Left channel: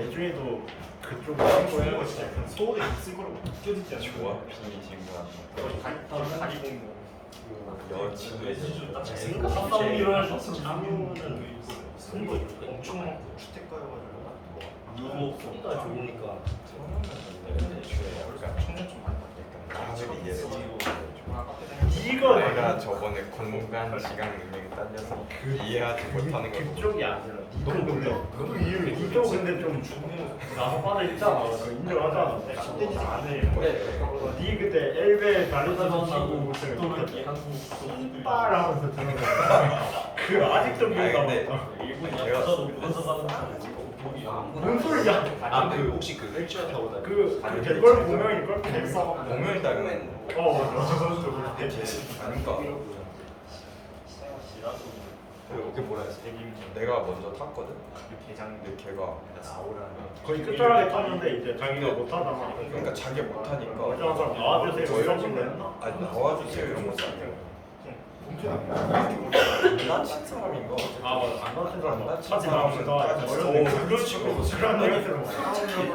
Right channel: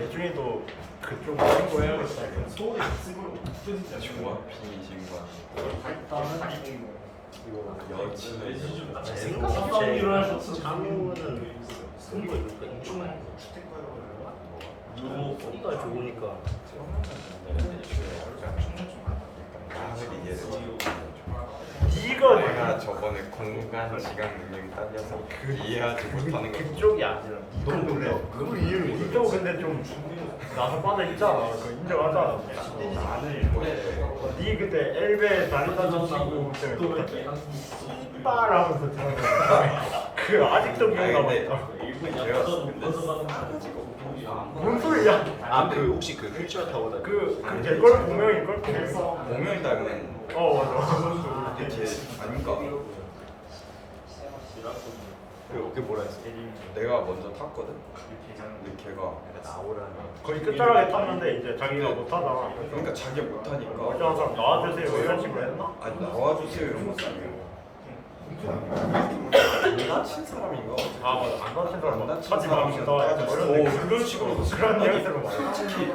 예준이도 그쪽 신고해야겠다. 조합핑이신 것 같아요. 여친을 생각보다 장우는 소리가 좋으니까 처음에는 근데 애초에 약간 나를 이해를 잘못해줘. 이거 내가 저번에 공간 지각 능력이 딸려서 이해하지 못하는 걸 보고 그쪽이 아니라 너무 몰라. 너무 이해를 못해. 이쪽 근데 좀 나서 빠져 있잖아. 인정하잖아. 나는 왜 니 그때 엘베 다리 다쳐지고 그때 이빨 하면서 들은 거야. 그 아직도 아니 기억 근데 남았다. 걔가 근데 싸가지고 뭔 소리야? 아, 그 혹시 그 휠체어 타고 다니는 그걸 보면 이걸 보면 닮은 맞아. 근데 걔 아닌가? 그게 뭐라 했어? 내가 먼저 탔거든? 근데 걔가 나오라는 거의 끝자락에 탔는데 이제 자기가 못 하잖아. 그러니까 자기 못하니까 멀쩡한 사람 나와주세요 이런 식으로 했나? 아니 나와주세요 이런 것도 아니고 안 다친 사람인가 어쨌든 아 맞아 안 다친 사람 안 다친 사람은 타지 말고 그런 식으로 그런 아니 얘기를 많이 솔직히 야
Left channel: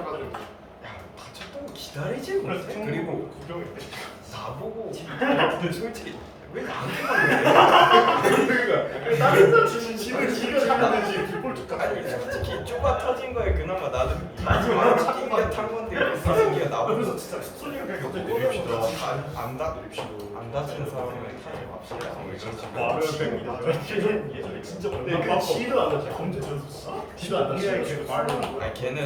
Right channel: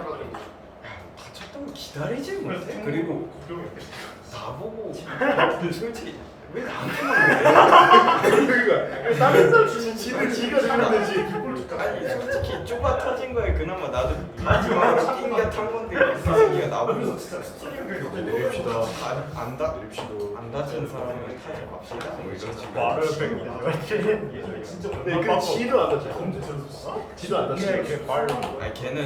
다쳤다고 기다리지 못해? 그리고 나보고 솔직히 왜 나한테만 그래? 다른 사람 지가 잘하는지 아니 솔직히 좁아 터진 거에 그나마 나도 마지막으로 낑겨 탄 건데 그렇게 생겨 나보고 안 다친 사람은 타지 맙시다 뭐 이런 식으로 말을 뺑이다. 진짜 그 지도 안 다쳐. 지도 안 다쳐. 아니 걔는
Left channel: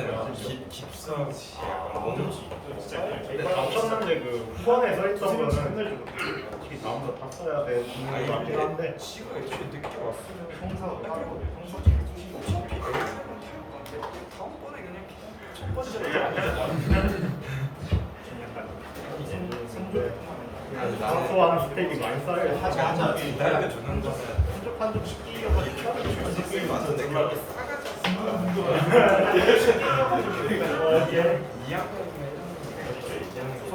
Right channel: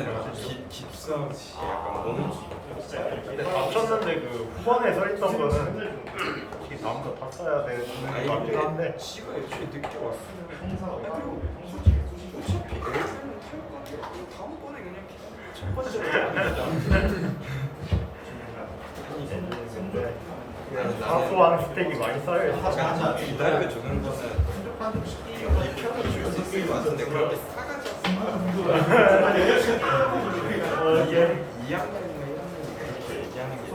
깁스하고 약간 목발? 다쳤는데 그 후반에 서 있던 거는 다음부터 다 써야 돼. 아니 맞긴 한데 근데 지가 애초에 늦게 왔으면 아니 그리고 솔직히 어차피 엘프는 탈 건데 다음번에 그냥 기다리고 첫 번째로 타면 되잖아. 아니 나는 사소한 스택이 많이 쌓여 있어. 약간 기다려주는 거는 비켜도 줄 수 있을 것 같은데 그렇게 싸가지 없어 말하는 2학년이나 1학년이 그렇게 얘기하는 게 좀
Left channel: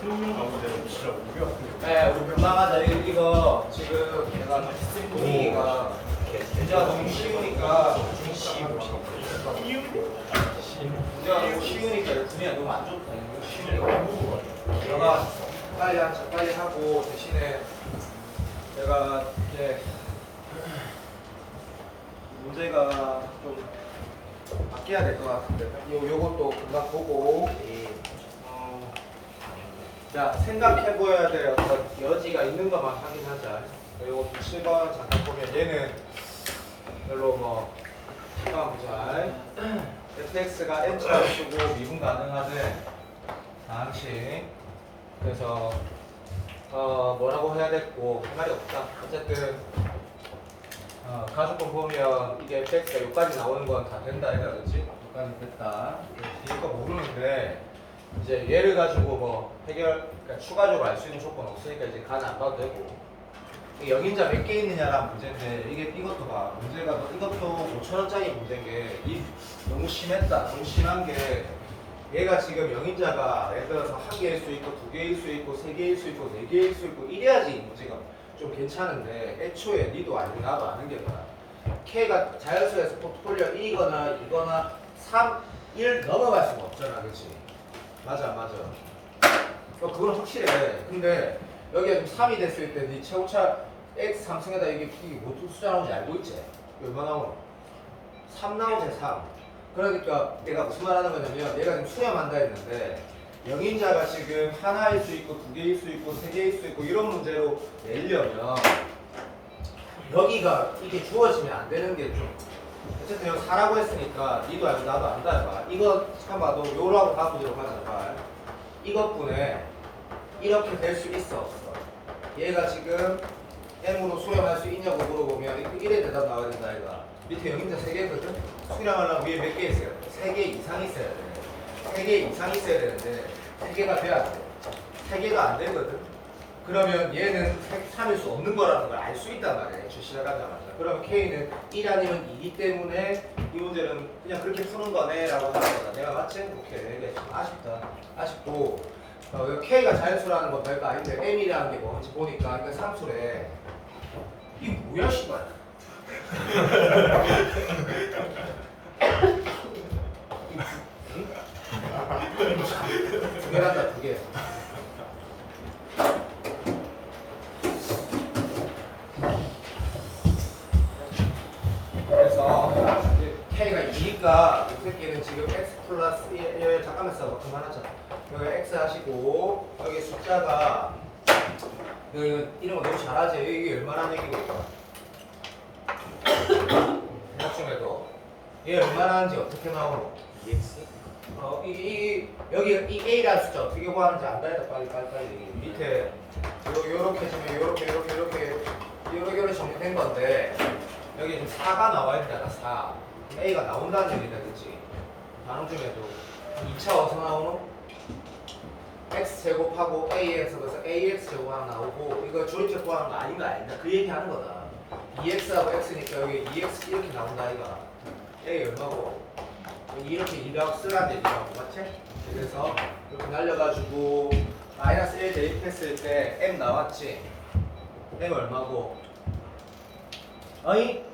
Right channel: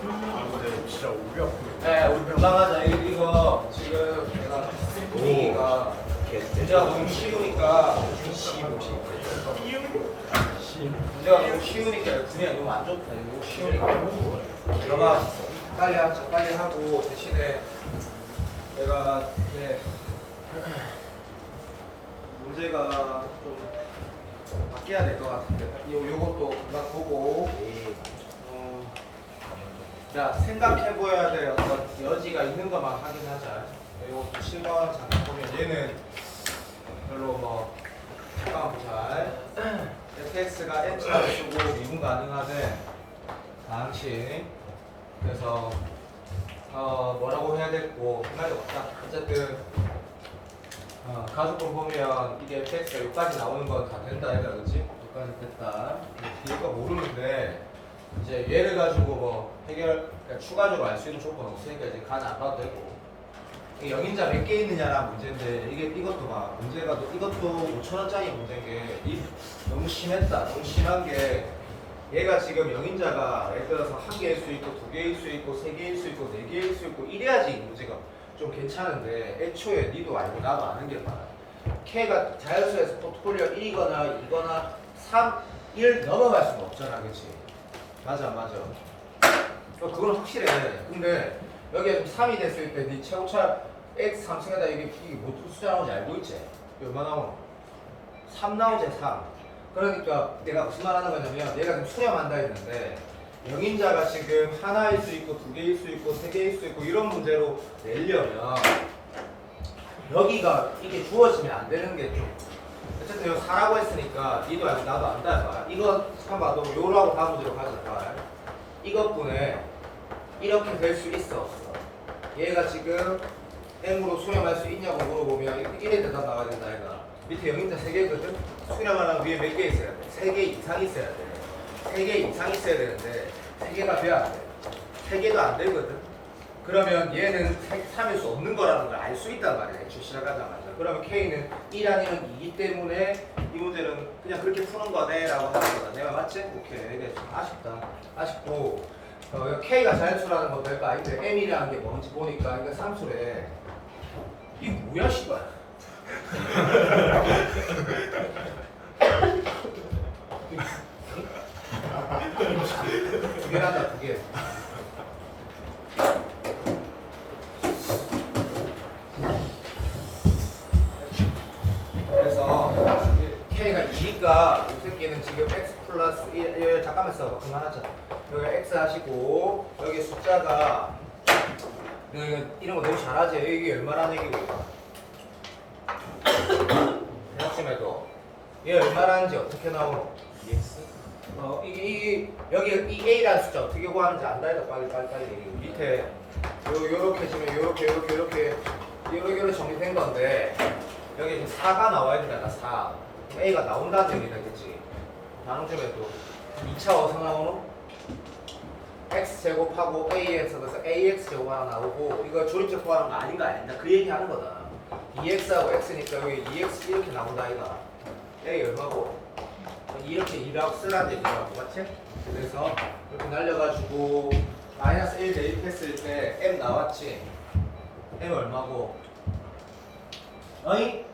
근데 진짜 우리 앞으로 네, 우리 올라가자. 이거 지금 내가 스트리밍이가 문제가 너무 쉬우니까 문제가 너무 쉬우니까 분위기가 너무 안 좋다. 너무 쉬우니까 내가 빨리 하고 대신에 내가 이렇게 문제가 좀 바뀌어야 될 것 같은데 요것도 금방 보고 자, 생각해 보여야 될 어떤 여지가 있는 것만 확인하자. 요거 7번 잠깐 보면 얘는 별로 뭐 상관없잘 fx가 n처럼 쓰고 미분 가능하네. 다항식. 그래서 뭐라고 해야 됐고 말이 없다. 어쨌든 가족분 보면 이게 fx가 여기까지 나오는 건 다 된다 해라 그렇지? 여기까지 됐다. 뒤에 거 모르는데 이제 얘를 가지고 뭐 그러니까 추가적으로 알 수 있는 조건 없으니까 이제 간 안 봐도 되고 이게 영인자 몇 개 있느냐라는 문제인데 이것도 봐 문제가 이것도 5,000원짜리 문제인 게 너무 심했다. 너무 심한 게 얘가 지금 영인자가 예를 들어서 한 개일 수 있고 두 개일 수 있고 세 개일 수 있고 네 개일 수 있고 이래야지 이 문제가 좀 괜찮은데 애초에 니도 알고 나도 아는 게 다 K가 자연수에서 포트폴리오 1이거나 2거나 3, 1 넘어갈 수는 없잖아. 그치? 맞아. 그건 확실해. 근데 여기에 좀 3이 됐을 때 네 최고차 x 3층에다 이게 뭐 숫자 나오는지 알고 있지? 얼마 나오노? 3 나오지 3. 그러니까 내가 무슨 말 하는 거냐면 내가 지금 수렴한다 했는데 영인자가 지금 하나일 수 있고 두 개일 수 있고 세 개일 수 있고 이런 문제로 내려면 여기가 이게 주어지면 안 되는 게 좀 어쨌든 여기 4라고 했으니까 니도 알고 나도 안다 해봐. 이거 참 봐도 요라고 바꾸도록 하자. 봐. 이것분에 이렇게 될 수 있어 없어? 얘가 지금 M으로 수렴할 수 있냐고 물어보면 1에 대답 나와야 된다 얘가. 밑에 영인자 3개거든? 수렴하려면 위에 몇 개 있어야 돼? 3개 이상 있어야 돼. 3개 이상 있어야 되는데 3개가 돼야 돼. 3개도 안 되거든? 그러면 얘는 3일 수 없는 거라는 걸 알 수 있단 말이야. 시작하자마자. 그러면 K는 1 아니면 2기 때문에 이 문제는 그냥 그렇게 푸는 거네 라고 하는 거다. 내가 맞지? 오케이. 이게 아쉽다. 아쉽고 K가 자연수라는 건 별거 아닌데 M이라는 게 뭔지 보니까 이게 상수래. 이게 뭐야 씨발. 그래서 K가 2니까 이 새끼는 지금 X 플러스 1 잠깐만 써 그만하자. 여기 X 하시고 여기 숫자가 여기 이런 거 너무 잘하지. 이게 얼마나 얘기예요? 대략점에도 얘 얼마나 하는지 어떻게 나오노? EX? 이게 여기 이 A라는 숫자 어떻게 구하는지 안다 해도 빨리 얘기해. 밑에 요렇게 지금 요렇게 정리된 건데 여기 4가 나와야 된다. 4 그럼 A가 나온다는 얘기다 그치? 나눠주면도 2차 어디서 나오노? X 제곱하고 AX 그래서 AX 제곱 하나 나오고 이거 조립제 구하는 거 아닌가 아닌가 그 얘기 하는 거다. BX하고 X니까 여기 2X 이렇게 나온다 아이가 A 얼마고 이렇게 2가 쓰라는 얘기라고 맞지? 그래서 이렇게 날려가지고 마이너스 1 대입했을 때 M 나왔지? M 얼마고? 어이?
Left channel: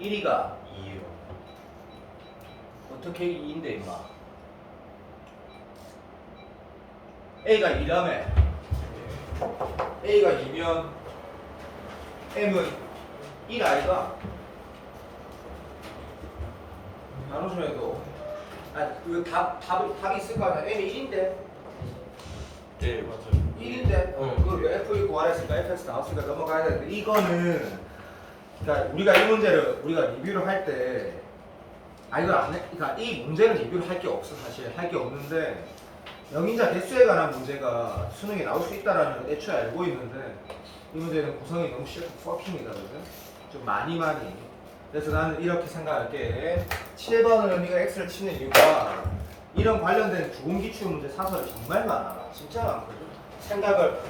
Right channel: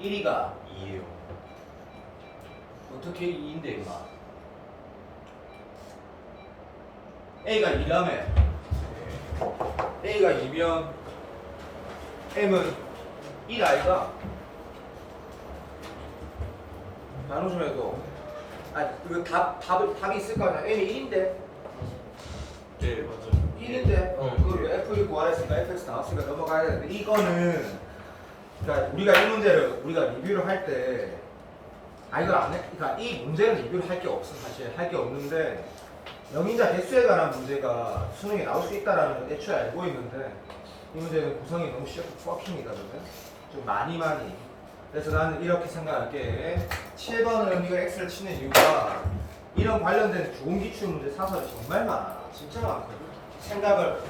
1이가 2예요. 어떻게 2인데 임마 A가 2라며 A가 2면 M은 1 아이가? 나눠주면 해도 이거 답이 있을 거 아니야 M이 1인데 네 맞아요. 1인데 그 F 구하랬으니까 FX 나왔으니까 넘어가야 되는데 이거는 그러니까 우리가 이 문제를 우리가 리뷰를 할 때 이걸 안 해. 그러니까 이 문제는 리뷰를 할 게 없어 사실 할 게 없는데 영인자 개수에 관한 문제가 수능에 나올 수 있다라는 걸 애초에 알고 있는데 이 문제는 구성이 너무 쉬워서 뻑힙니다거든 좀 많이 그래서 나는 이렇게 생각할게 7번은 우리가 X를 치는 이유가 이런 관련된 좋은 기출 문제 사설이 정말 많아 진짜 많거든 생각을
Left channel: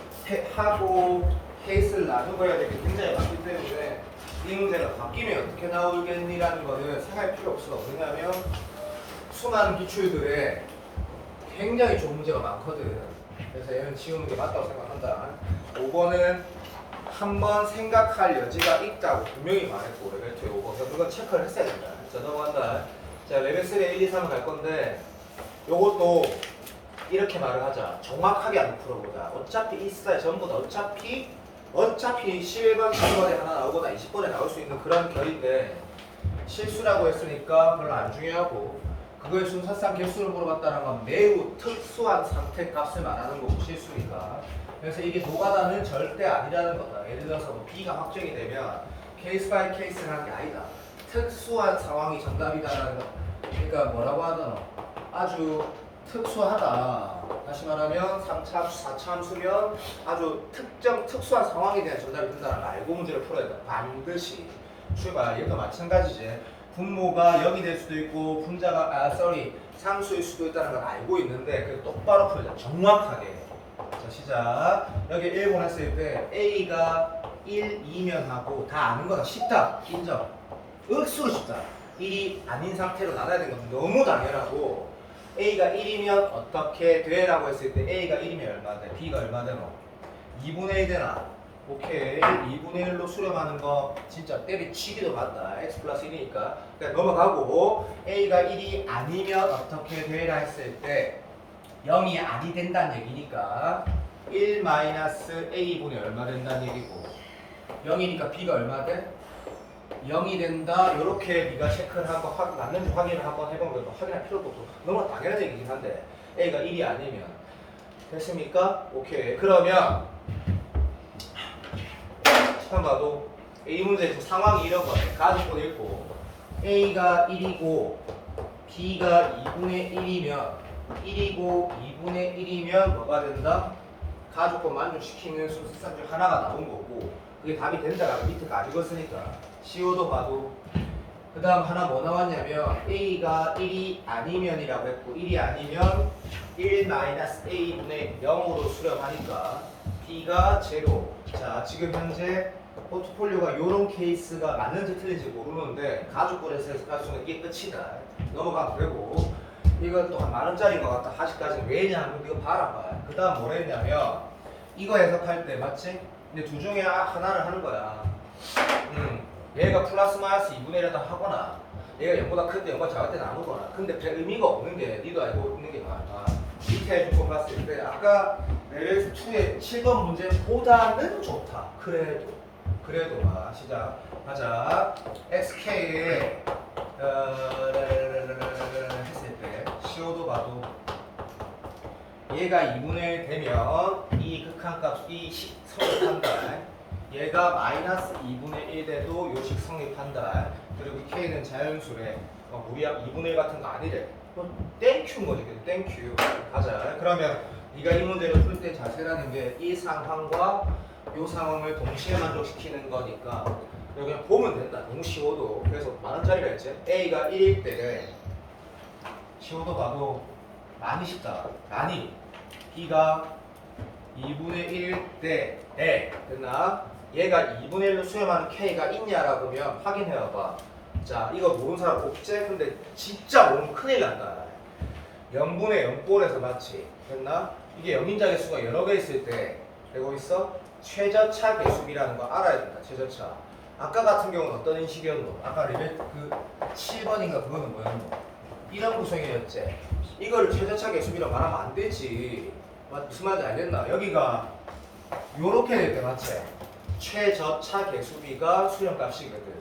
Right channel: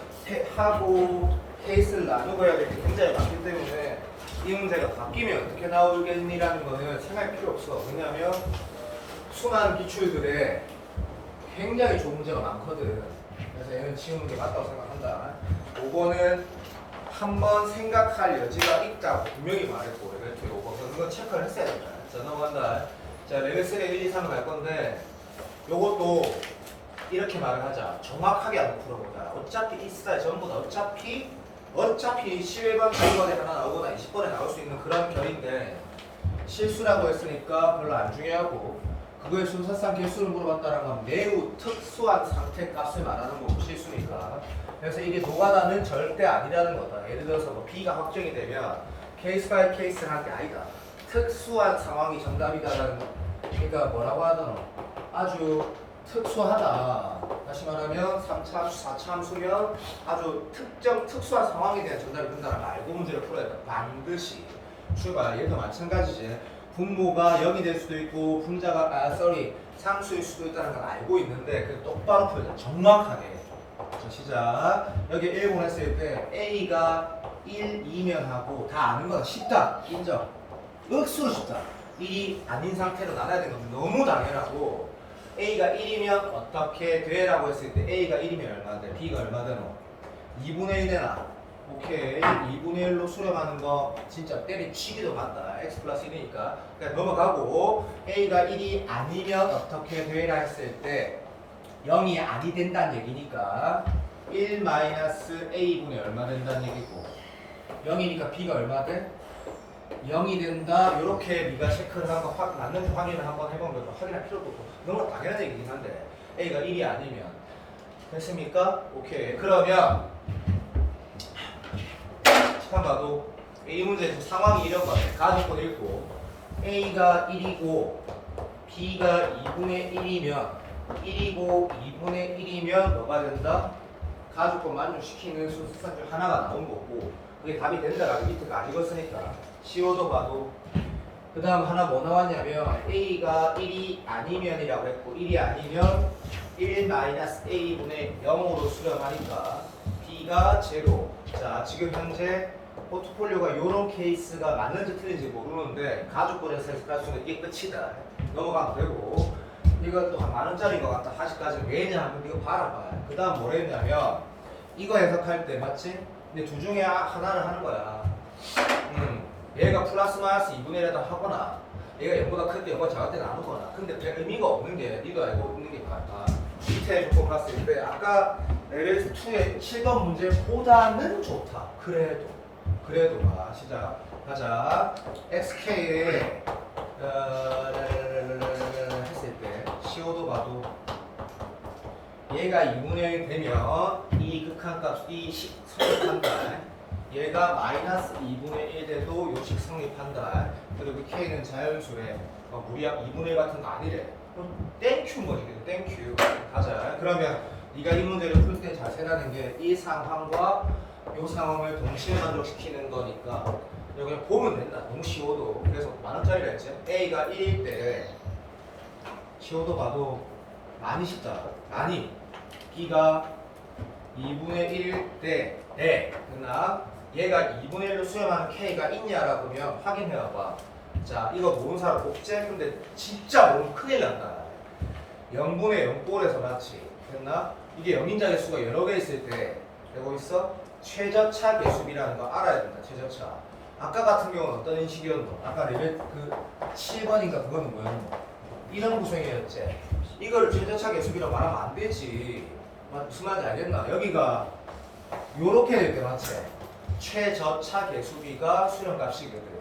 하고 케이스를 나누고 해야 될 게 굉장히 많기 때문에 이 문제가 바뀌면 어떻게 나오겠니라는 거는 생각할 필요 없어 왜냐하면 수많은 기출들에 굉장히 좋은 문제가 많거든 그래서 얘는 지금 문제 맞다고 생각한다 5번은 한번 생각할 여지가 있다고 분명히 말했고 이렇게 5번 그건 체크를 했어야 된다 자 넘어간다 자 레벨 3 1, 2, 3 갈 건데 요것도 이렇게 말을 하자 정확하게 한번 풀어보자 어차피 이 스타일 전부 다 어차피 11번, 12번에 하나 나오거나 20번에 나올 수 있는 그런 결인데 실수라고 했으니까 별로 안 중요하고 그거의 순서상 개수를 물어봤다는 건 매우 특수한 상태 값을 말하는 거고 실수니까 그래서 이게 노가다는 절대 아니라는 거다 예를 들어서 뭐 B가 확정이 되면 케이스 바이 케이스 하는 게 아니다 특수한 상황이 정답이다라는 거 그러니까 뭐라고 하더노 아주 특수하다 다시 말하면 3차함수, 4차함수면 아주 특수한 상황에 대한 정답이 된다는 걸 알고 문제를 풀어야 돼 반드시 출발 얘도 마찬가지지 분모가 0이 될 수도 있고 분자가 상수일 수도 있다는 걸 알고 있는데 그 똑바로 풀자 정확하게 자 시작 여기 1번 했을 때 A가 1, 2면 하고 다 아는 거다 쉽다 인정 억수로 쉽다 1이 아닌 상태로 나눠야 되는 건 너무 당연하고 A가 1이면 어떻게 돼? 라고 했을 때 A가 1이면 얼마 돼? B가 얼마 되노? 2분의 1 되나? 오케이 2분의 1로 수렴하는 거 진짜 때려치기도 맞다 X 플러스 1이니까 그러니까 넘어가고 A가 1이 아니면 어떻게 돼? 라 했을 때 0이 아니 된다는 얘기니까 1 마이너스 A분의 얼마 된다는 얘기고 0이니까 B가 얼마 돼? 0이 된다. 요렇게 네가 체크를 하고 맞는지 확인을 한번 해본 거죠. 확인할 필요도 없고 너무 당연한 얘기긴 한데 A가 1이 아니면 됐습니까? 오케이. 그러면 잠깐 봐도 이 문제 지금 상황이 이런 거네. 가족권 읽고 A가 1이고 B가 2분의 1이면 1이고 2분의 1이면 뭐가 된다? 가족권 만족시키는 수산 중 하나가 나온 거고 그게 답이 된다라고 밑에가 안 읽었으니까 CO도 봐도 그 다음 하나 뭐 나왔냐면 A가 1이 아니면이라고 했고 1이 아니면 1-A분의 0으로 수렴하니까 B가 제로 자 지금 현재 포트폴리오가 이런 케이스가 맞는지 틀린지 모르는데 가족권에서 해석할 수 있는 이게 끝이다 넘어가면 되고 이건 또 한 만원짜리인 것 같다 아직까지 왜냐 이거 봐라 그 다음 뭐라 했냐면 이거 해석할 때 맞지? 근데 둘 중에 하나를 하는 거야 얘가 플러스 마이너스 2분의 1이라도 하거나 얘가 0보다 큰데 0보다 작을 때 나누거나 근데 별 의미가 없는 게 니도 알고 있는 게 많아 밑에 조건 봤을 때 아까 레벨 2의 7번 문제보다는 좋다 그래도 봐 시작 가자 XK에 2분의 1 되면 이 극한값, 이 식 성립한다. 얘가 마이너스 2분의 1 돼도 요식 성립한다. 그리고 K는 자연수래. 무리학 2분의 1 같은 거 아니래. 그럼 땡큐인 거지. 땡큐. 가자. 그러면 네가 이 문제를 풀 때 자세라는 게 이 상황과 이 상황을 동시에 만족시키는 거니까 그냥 보면 된다. 너무 쉬워도. 그래서 만원짜리라 했지. A가 1일 때래. 쉬워도 봐도 많이 쉽다. 많이. B가 2분의 1일 때에 됐나? 얘가 2분의 1로 수렴하는 K가 있냐라고 하면 확인해봐. 자, 이거 모르는 사람 없지? 근데 진짜 모르면 큰일 난다. 0분의 0꼴에서 맞지? 됐나? 이게 영인자 개수가 여러 개 있을 때 되고 있어? 최저차 개수비라는 거 알아야 된다. 최저차. 아까 같은 경우는 어떤 인식이었노? 아까 레벨 그 7번인가 그거는 뭐였노? 이런 구성이었지. 이거를 최저차 개수비라고 말하면 안 되지. 무슨 말인지 알겠나? 여기가 요렇게 될 때 맞지? 최저차 개수비가 수렴값이거든.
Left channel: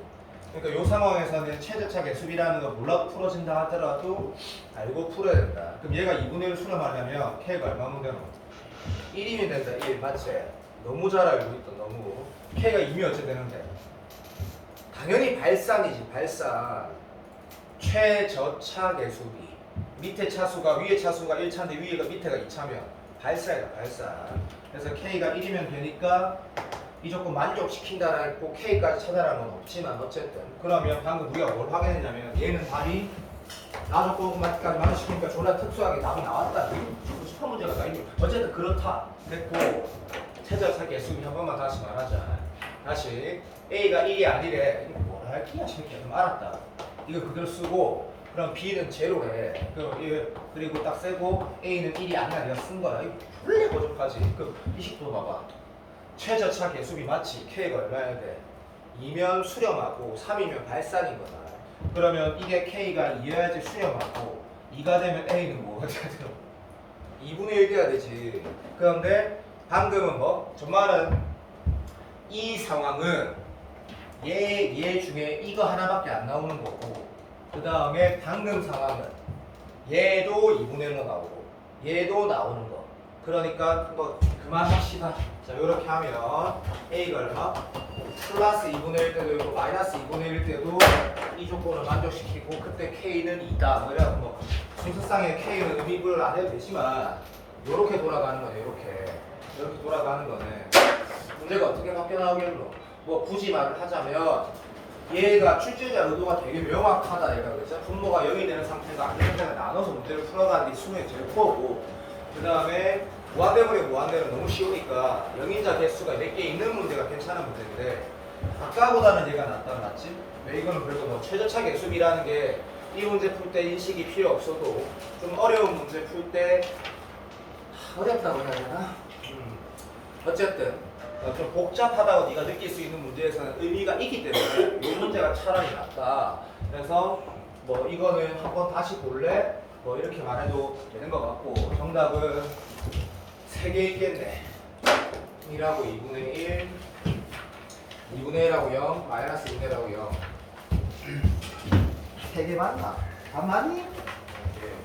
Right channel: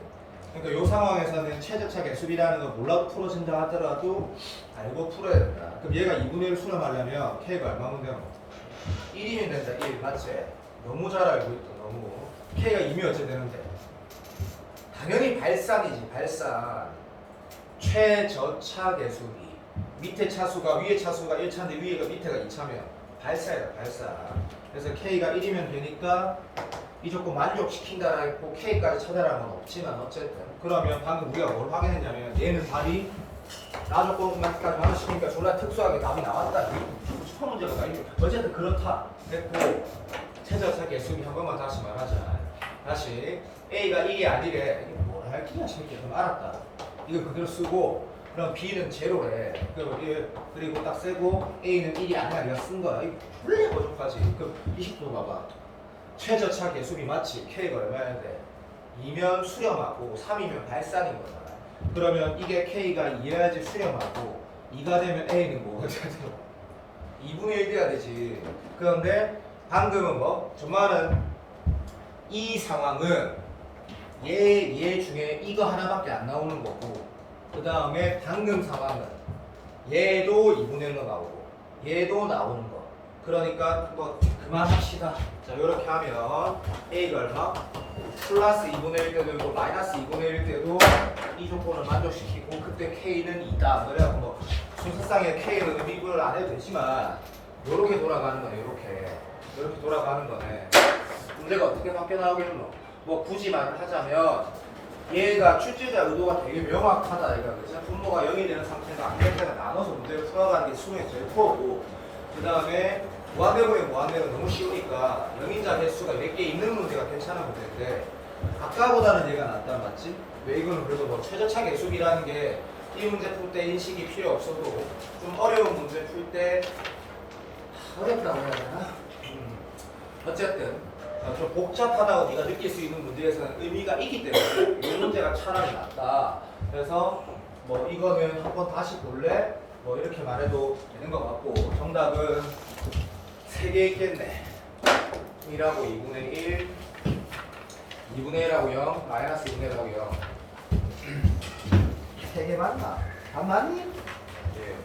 그러니까 이 상황에서는 최저차 개수비라는 거 몰라도 풀어진다 하더라도 알고 풀어야 된다. 그럼 얘가 2분의 1 수렴하려면 K가 얼마면 되노? 1이면 된다. 1 맞지? 너무 잘 알고 있다. 너무. K가 2면 어찌 되는데? 당연히 발산이지. 발산. 최저차 개수비. 밑에 차수가 위에 차수가 1차인데 위에가 밑에가 2차면 발산이다. 발산. 그래서 K가 1이면 되니까 이 조건 만족시킨다 했고 K까지 찾아라는 건 없지만 어쨌든 그러면 방금 우리가 뭘 확인했냐면 얘는 답이 나 조건까지 만족시키니까 존나 특수하게 답이 나왔다. 이거 슈퍼 문제가 아니니 어쨌든 그렇다 됐고 최저차 개수비 한 번만 다시 말하자. 다시 A가 이게 아니래. 이게 뭐라 할 끼야 새끼야. 그럼 알았다. 이거 그대로 쓰고 그럼 B는 제로래. 그리고 딱 세고 A는 1이 아니라 내가 쓴 거야. 이거 원래 거기까지. 그럼 20도 봐봐. 최저차 개수비 맞지? K가 얼마야 돼? 2면 수렴하고 3이면 발산인 거잖아. 그러면 이게 K가 2여야지 수렴하고 2가 되면 A는 뭐 어디가 돼요? 2분의 1 돼야 되지. 그런데 방금은 뭐? 저 말은 이 상황은 얘 중에 이거 하나밖에 안 나오는 거고 그 다음에 방금 상황은 얘도 2분의 1로 나오고 얘도 나오는 거. 그러니까 뭐 그만합시다. 자, 이렇게 하면 A가 얼마? 플러스 2분의 1 때도 있고 마이너스 2분의 1 때도 이 조건을 만족시키고 그때 K는 2다. 그래갖고 뭐 순서상의 K는 의미를 안 해도 되지만 이렇게 돌아가는 거네. 이렇게 돌아가는 거네. 문제가 어떻게 밖에 나오겠노? 뭐 굳이 말을 하자면 얘가 출제자 의도가 되게 명확하다. 얘가 그죠? 분모가 0이 되는 상태에서 안 되는 데는 나눠서 문제를 풀어가는 게 수능의 제일 코어고 그 다음에 무한대분의 무한대는 너무 쉬우니까 영인자 개수가 몇 개 있는 문제가 괜찮은 문제인데 아까보다는 얘가 낫다 맞지? 왜 이거는 그래도 뭐 최저차 개수비라는 게 이 문제 풀 때 인식이 필요 없어도 좀 어려운 문제 풀 때 어렵다고 해야 되나? 어쨌든 좀 복잡하다고 네가 느낄 수 있는 문제에서는 의미가 있기 때문에 이 문제가 차라리 낫다. 그래서 뭐 이거는 한번 다시 볼래? 뭐 이렇게 말해도 되는 것 같고 정답은 3개 있겠네. 1하고 2분의 1 2분의 1하고 0 마이너스 2분의 1하고 0 3개 맞나? 맞니? 예.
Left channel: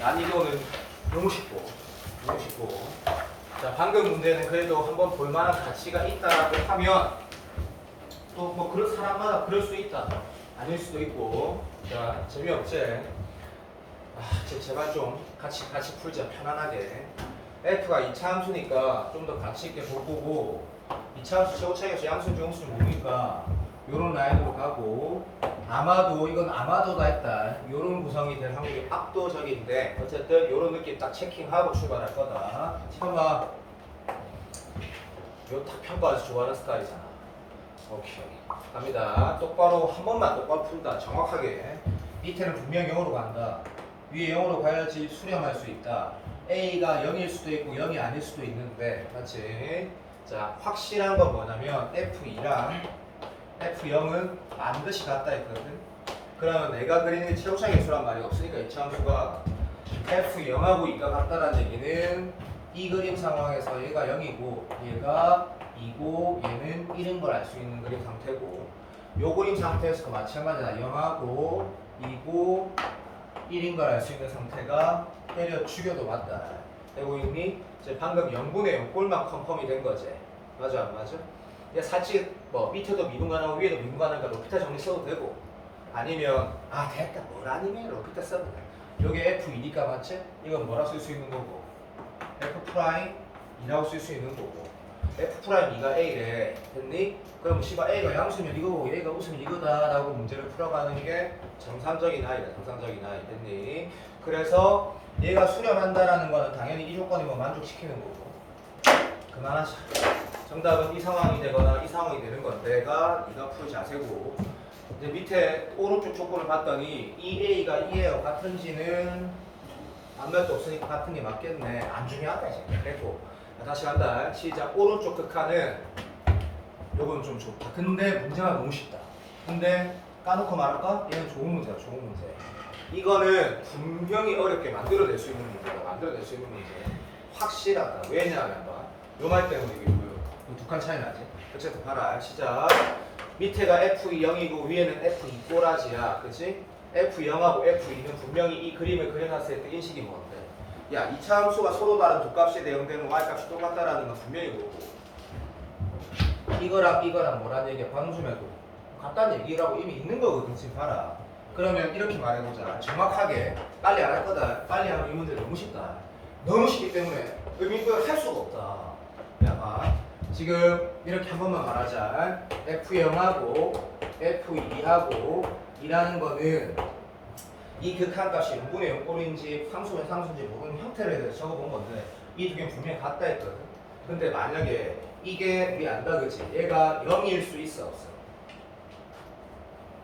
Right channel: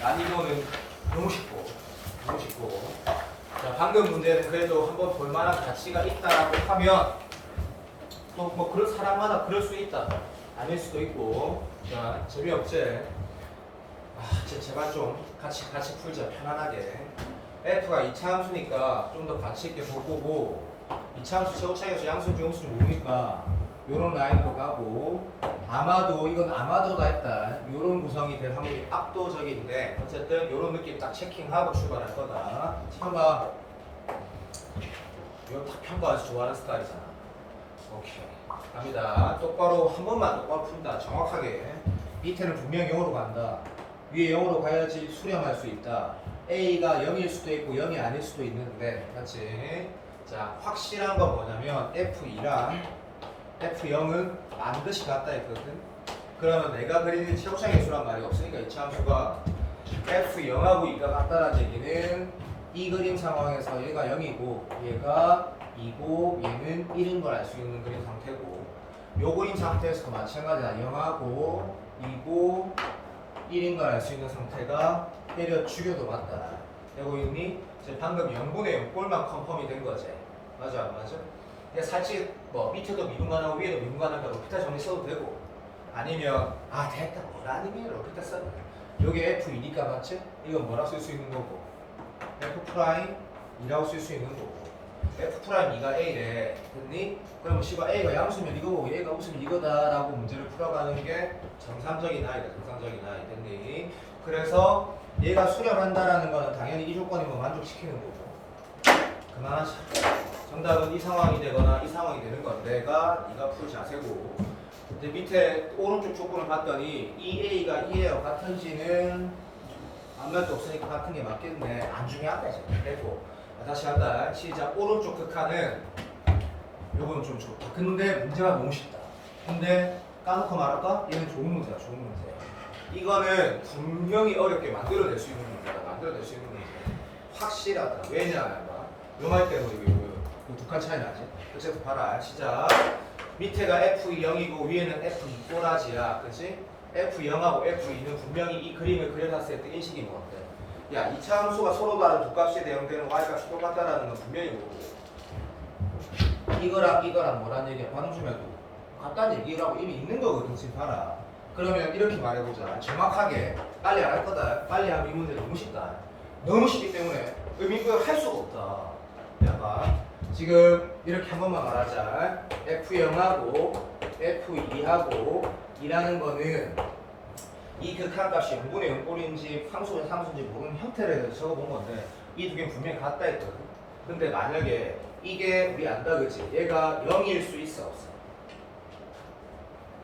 난이도는 너무 쉽고 자 방금 문제는 그래도 한번 볼만한 가치가 있다라고 하면 또 뭐 그런 사람마다 그럴 수 있다. 아닐 수도 있고 자 재미없지? 제발 좀 같이 풀자 편안하게. F가 2차 함수니까 좀 더 가치 있게 보고 2차 함수 최고차이에서 양수인지 용수인지 모르니까 요런 라인으로 가고 아마도 이건 아마도다 했다. 요런 구성이 될 확률이 압도적인데 어쨌든 요런 느낌 딱 체킹하고 출발할 거다. 참아 이거 딱 평가해서 좋아하는 스타일이잖아. 오케이 갑니다. 똑바로 한 번만 똑바로 풀다. 정확하게 밑에는 분명 0으로 간다. 위에 0으로 가야지 수렴할 수 있다. A가 0일 수도 있고 0이 아닐 수도 있는데 맞지? 자 확실한 건 뭐냐면 F2랑 F0은 반드시 같다 했거든. 그러면 내가 그리는 최고차 개수란 말이 없으니까 이 함수가 F0하고 2가 같다라는 얘기는 이 그림 상황에서 얘가 0이고 얘가 2고 얘는 1인 걸 알 수 있는 그림 상태고 요 그림 상태에서도 마찬가지다. 0하고 2고 1인 걸 알 수 있는 상태가 때려 죽여도 맞다. 되고 있니? 이제 방금 0분의 0꼴만 컨펌이 된 거지. 맞아 안 맞아? 그냥 살짝 뭐 밑에도 미분간하고 위에도 미분간하니까 로피타 정리 써도 되고 아니면 아 됐다 뭘 아니면 로피타 써도 돼. 요게 F2니까 맞지? 이건 뭐라 쓸 수 있는 거고 F'2라고 쓸 수 있는 거고 F'2가 A래 됐니? 그럼 C가 A가 양수면 이거고 A가 웃으면 이거다 라고 문제를 풀어가는 게 정상적인 아이다 정상적인 아이 됐니? 그래서 얘가 수렴한다라는 거는 당연히 이 조건이면 만족시키는 거고 그만하자. 정답은 이 상황이 되거나 이 상황이 되는 건 네가 풀 자세고 이제 밑에 오른쪽 조건을 봤더니 이 A가 이 A와 같은지는 아무 말도 없으니까 같은 게 맞겠네. 안 중요하다 이제 됐고 다시 한다. 시작. 오른쪽 극한은 요거는 좀 좋다. 근데 문제가 너무 쉽다. 근데 까놓고 말할까? 얘는 좋은 문제야 좋은 문제. 이거는 분명히 어렵게 만들어낼 수 있는 문제다. 만들어낼 수 있는 문제. 확실하다. 왜냐하면 요 말 때문에 이거 두 칸 차이 나지? 어쨌든 봐라. 시작. 밑에가 F0이고 위에는 F2 꼬라지야. 그치? F0하고 F2는 분명히 이 그림을 그려놨을 때 인식이 뭐 같아? 야, 이차 함수가 서로 다른 두 값에 대응되는 y값이 똑같다라는 건 분명히 뭐고 이거랑 뭐라는 얘기야? 방수매도 같다는 얘기라고 이미 있는 거거든. 지금 봐라. 그러면 이렇게 말해보자. 정확하게 빨리 안 할 거다. 빨리 하면 이 문제 너무 쉽다. 너무 쉽기 때문에 의미부여 할 수가 없다. 야, 봐. 지금 이렇게 한 번만 말하자. F0하고 F2하고 이라는 거는 이 극한값이 0분의 0꼴인지 상수가 상수인지 모르는 형태를 적어본 건데 이 두 개는 분명히 같다 했거든. 근데 만약에 이게 우리 안다 그치? 얘가 0일 수 있어 없어?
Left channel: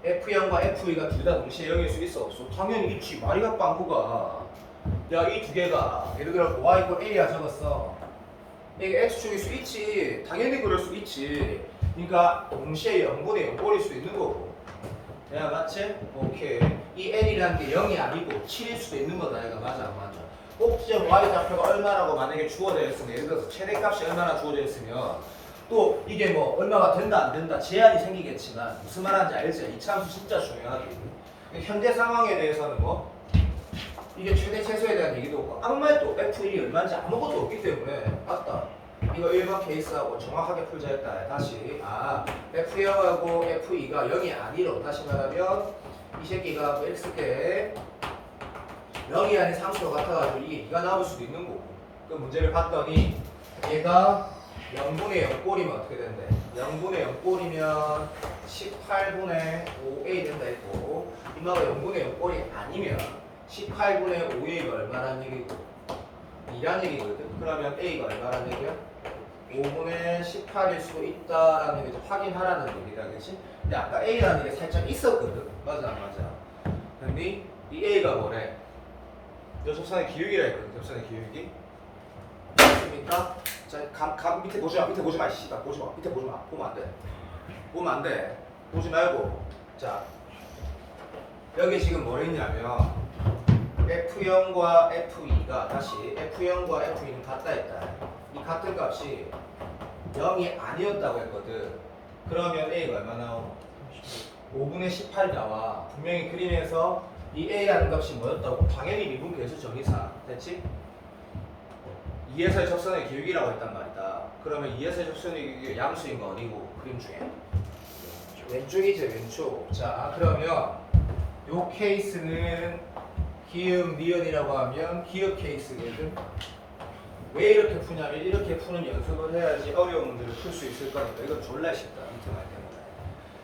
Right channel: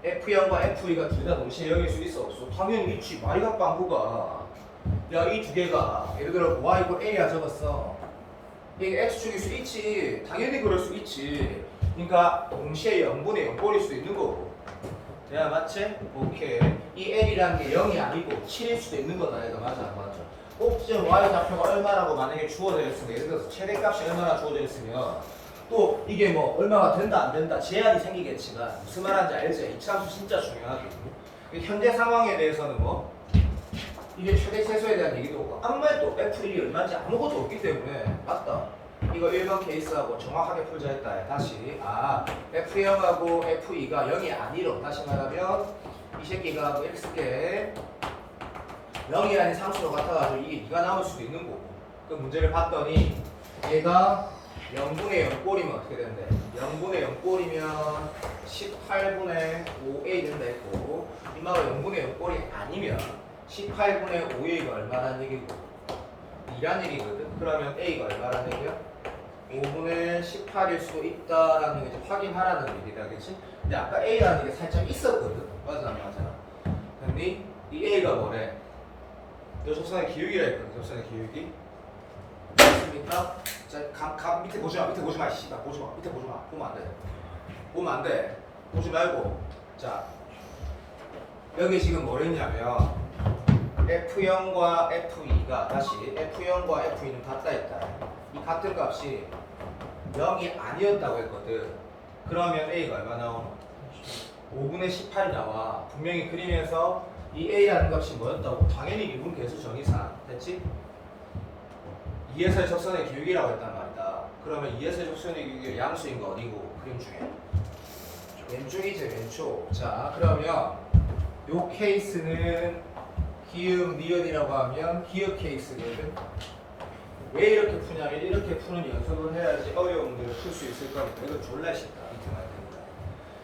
F0과 F2가 둘 다 동시에 0일 수 있어 없어? 당연히 있지. 마리가 빵구가 야 이 두 개가 예를 들어 y 이퀄 a야 적었어. 이게 x축일 수 있지. 당연히 그럴 수 있지. 그러니까 동시에 0분의 0꼴일 수 있는 거고. 내가 맞지? 오케이. 이 n이라는 게 0이 아니고 7일 수도 있는 거다. 얘가 맞아 안 맞아? 꼭지점 y 좌표가 얼마라고 만약에 주어져 있으면 예를 들어서 최대값이 얼마나 주어져 있으면 또 이게 뭐 얼마가 된다 안 된다 제한이 생기겠지만 무슨 말하는지 알지? 이차함수 진짜 중요하지. 현재 상황에 대해서는 뭐 이게 최대 최소에 대한 얘기도 없고 아무 말도 F1이 얼마인지 아무것도 없기 때문에 맞다. 이거 1번 케이스하고 정확하게 풀자 했다. 다시 F0하고 F2가 0이 아니로 다시 말하면 이 새끼가 뭐 이렇게 쓸게 0이 아닌 상수로 같아가지고 이게 2가 나올 수도 있는 거고 그 문제를 봤더니 얘가 0분의 0꼴이면 어떻게 된대? 0분의 0꼴이면 18분의 5a 된다 했고 이마가 0분의 0꼴이 아니면 18분의 5a가 얼마라는 얘기고 2란 얘기거든? 그러면 a가 얼마라는 얘기야? 5분의 18일 수도 있다라는 게 확인하라는 얘기다 그치? 근데 아까 a라는 게 살짝 있었거든? 맞아 안 맞아? 근데 이 a가 뭐래? 이 접선의 기울기라 했거든 접선의 기울기 맞습니까? 자, 밑에 보지 마, 밑에 보지 마, 씨발 보지 마, 밑에 보지 마, 보면 안 돼, 보면 안 돼, 보지 말고, 자, 여기 지금 뭐 있냐면 F0과 F2가 다시 F0과 F2는 같다 했다. 이 같은 값이 0이 아니었다고 했거든. 그러면 A가 얼마 나오노? 5분의 18이 나와. 분명히 그림에서 이 A라는 값이 뭐였다고? 당연히 미분 계수 정의상 됐지? 2에서의 적선의 기울기라고 했단 말이다. 그러면 2에서의 적선의 기울기가 양수인 거 어디고? 그림 중에 왼쪽이지 왼쪽. 자 그러면 요 케이스는 기역 니은이라고 하면 기역 케이스거든. 왜 이렇게 푸냐면 이렇게 푸는 연습을 해야지 어려운 문제를 풀 수 있을 거니까 이건 졸라 쉽다.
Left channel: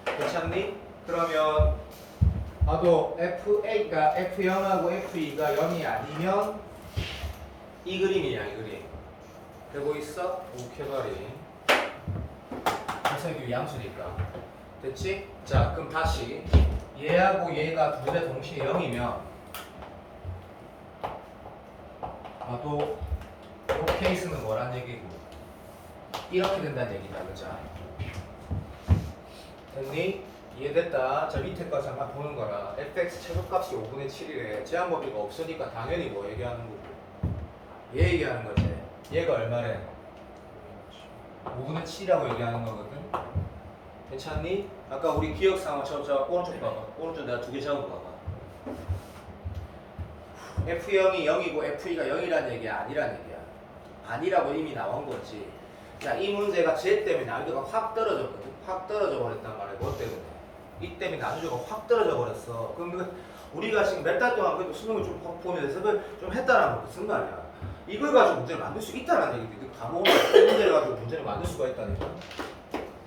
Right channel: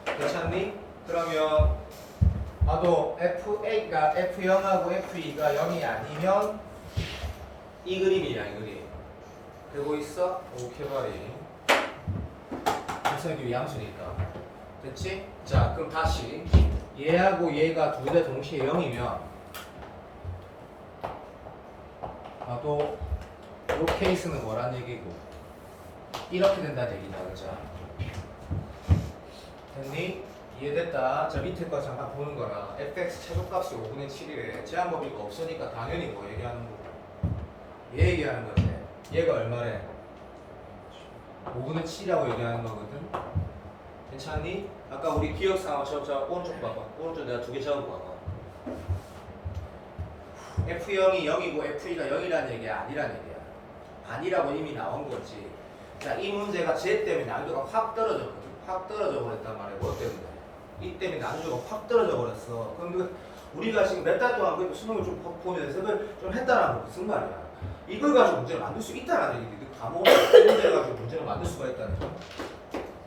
밑에만 괜찮니? 그러면 나도 F8가 F0하고 F2가 0이 아니면 이 그림이야 이 그림. 되고 있어? 오케이 바리. 기성이 양수니까 됐지? 자 그럼 다시 얘하고 얘가 둘 다 동시에 0이면 나도 이 케이스는 뭐란 얘기고 이렇게 된다는 얘기다 그죠? 됐니? 이해됐다. 자 밑에 거 잠깐 보는 거라 fx 최소값이 5분의 7이래. 제한법이가 없으니까 당연히 뭐 얘기하는 거고 얘 얘기하는 거지. 얘가 얼마래? 5분의 7이라고 얘기하는 거거든. 괜찮니? 아까 우리 기억상황 저 오른쪽 봐봐. 오른쪽 내가 두 개 적은 거 봐봐. F0이 0이고 F2가 0이라는 얘기야, 아니라는 얘기야? 아니라고 이미 나온 거지. 자, 이 문제가 쟤 때문에 난이도가 확 떨어졌거든. 확 떨어져 버렸단 말이야. 뭐 때문에? 이 때문에 난이도가 확 떨어져 버렸어. 그럼 우리가 지금 몇 달 동안 그 수능을 좀 보면서 그걸 좀 했다라는 것은 말이야. 이걸 가지고 문제를 만들 수 있다는 얘기지. 과목을 문제를 가지고 문제를 만들 수가 있다는 거.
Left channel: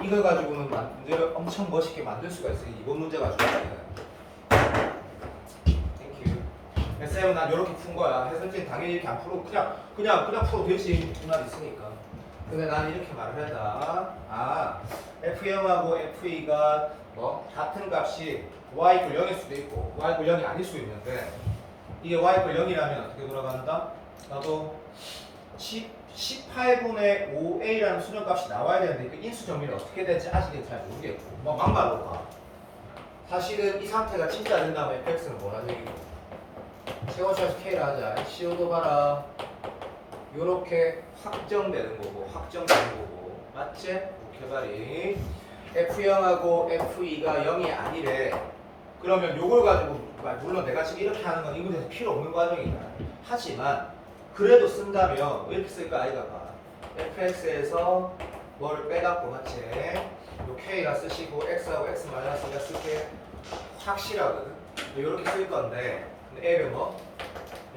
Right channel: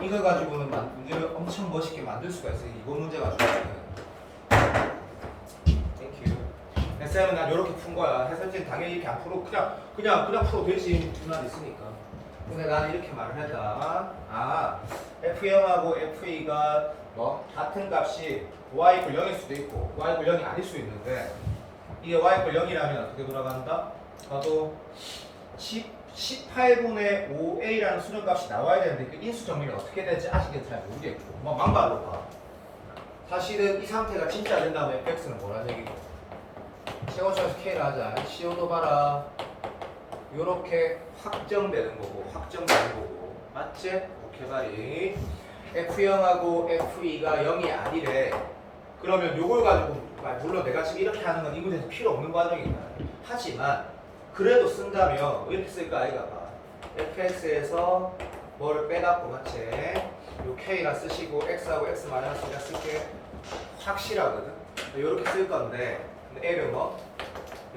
이걸 가지고는 문제를 엄청 멋있게 만들 수가 있어. 이번 문제 가지고. 쌤은 난 이렇게 푼 거야. 해설진 당연히 이렇게 안 풀고 그냥 풀어도 되지. 말 있으니까. 근데 나는 이렇게 말을 했다. 아, F0하고 F2가 뭐 같은 값이 y equal 0일 수도 있고 y equal 0이 아닐 수 있는데 이게 y equal 0이라면 어떻게 돌아간다? 나도 18분의 5a라는 수렴값이 나와야 되는데 그 인수 정리를 어떻게 될지 아직은 잘 모르겠고 뭐 막말로 봐. 사실은 이 상태가 진짜 된다면 fx는 뭐라는 얘기고 세원수에서 K를 하자. CO도 봐라. 요렇게 확정되는 거고 맞지? 이렇게 말이 F0하고 F2가 0이 아니래. 그러면 요걸 가지고 물론 내가 지금 이렇게 하는 건 이 문제에서 필요 없는 과정이다. 하지만 그래도 쓴다면 이렇게 쓸까 아이가 봐. fx에서 뭐를 빼갖고 맞지? 요 K가 쓰시고 X하고 X 마이너스가 쓸게 확실하거든. 요렇게 쓸 건데 근데 L은 뭐?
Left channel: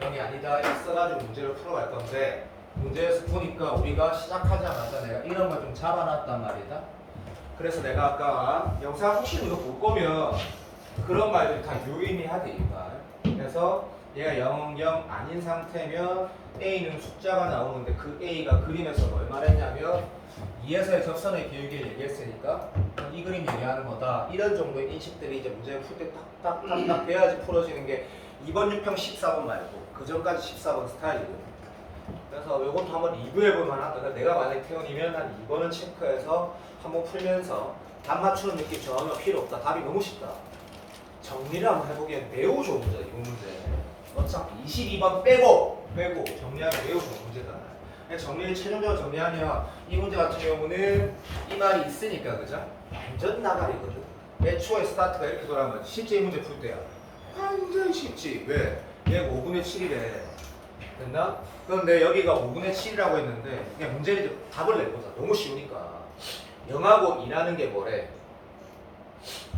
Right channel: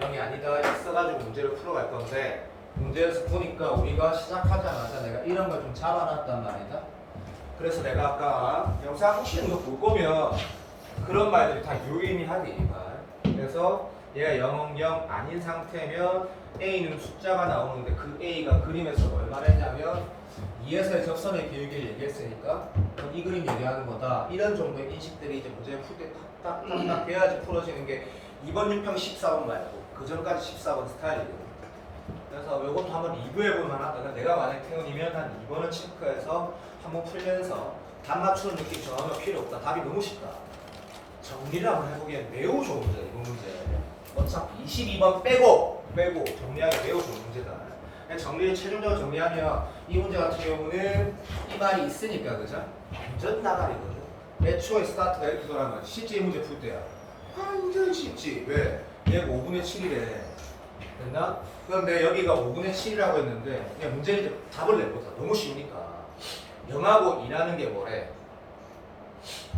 0이 아니다 이렇게 써가지고 문제를 풀어갈 건데 문제에서 보니까 우리가 시작하자마자 내가 이런 걸 좀 잡아놨단 말이다. 그래서 내가 아까 영상 혹시 이거 볼 거면 그런 말들이 다 유의미하디 이 말. 그래서 얘가 0, 0 아닌 상태면 A는 숫자가 나오는데 그 A가 그림에서 얼마나 했냐면 2에서의 접선의 기울기를 얘기했으니까 이 그림 얘기하는 거다. 이런 정도의 인식들이 이제 문제를 풀 때 딱딱딱딱 돼야지 풀어지는 게 2번 유평 14번 말고 그 전까지 14번 스타일이거든. 그래서 요건 한번 리뷰해볼 만하다. 그러니까 내가 만약에 태연이면 한 2번은 체크해서 한번 풀면서 답 맞추는 느낌 정하면 필요 없다. 답이 너무 쉽다. 정리를 한번 해보기엔 매우 좋은 문제다. 이번 문제. 어차피 22번 빼고 정리하기 매우 좋은 문제다. 그냥 정리를 최종적으로 정리하면 이 문제 같은 경우는 이 말이 있으니까 그죠? 완전 나발이거든. 애초에 스타트가 이렇게 돌아간 거지. 실제 이 문제 풀 때야. 완전 쉽지. 왜? 얘가 5분의 7이래. 됐나? 그런데 여기가 5분의 7이라고 했는데 그냥 문제를 답을 내보자. 너무 쉬우니까. 0하고 2라는 게 뭐래?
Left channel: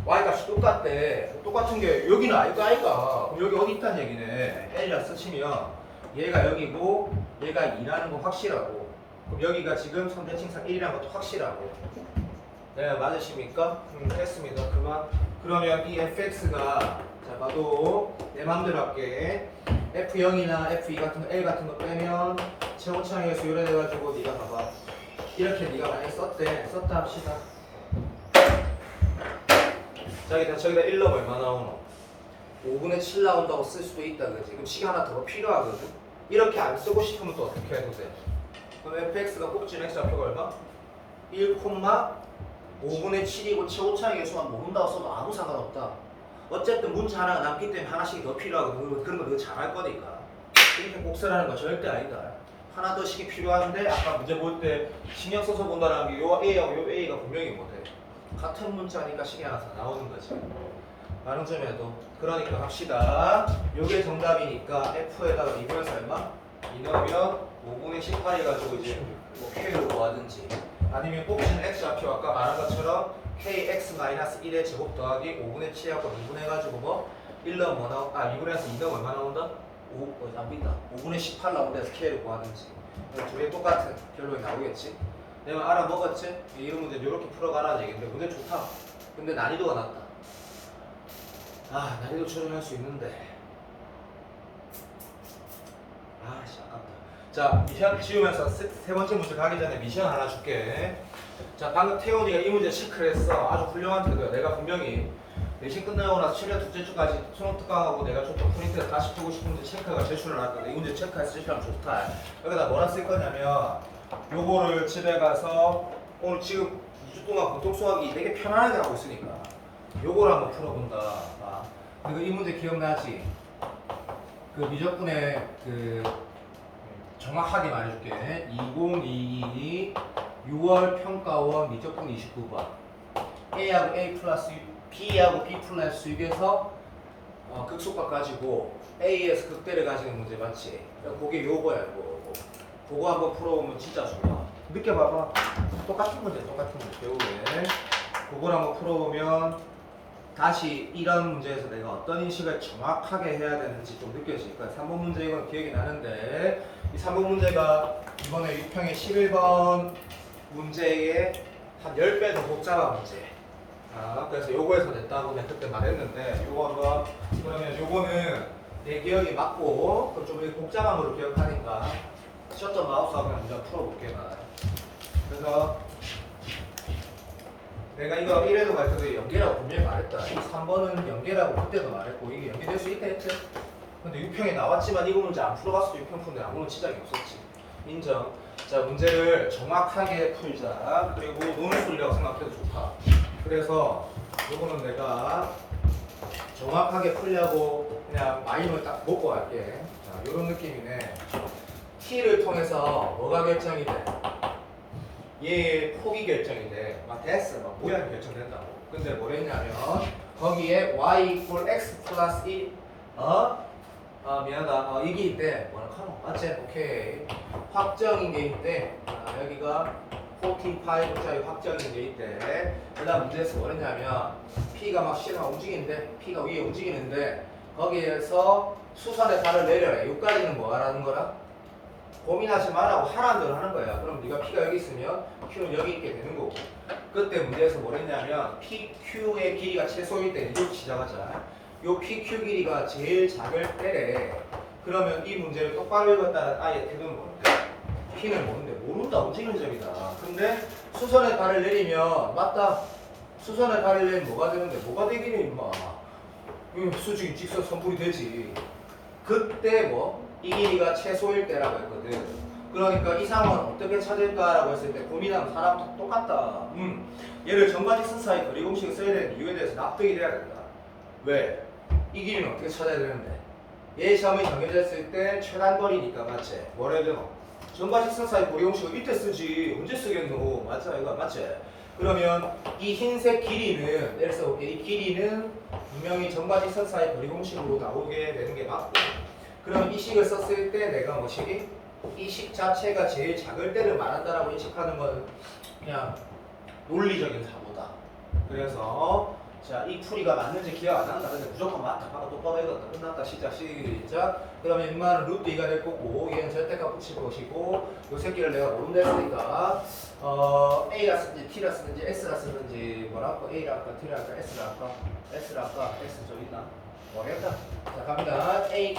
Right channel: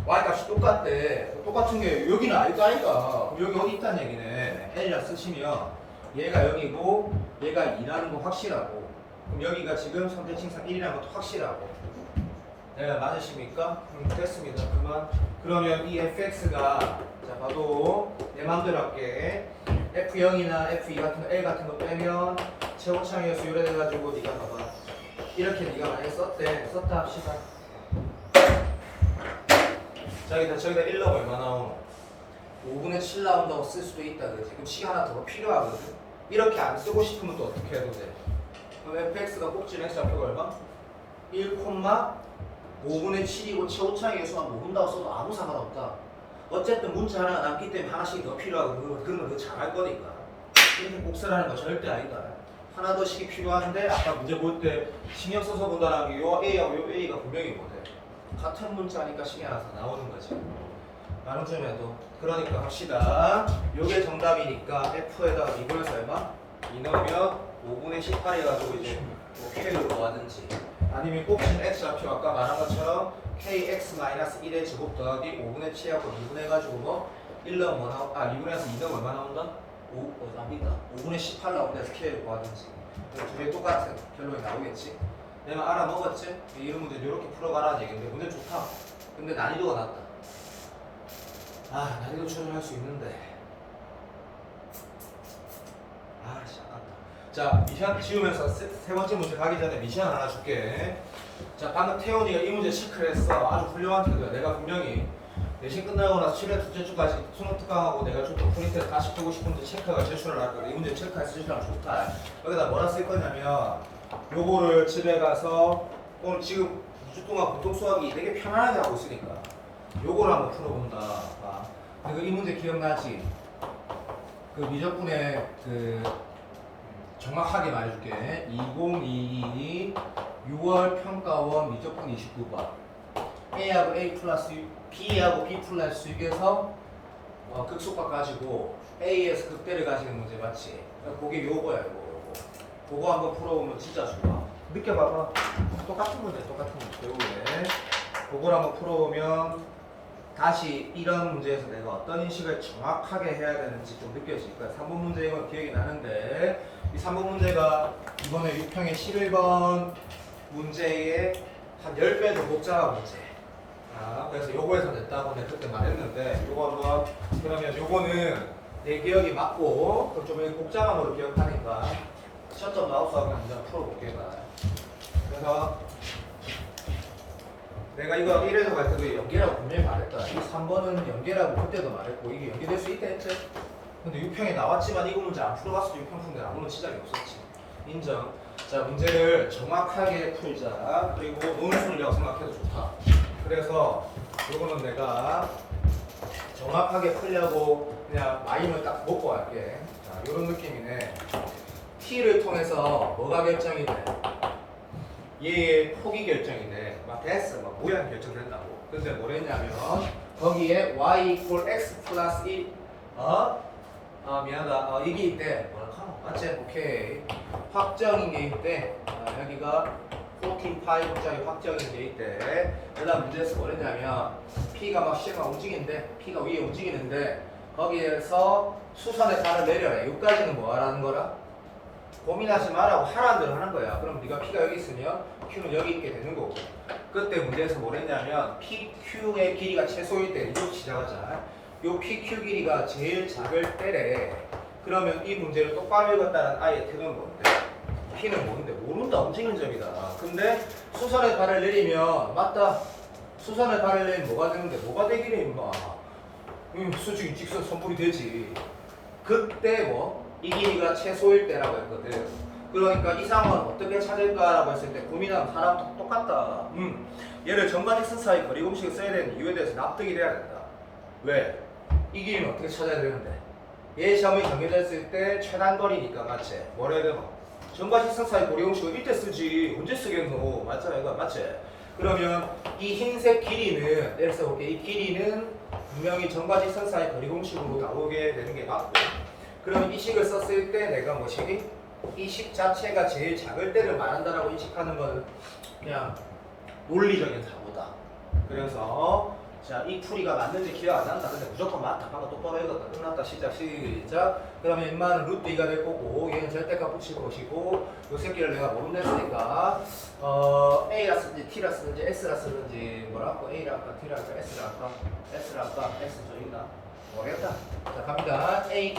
y값이 똑같대. 똑같은 게 여기는 아이가 그럼 여기 어디 있다는 얘기네. L이라 쓰시면 얘가 0이고 얘가 2라는 건 확실하고 그럼 여기가 지금 3대 칭상 1이라는 것도 확실하고 네 맞으십니까? 됐습니다. 그만. 그러면 이 fx가 자 봐도 내 맘대로 할게. F0이나 F2 같은 거 L 같은 거 빼면 최원창에서 유래돼가지고 네가 봐봐. 이렇게 네가 만약에 썼다 합시다. 저기다 1 넣으면 얼마 나오노? 5분의 7 나온다고 쓸 수도 있다. 그지? 그럼 시간 하나 더 필요하거든. 이렇게 안 쓰고 싶으면 또 어떻게 해도 돼? 그럼 fx가 꼭지는 x좌표가 얼마? 1,5분의 7이고 최고차의 예수만 모른다고 써도 아무 상관없다. 어쨌든 문자 하나 남기 때문에 하나씩 더 필요하고 그러면 너 잘할 거니까. 이렇게 복사하는 거 절대 아니다. 하나 더 식이 필요한데 아까 문제 볼 때 신경 써서 본다는 게 요 A하고 요 A가 분명히 못해. 같은 문자니까 신경 안 써서 나오는 거지. 많은 점에도 그러니까 합시다. 요게 정답이니까 F에다가 이거에서 얼마? 2 넣으면 5분의 18 해가지고 이제 뭐 K를 구하든지 아니면 꼭지는 X좌표 아까 말한 것처럼 KX-1의 제곱 더하기 5분의 7하고 2분 해가지고 뭐 1 넣으면 뭐 나오? 2분에서 2 넣으면 얼마 나온다? 5분의 18 나온다서 K를 구하든지 두 개 똑같은 결론이 나오겠지? 내가 알아먹었지? 이런 문제 이렇게 풀어가라는 얘기인데 문제 좋다. 근데 난이도가 낮다. 아 난이도 조정할 수 있는데 아씨 아깝다. 자 미션 지우면서 세 번째 문제 가기 전에 미션 하나 줄게. 자 방금 태훈이가 이 문제 체크를 했어. 아주 훌륭한 태도야. 내가 분명히 내신 끝나고 나서 최대 둘째 주까지 수능 특강하고 내가 줬던 프린트를 다시 풀고 싶은데 체크가 제출을 할 거야. 이 문제 체크했을 시간 좋다. 여기다 뭐라 쓸 거냐면 요거를 집에 가서 오늘 지금 2주 동안 보통 수학이 되게 편안하게 하고 있으니까 요거를 한번 풀어본다. 아, 그리고 이 문제 기억나지? 그 미적분의 그 정확하게 말해줄게. 2022 6월 평가원 미적분 29번 A하고 A 플러스 B하고 B 플러스 6에서 극속박 가지고 A에서 극대를 가지는 문제 맞지? 그게 요거야 이거. 그거 한번 풀어보면 진짜 좋아. 느껴봐봐. 똑같은 문제 배우에. 그걸 한번 풀어보면 다시 이런 문제에서 내가 어떤 인식을 정확하게 해야 되는지 좀 느껴질 거야. 3번 문제 이건 기억이 나는데 이 3번 문제가 이번에 6평의 11번 문제의 한 10배 더 복잡한 문제. 그래서 요거에서 됐다고 내가 그때 말했는데 요거 한번 그러면 요거는 내 기억이 맞고 좀 복잡한 걸로 기억하니까 셔터 마우스하고 그냥 먼저 풀어볼게 나. 그래서 내가 이거 1에서 갈 때도 연계라고 분명히 말했다. 이 3번은 연계라고 그때도 말했고 이게 연계될 수 있다 했지. 근데 6평에 나왔지만 이거 문제 안 풀어봤어도 6평 푼데 아무런 지장이 없었지. 인정. 자 문제를 정확하게 풀자. 그리고 논술이라고 생각해도 좋다. 그래서 요거는 내가 정확하게 풀려고 그냥 마임을 딱 먹고 갈게. 자 요런 느낌이네. T를 통해서 뭐가 결정이 돼? 얘의 폭이 결정이 돼. 막 됐어. 막 모양이 결정된다고. 근데 뭐랬냐면 거기에 y equal x 플러스 1 미안하다. 이게 있대. 뭐라 카노? 맞지? 오케이. 확정인 게 있대. 여기가 45짜리 확정인 게 있대. 그 다음 문제에서 뭐랬냐면 P가 막 시계가 움직이는데 P가 위에 움직이는데 거기에서 수선의 발을 내려래. 여기까지는 뭐 하라는 거라? 고민하지 말라고 하라는 대로 하는 거야. 그럼 네가 P가 여기 있으면 Q는 여기 있게 되는 거고. 그때 문제에서 뭐랬냐면 PQ의 길이가 최소일 때 이쪽 시작하자. 요 PQ 길이가 제일 작을 때래. 그러면 이 문제를 똑바로 읽었다는 아이의 태도는 뭔데? P는 뭔데? 모른다. 움직이는 점이다. 근데 수선의 발을 내리면 맞다. 수선의 발을 내리면 뭐가 되는데? 뭐가 되기는 임마. 수직이 직선 선분이 되지. 그때 뭐? 이 길이가 최소일 때라고 했거든. 그러니까 이 상황은 어떻게 찾을까라고 했을 때 고민하면 사람 똑같다. 얘를 전반지선 사이 거리 공식을 써야 되는 이유에 대해서 납득이 돼야 된다. 왜? 이 길이는 어떻게 찾아야 되는데? 얘 점이 정해졌을 때 최단 거리니까 맞지? 뭐라 해야 되노? 전반지선 사이 거리 공식을 이때 쓰지 언제 쓰겠노? 맞잖아 이거 맞지? 그러면 이 흰색 길이는 예를 들어서 이 길이는 분명히 전반지선 사이 거리 공식으로 나오게 되는 게 맞고 그럼 이 식을 썼을 때 내가 뭐지? 이 식 자체가 제일 작을 때를 말한다라고 인식하는 거는 그냥 논리적인 사고다. 그래서 자, 이 풀이가 맞는지 기억 안 난다. 근데 무조건 맞다. 하고 똑바로 해도 끝났다. 시작. 그러면 인마는 루트 2가 될 거고 얘는 절대값 붙일 것이고 요 새끼를 내가 모른다 했으니까 A라 쓰든지 T라 쓰든지 S라 쓰든지 뭐라 할까? A라 할까? T라 할까? S라 할까? S라 할까? S 저 있나? 모르겠다. 자 갑니다. A,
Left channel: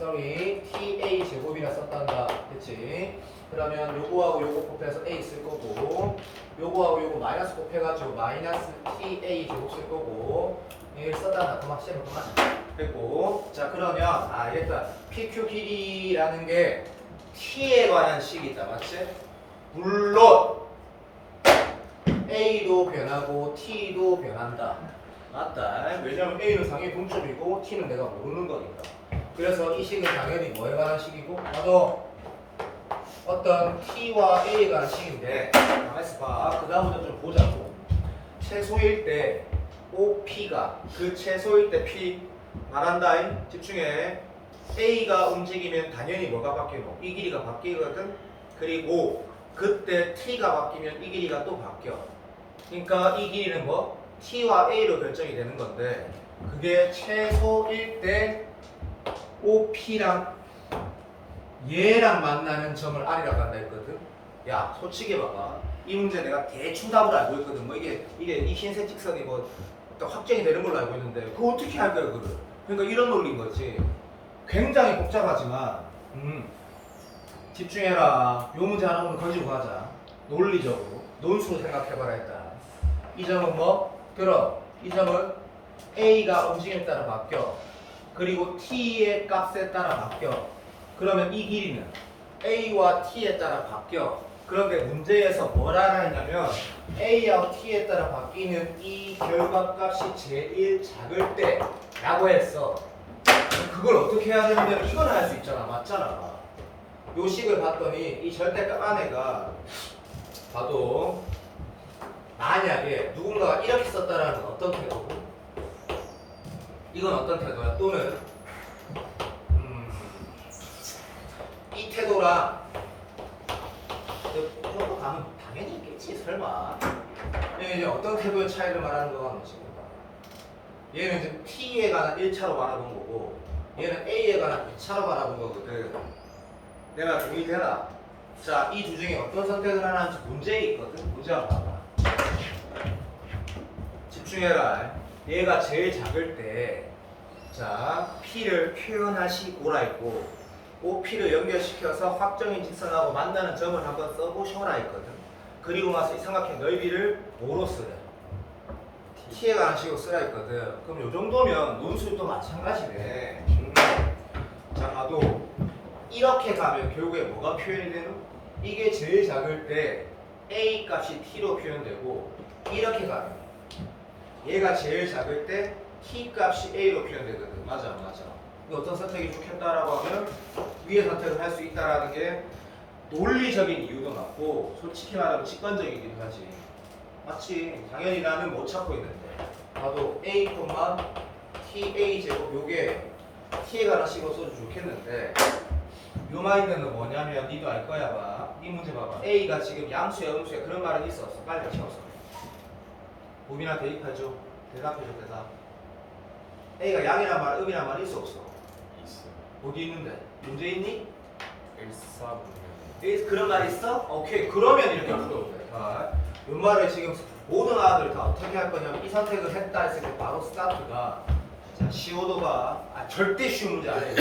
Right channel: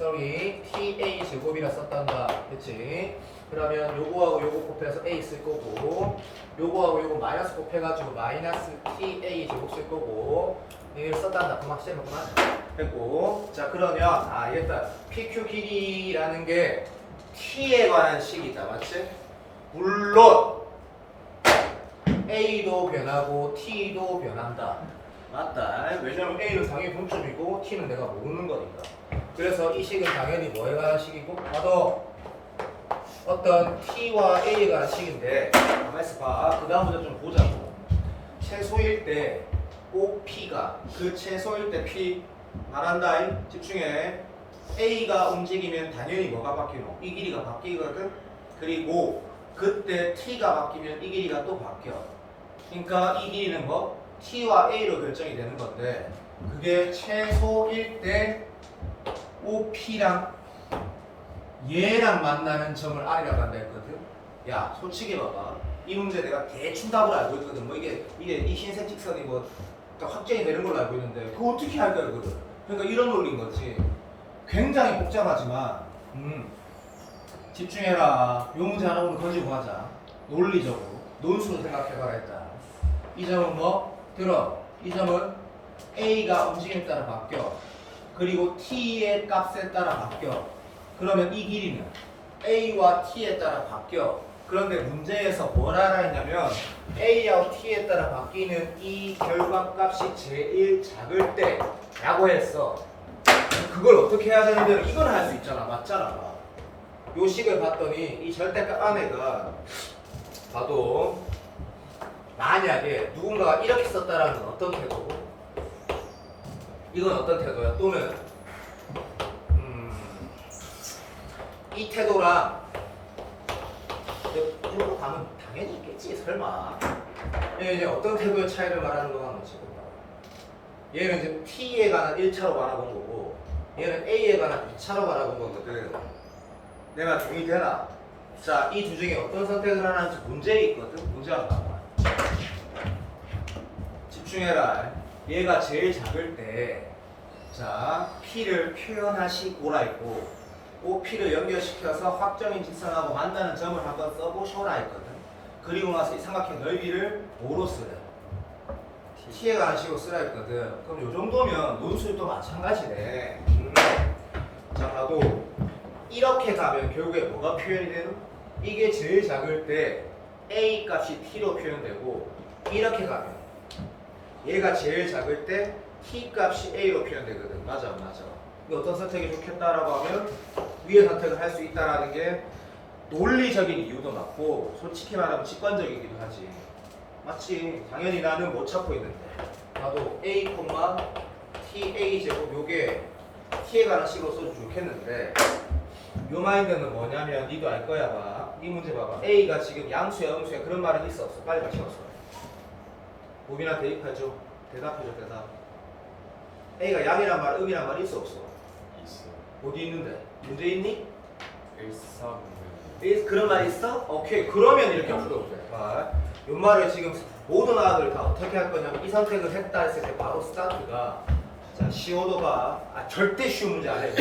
A TA 제곱이라 썼단다. 그치? 그러면 요거하고 요거 곱해서 A 쓸 거고 요거하고 요거 마이너스 곱해가지고 마이너스 TA 제곱 쓸 거고 얘를 써단다. 그만 시작을 그만 했고 자 그러면 얘다 PQ 길이라는 게 T에 관한 식이 있다. 맞지? 물론 A도 변하고 T도 변한다. 맞다. 왜냐면 A는 당연히 분점이고 T는 내가 모르는 거니까. 그래서 이 식은 당연히 뭐에 관한 식이고 나도 어떤 T와 A에 관한 식인데 가만있어 봐. 그 다음부터 좀 보자고. 최소일 때 OP가 그 최소일 때 P 말한다. 집중해. A가 움직이면 당연히 뭐가 바뀌고 이 길이가 바뀌거든. 그리고 그때 T가 바뀌면 이 길이가 또 바뀌어. 그러니까 이 길이는 뭐? T와 A로 결정이 되는 건데 그게 최소일 때 OP랑 얘랑 만나는 점을 R이라고 한다 했거든. 야 솔직히 봐봐. 이 문제 내가 대충 답을 알고 있거든. 뭐 이게 이 흰색 직선이 뭐 확정이 되는 걸로 알고 있는데 그거 어떻게 할 거야 그거를. 그러니까 이런 논리인 거지. 굉장히 복잡하지만 집중해라. 요 문제 하나 오늘 가지고 가자. 논리적으로 논술로 생각해봐라 일단. 이 점은 뭐? 들어. 이 점은 A가 움직임에 따라 바뀌어. 그리고 T의 값에 따라 바뀌어. 그러면 이 길이는 A와 T에 따라 바뀌어. 그런데 문제에서 뭘 알아 했냐면 A와 T에 따라 바뀌는 이 결과값이 제일 작을 때 라고 했어. 그걸 어떻게 해야 되는데 이걸 할 수 있잖아. 맞잖아. 요 식을 봤더니 이 절대값 안에가 봐도 만약에 누군가가 이렇게 썼다라는 건 어떤 태도고? 이건 어떤 태도야? 또는 이 태도랑 이거 가면 당연히 있겠지 설마. 얘는 이제 어떤 태도의 차이를 말하는 거가 뭐지? 얘는 이제 T에 관한 1차로 바라본 거고 얘는 A에 관한 2차로 바라본 거거든. 내가 동의되나? 자, 이 두 중에 어떤 선택을 하나 할지 문제 있거든. 문제 한번 봐봐. 집중해라. 얘가 제일 작을 때 자, P를 표현하시고라 했고 OP를 연결시켜서 확정인 직선하고 만나는 점을 한번 써보셔라 했거든. 그리고 나서 이 삼각형 넓이를 뭐로 쓰래? T에 관한 식으로 쓰라 했거든. 그럼 요 정도면 논술도 마찬가지네. 자, 봐도 이렇게 가면 결국에 뭐가 표현이 되는? 이게 제일 작을 때 A 값이 T로 표현되고 이렇게 가면 얘가 제일 작을 때 T 값이 A로 표현되거든. 맞아, 맞아. 근데 어떤 선택이 좋겠다라고 하면 위의 선택을 할 수 있다라는 게 논리적인 이유도 맞고 솔직히 말하면 직관적이기도 하지. 맞지? 당연히 나는 못 찾고 있는데 나도 A, T, A 제곱 요게 T에 관한 식으로 써도 좋겠는데 요 마인드는 뭐냐면 니도 알 거야 봐. 이 문제 봐봐. A가 지금 양수야 음수야 그런 말은 있어 없어? 빨리 같이 왔어. 우빈아 대입하죠. 대답해줘 대답. A가 양이란 말 음이란 말 있어 없어? 있어요. 어디 있는데? 문제 있니? 일사분면. 그런 말 있어? 오케이. 그러면 이렇게 풀어도 돼. 요 말을 지금 모든 아들 다 어떻게 할 거냐면 이 선택을 했다 했을 때 바로 스타트가 자 CO2가 절대 쉬운 문제 아니에요.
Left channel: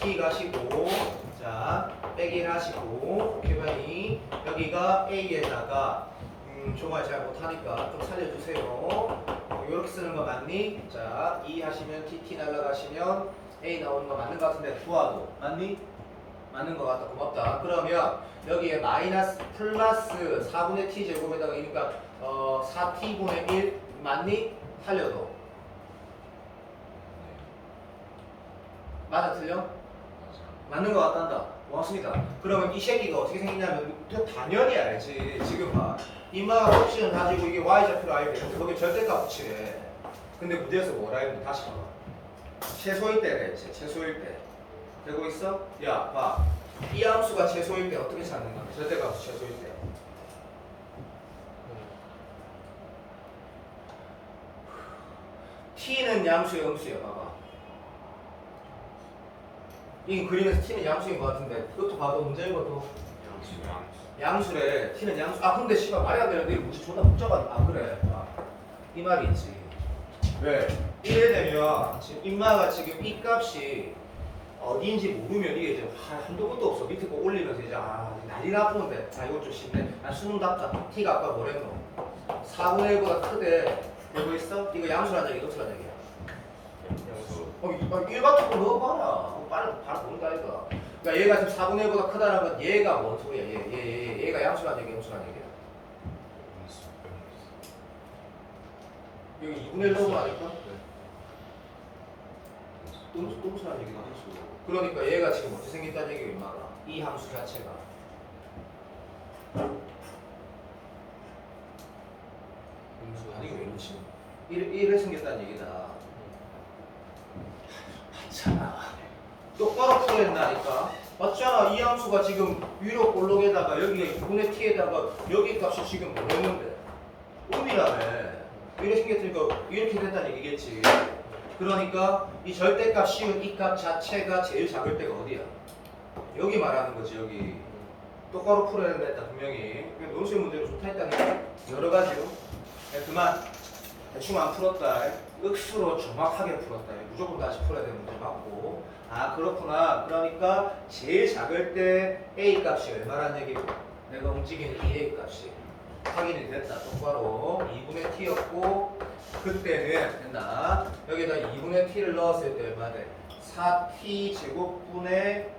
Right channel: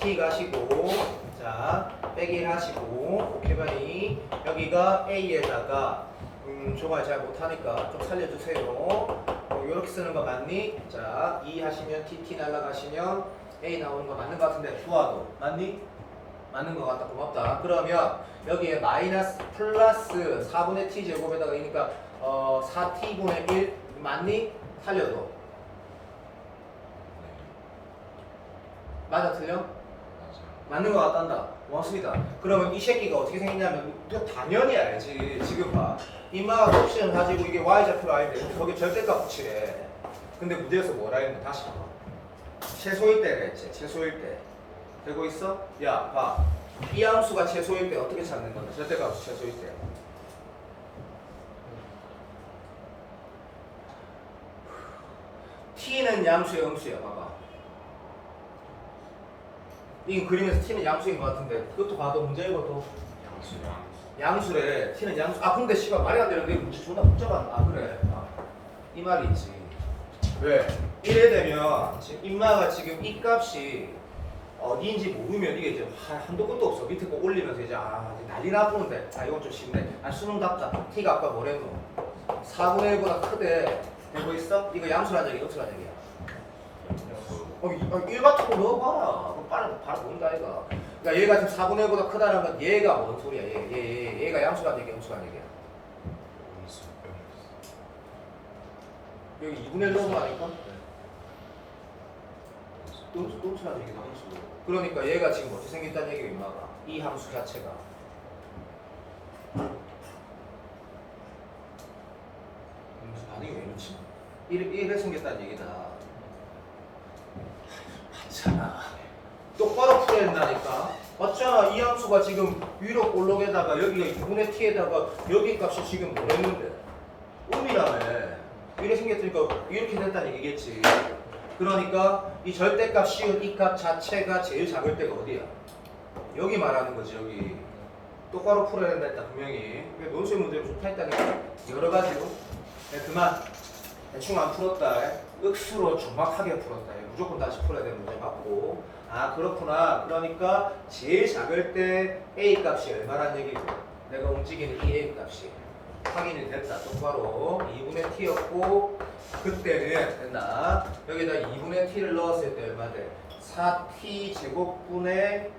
T 가시고 자 빼기 하시고 오케이 여기가 A에다가 정말 잘 못하니까 좀 살려주세요. 이렇게 쓰는 거 맞니? 자, 2 하시면 TT 날라가시면 A 나오는 거 맞는 거 같은데 두아도 맞니? 맞는 거 같다. 고맙다. 그러면 여기에 마이너스 플러스 4분의 t 제곱에다가 그러니까 4t분의 1 맞니? 살려도 맞아 틀려? 맞는 거 같단다. 고맙습니다. 그러면 이 새끼가 어떻게 생겼냐면 또 당연히 알지. 지금 봐. 이마가 옵션 가지고 이게 y좌표로 알는데 거기 절대값 붙이래. 근데 문제에서 뭐라 했는데 다시 봐. 최소일 때가 있지. 최소일 때. 되고 있어? 야 봐. 이 함수가 최소일 때 어떻게 찾는 거야? 절대값 최소일 때. t는 양수야 음수야. 봐봐. 이 그림에서 t는 양수인 것 같은데 그것도 봐도 문제 읽어도 양수래. t는 양수. 아 근데 씨발 말이 안 되는데 문제 존나 복잡한. 아 그래. 이 말이 있지. 왜? 이래 되면 지금 인마가 지금 이 값이 어디인지 모르면 이게 이제 한도 끝도 없어. 밑에 거 올리면서 이제 난리 나쁘는데 이건 좀 쉽네. 수능 답자. t가 아까 뭐랬노? 4분의 1보다 크대. 되고 있어? 이거 양수란 얘기, 음수란 얘기야. 일 같은 거 넣어봐라. 그럼 바로 모른다 이거. 그러니까 얘가 지금 4분의 1보다 크다라면 얘가 뭔 소리야? 얘가 양수란 얘기, 음수란 얘기야. 여기 2분의 1 넣어도 아닐까? 음수란 얘기가 음수. 그러니까 얘가 지금 어떻게 생겼다는 얘기야 이마가. 이 함수 자체가. 아니 왜 이러지? 이렇게 생겼다는 얘기다. 맞잖아. 똑바로 풀어야 된다니까. 맞잖아. 이 함수가 지금 위로 볼록에다가 여기가 2분의 t에다가 여기 값이 지금 뭐랬는데? 음이라며. 이렇게 생겼으니까 이렇게 됐다는 얘기겠지. 그러니까 이 절대값 씌운 이 값 자체가 제일 작을 때가 어디야? 여기 말하는 거지 여기. 똑바로 풀어야 된다 했다 분명히. 논술 문제로 좋다 했다니까. 여러 가지로. 그만. 대충 안 풀었다. 억수로 정확하게 풀었다. 무조건 다시 풀어야 되는 문제 맞고. 그렇구나. 그러니까 제일 작을 때 A 값이 얼마란 얘기고 내가 움직이는 이 A 값이 확인이 됐다. 똑바로 2분의 t였고 그때는 됐나? 여기다 2분의 t를 넣었을 때 얼마 돼? 4t 제곱분의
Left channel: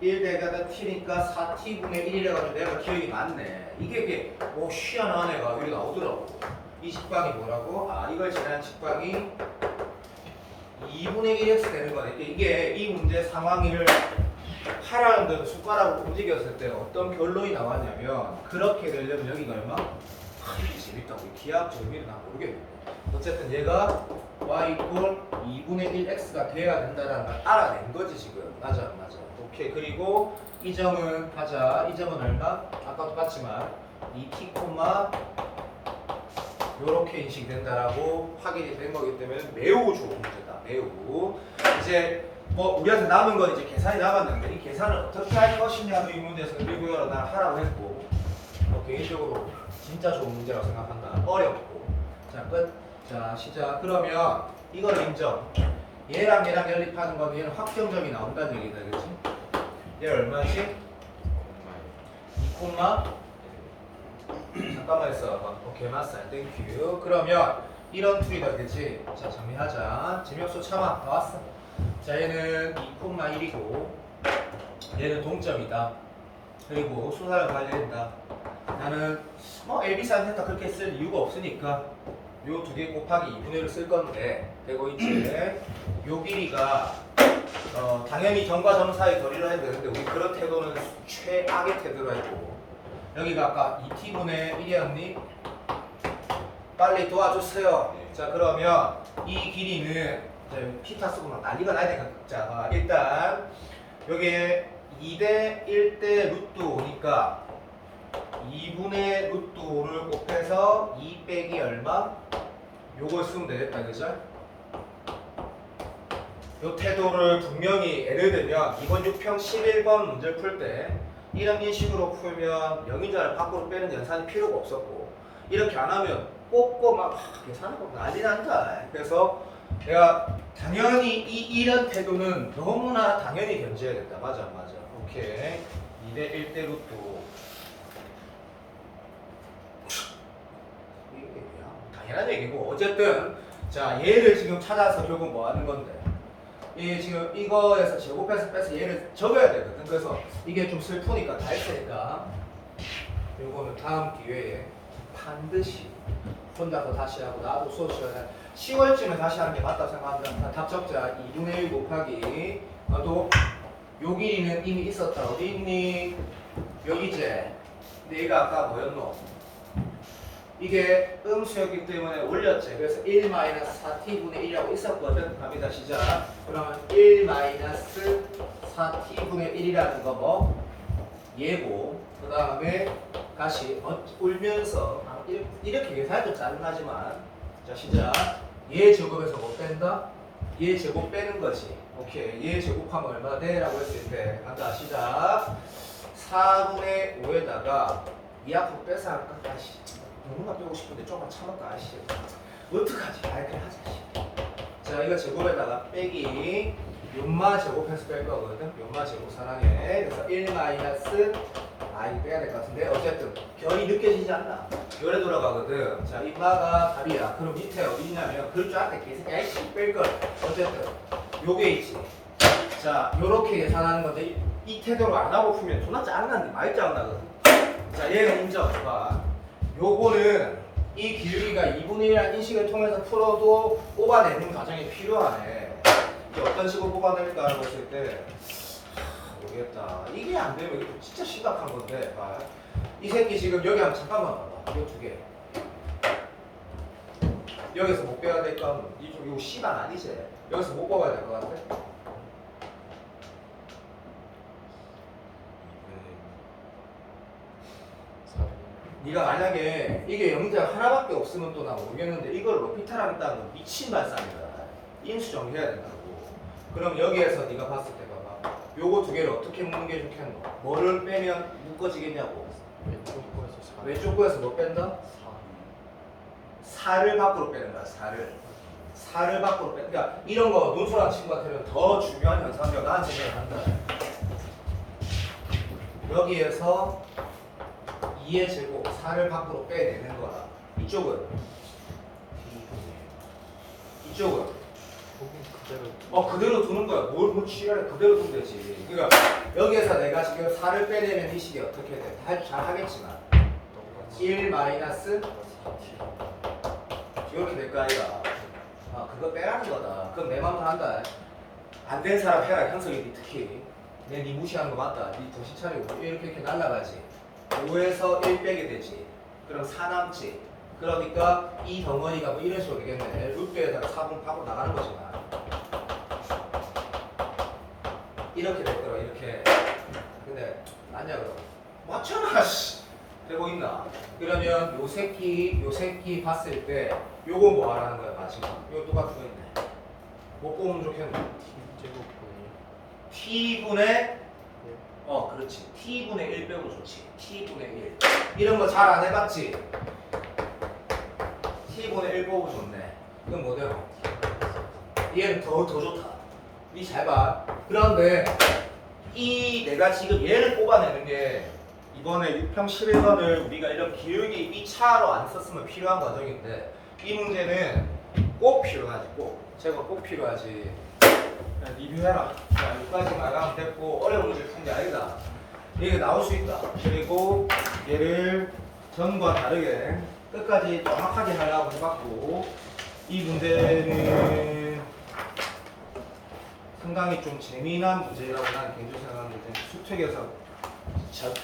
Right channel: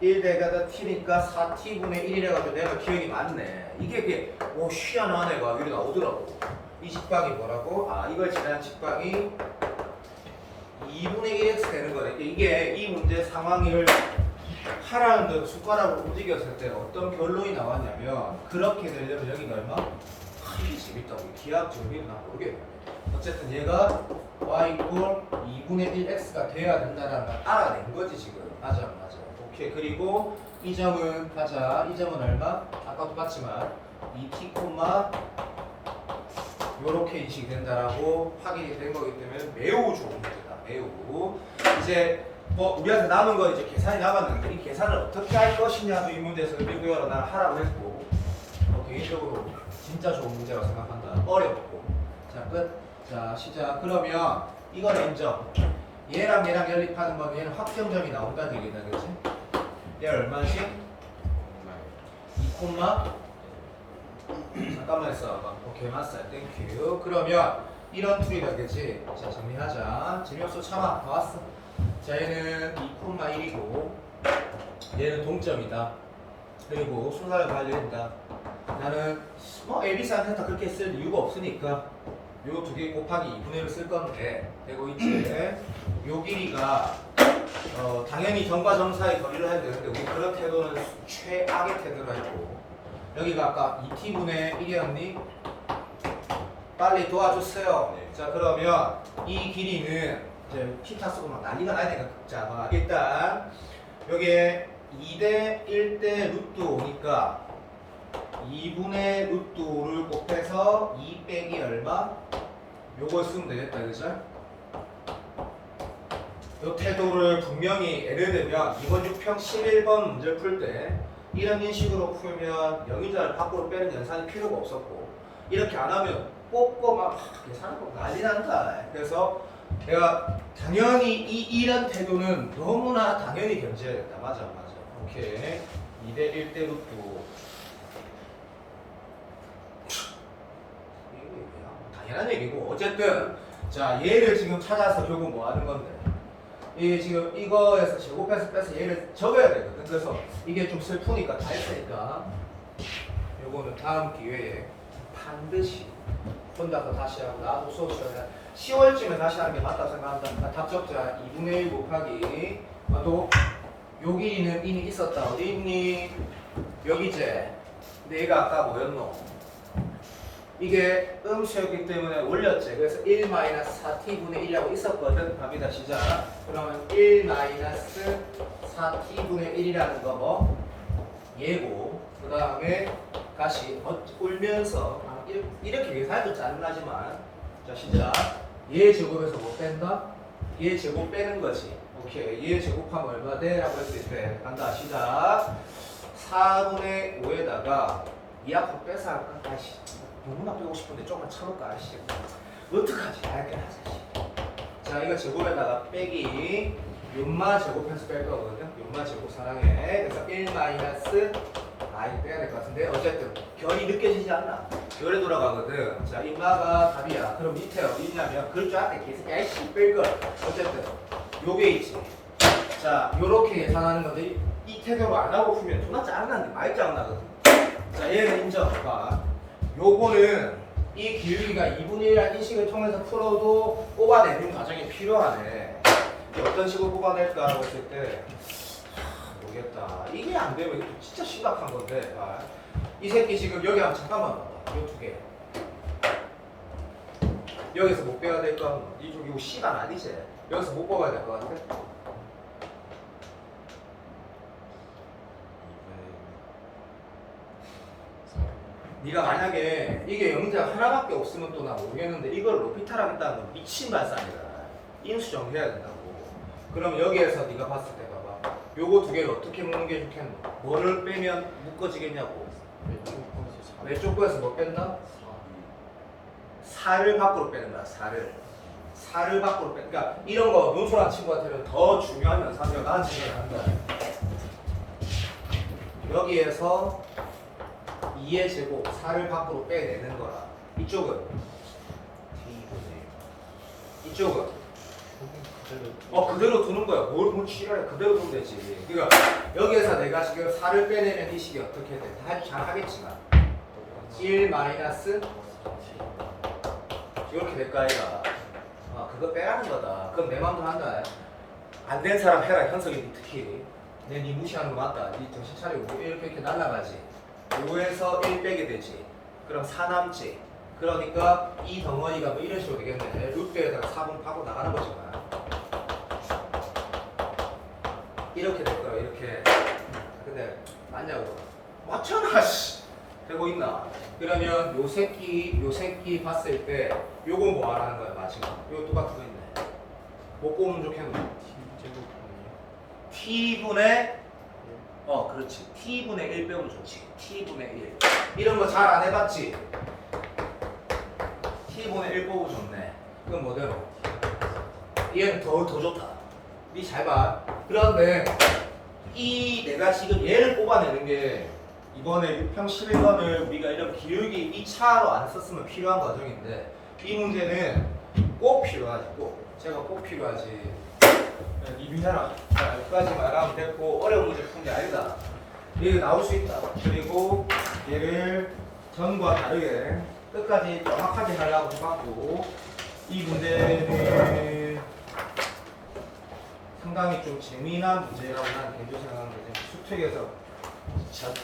1 대가다 t니까 4t분의 1이래가지고 내가 기억이 맞네. 이게 희한한 애가 여기 나오더라고. 이 직방이 뭐라고? 이걸 지난 직방이 2분의 1x 되는 거네. 이게 이 문제 상황을 하라는 대로 숟가락으로 움직였을 때 어떤 결론이 나왔냐면 그렇게 되려면 여기가 얼마? 이게 재밌다. 우리 기하학적 의미는 난 모르겠는데 어쨌든 얘가 y 이퀄 2분의 1x가 돼야 된다는 걸 알아낸 거지 지금. 맞아 맞아. 오케이. 그리고 이 점은 가자. 이 점은 얼마? 아까 똑같지만 2t 콤마 요렇게 인식된다라고 확인이 된 거기 때문에 매우 좋은 문제다. 매우. 이제 뭐 우리한테 남은 건 이제 계산이 남았는데 이 계산을 어떻게 할 것이냐도 이 문제에서 일부러 난 하라고 했고 개인적으로 진짜 좋은 문제라고 생각한다. 어렵고. 자 끝. 자 시작. 그러면 이거는 인정. 얘랑 얘랑 연립하는 거는 얘는 확정점이 나온다는 얘기다. 그렇지? 얘 얼마씩? 2 콤마 잠깐만 있어. 오케이 맞어. 땡큐. 그러면 이런 풀이다. 그렇지? 자 정리하자. 재미없어 참아. 다 왔어. 자 얘는 2,1이고 얘는 동점이다. 그리고 수사를 관리한다. 나는 뭐 AB산 했다 그렇게 쓸 이유가 없으니까 요 두 개 곱하기 2분의 1을 쓸 건데 그리고 이제 요 길이가 당연히 점과 점 사이 거리를 해야 되는데 우리 그런 태도는 최악의 태도로 했고 여기가 아까 2t분의 1이었니? 빨리 도와주세요. 자 그러면 이 길이는 이제 피타 쓰고 막 난리가 나야 되니까 자 일단 여기에 2대 1대 루트 5니까 2분의 루트 5를 곱해서 2 빼기 얼마? 요걸 쓰면 되겠다 그죠? 요 태도를 분명히 예를 들면 이번 6평 11번 문제를 풀 때 이런 식으로 풀면 영인자를 밖으로 빼는 계산이 필요가 없었고 이렇게 안 하면 뽑고 막 계산하고 난리 난다. 그래서 내가 당연히 이런 태도는 너무나 당연히 견제해야 된다. 맞아 맞아. 오케이. 2대 1대 루트 5. 당연한 얘기고 어쨌든 자 얘를 지금 찾아서 결국 뭐 하는 건데 이 지금 이거에서 제곱해서 빼서 얘를 적어야 되거든. 그래서 이게 좀 슬프니까 다 했으니까 요거는 다음 기회에 반드시 혼자서 다시 하고 나도 수업 시간에 10월쯤에 다시 하는 게 맞다고 생각한다. 답 적자 2분의 1 곱하기 나도 요 길이는 이미 있었다. 어디 있니? 여기지. 근데 얘가 아까 뭐였노? 이게 음수였기 때문에 올렸지. 그래서 1 4t분의 1이라고 있었거든. 갑니다. 시작. 그러면 1 4t분의 1이라는 거 뭐? 얘고 그 다음에 다시 울면서 이렇게 계산해도 짜증나지만 자 시작. 얘 제곱에서 못 뺀다? 얘 제곱 빼는 거지. 오케이. 얘 제곱하면 얼마 돼? 라고 했을 때 간다. 시작. 4분의 5에다가 이 앞으로 빼서 할까? 아이씨 너무나 빼고 싶은데 조금만 참을까? 아이씨 어떡하지? 이렇게 하자. 자 이거 제곱에다가 빼기 연마 제곱해서 뺄 거거든. 연마 제곱 사랑해. 그래서 1 많이 빼야 될 것 같은데 어쨌든 결이 느껴지지 않나? 결에 돌아가거든. 자 인마가 답이야. 그럼 밑에 어디 있냐면 그줄 알았대. 계속 야이씨 뺄걸. 어쨌든 요게 있지. 자 요렇게 계산하는 건데 이 태도로 안 하고 풀면 존나 짜증나는데 많이 짜증나거든. 자 얘는 인정. 봐. 요거는 이 기울기가 2분의 1이라는 인식을 통해서 풀어도 뽑아내는 과정이 필요하네. 이게 어떤 식으로 뽑아낼까 했을 때 모르겠다. 이게 안 되면 이거 진짜 심각한 건데. 봐. 이 새끼 지금 여기 한번 잠깐만 봐봐. 요 두 개. 여기서 못 빼야 될 거 같아. 이쪽 이거 C가 아니지? 여기서 못 뽑아야 될 것 같아. 네가 만약에 이게 영자가 하나밖에 없으면 또 나 모르겠는데 이걸 로피타랑 있다는 건 미친 발상이다. 인수 정리해야 된다고. 그럼 여기에서 네가 봤을 때 봐봐. 요거 두 개를 어떻게 묶는 게 좋겠노? 뭐를 빼면 묶어지겠냐고. 왼쪽 거에서 뭐 뺀다? 4를 밖으로 빼는 거야. 4를 밖으로 빼. 그러니까 이런 거 논술하는 친구한테는 더 중요한 연산이라고 나는 생각한다. 여기에서 2의 제곱 4를 밖으로 빼내는 거야. 이쪽은 이쪽은 그대로 두는 거야. 뭘 취하래. 그대로 두면 되지. 그러니까 여기에서 내가 지금 4를 빼내면 이 식이 어떻게 돼? 다 잘 하겠지만 1 마이너스 이렇게 될까 아이가. 그거 빼라는 거다. 그건 내 맘도 한다. 안 된 사람 해라. 현석이 특히 내 니 무시하는 거 맞다. 니 정신 차리고 이렇게 날아가지. 5에서 1 빼게 되지. 그럼 4 남지. 그러니까 이 덩어리가 뭐 이런 식으로 되겠네. 루트에다가 4분 파고 나가는 거잖아. 이렇게 될 거라 이렇게. 근데 맞냐 그럼? 맞잖아. 씨. 되고 있나? 그러면 요 새끼 봤을 때 요거 뭐 하라는 거야 맞지? 요거 똑같은 거 있네. 뭐 뽑으면 좋겠노? t분의 그렇지. t분의 1 빼면 좋지. t분의 1 이런 거 잘 안 해봤지? t분의 1 뽑으면 좋네. 이건 뭐대로? 얘는 더 좋다. 니 잘 봐. 그런데 이 내가 지금 얘를 뽑아내는 게 이번에 6평 11번을 우리가 이런 기울기 2차로 안 썼으면 필요한 과정인데 이 문제는 꼭 필요하지. 제가 꼭 필요하지. 리뷰해라. 자, 여기까지 말하면 됐고 어려운 문제 푼 게 아니다. 이게 나올 수 있다. 그리고 얘를 전과 다르게 끝까지 정확하게 하려고 해봤고 이 문제는 상당히 좀 재미난 문제라고 난 개인적으로 생각하는데 수특에서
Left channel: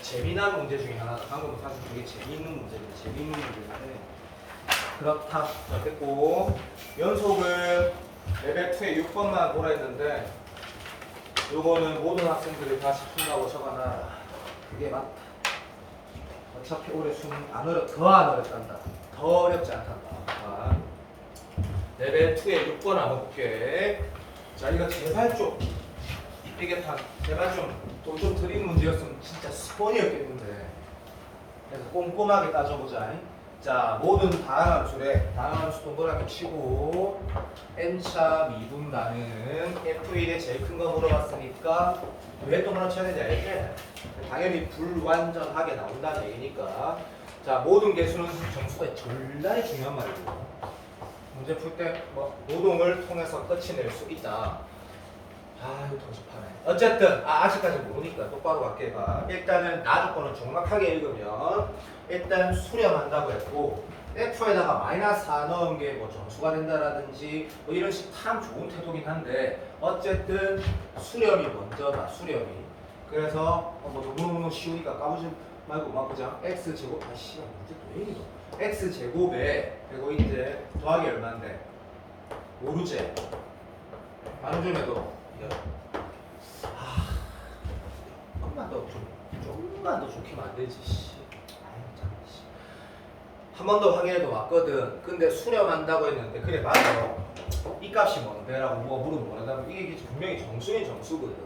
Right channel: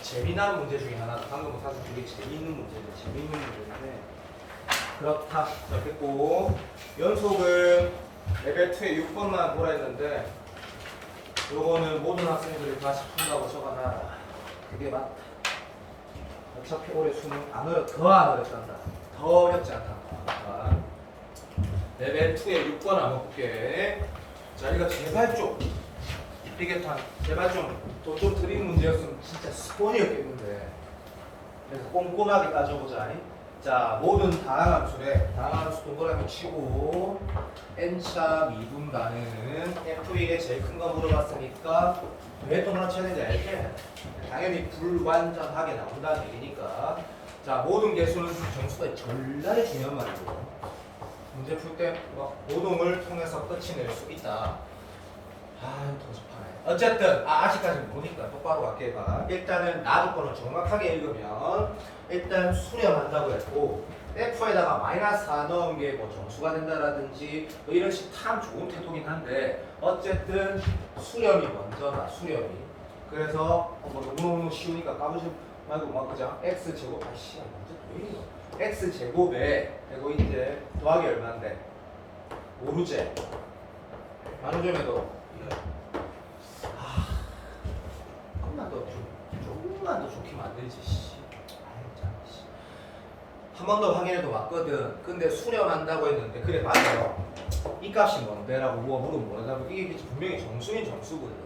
재미난 문제 중에 하나 방금 사실 되게 재미있는 문제인데 그렇다. 자, 됐고 연속은 레벨 2에 6번만 보라 했는데 요거는 모든 학생들이 다 푼다고 적어놔라. 그게 맞다. 어차피 올해 수능 더 안 어렵단다. 더 어렵지 않단다. 레벨 2에 6번 한번 볼게. 자, 이거 제발 좀 이게 제발 좀 드린 문제였으면 진짜 스폰이었겠는데. 그래서 꼼꼼하게 따져보자. 자, 모든 다항 함수래. 다항 함수 동그랗게 치고 n차 미분 가능은 f1의 제일 큰 거 물어봤으니까 왜 동그랗게 쳐야 되는지 알지? 당연히 불완전하게 나온다는 얘기니까. 자, 모든 개수는 정수가 절대 중요한 말이고 문제 풀 때 노동을 통해서 끝이 낼 수 있다. 아, 이거 더 좋다네. 어쨌든 아직까지 모르니까 똑바로 맞게 해봐. 일단은 나 조건을 정확하게 읽으면 일단 수렴한다고 했고 F에다가 마이너스 4 넣은 게 뭐 정수가 된다라든지 뭐 이런 식 참 좋은 태도긴 한데 어쨌든 수렴이 먼저다. 수렴이. 그래서 뭐 너무 쉬우니까 까부지 말고 막 그죠? x 제곱 아씨 문제 왜 이래? x 제곱에 되고 이제 더하기 얼마인데? 5루제. 나누점에도 조금만 더 좋기만 안 되지. 한 번 더 확인해도 왔거든. 근데 수렴한다고 했는데 그래 맞아. 이 값이 뭔데라고 뭐가 물으면 뭐라고 이게 분명히 정수인 정수거든.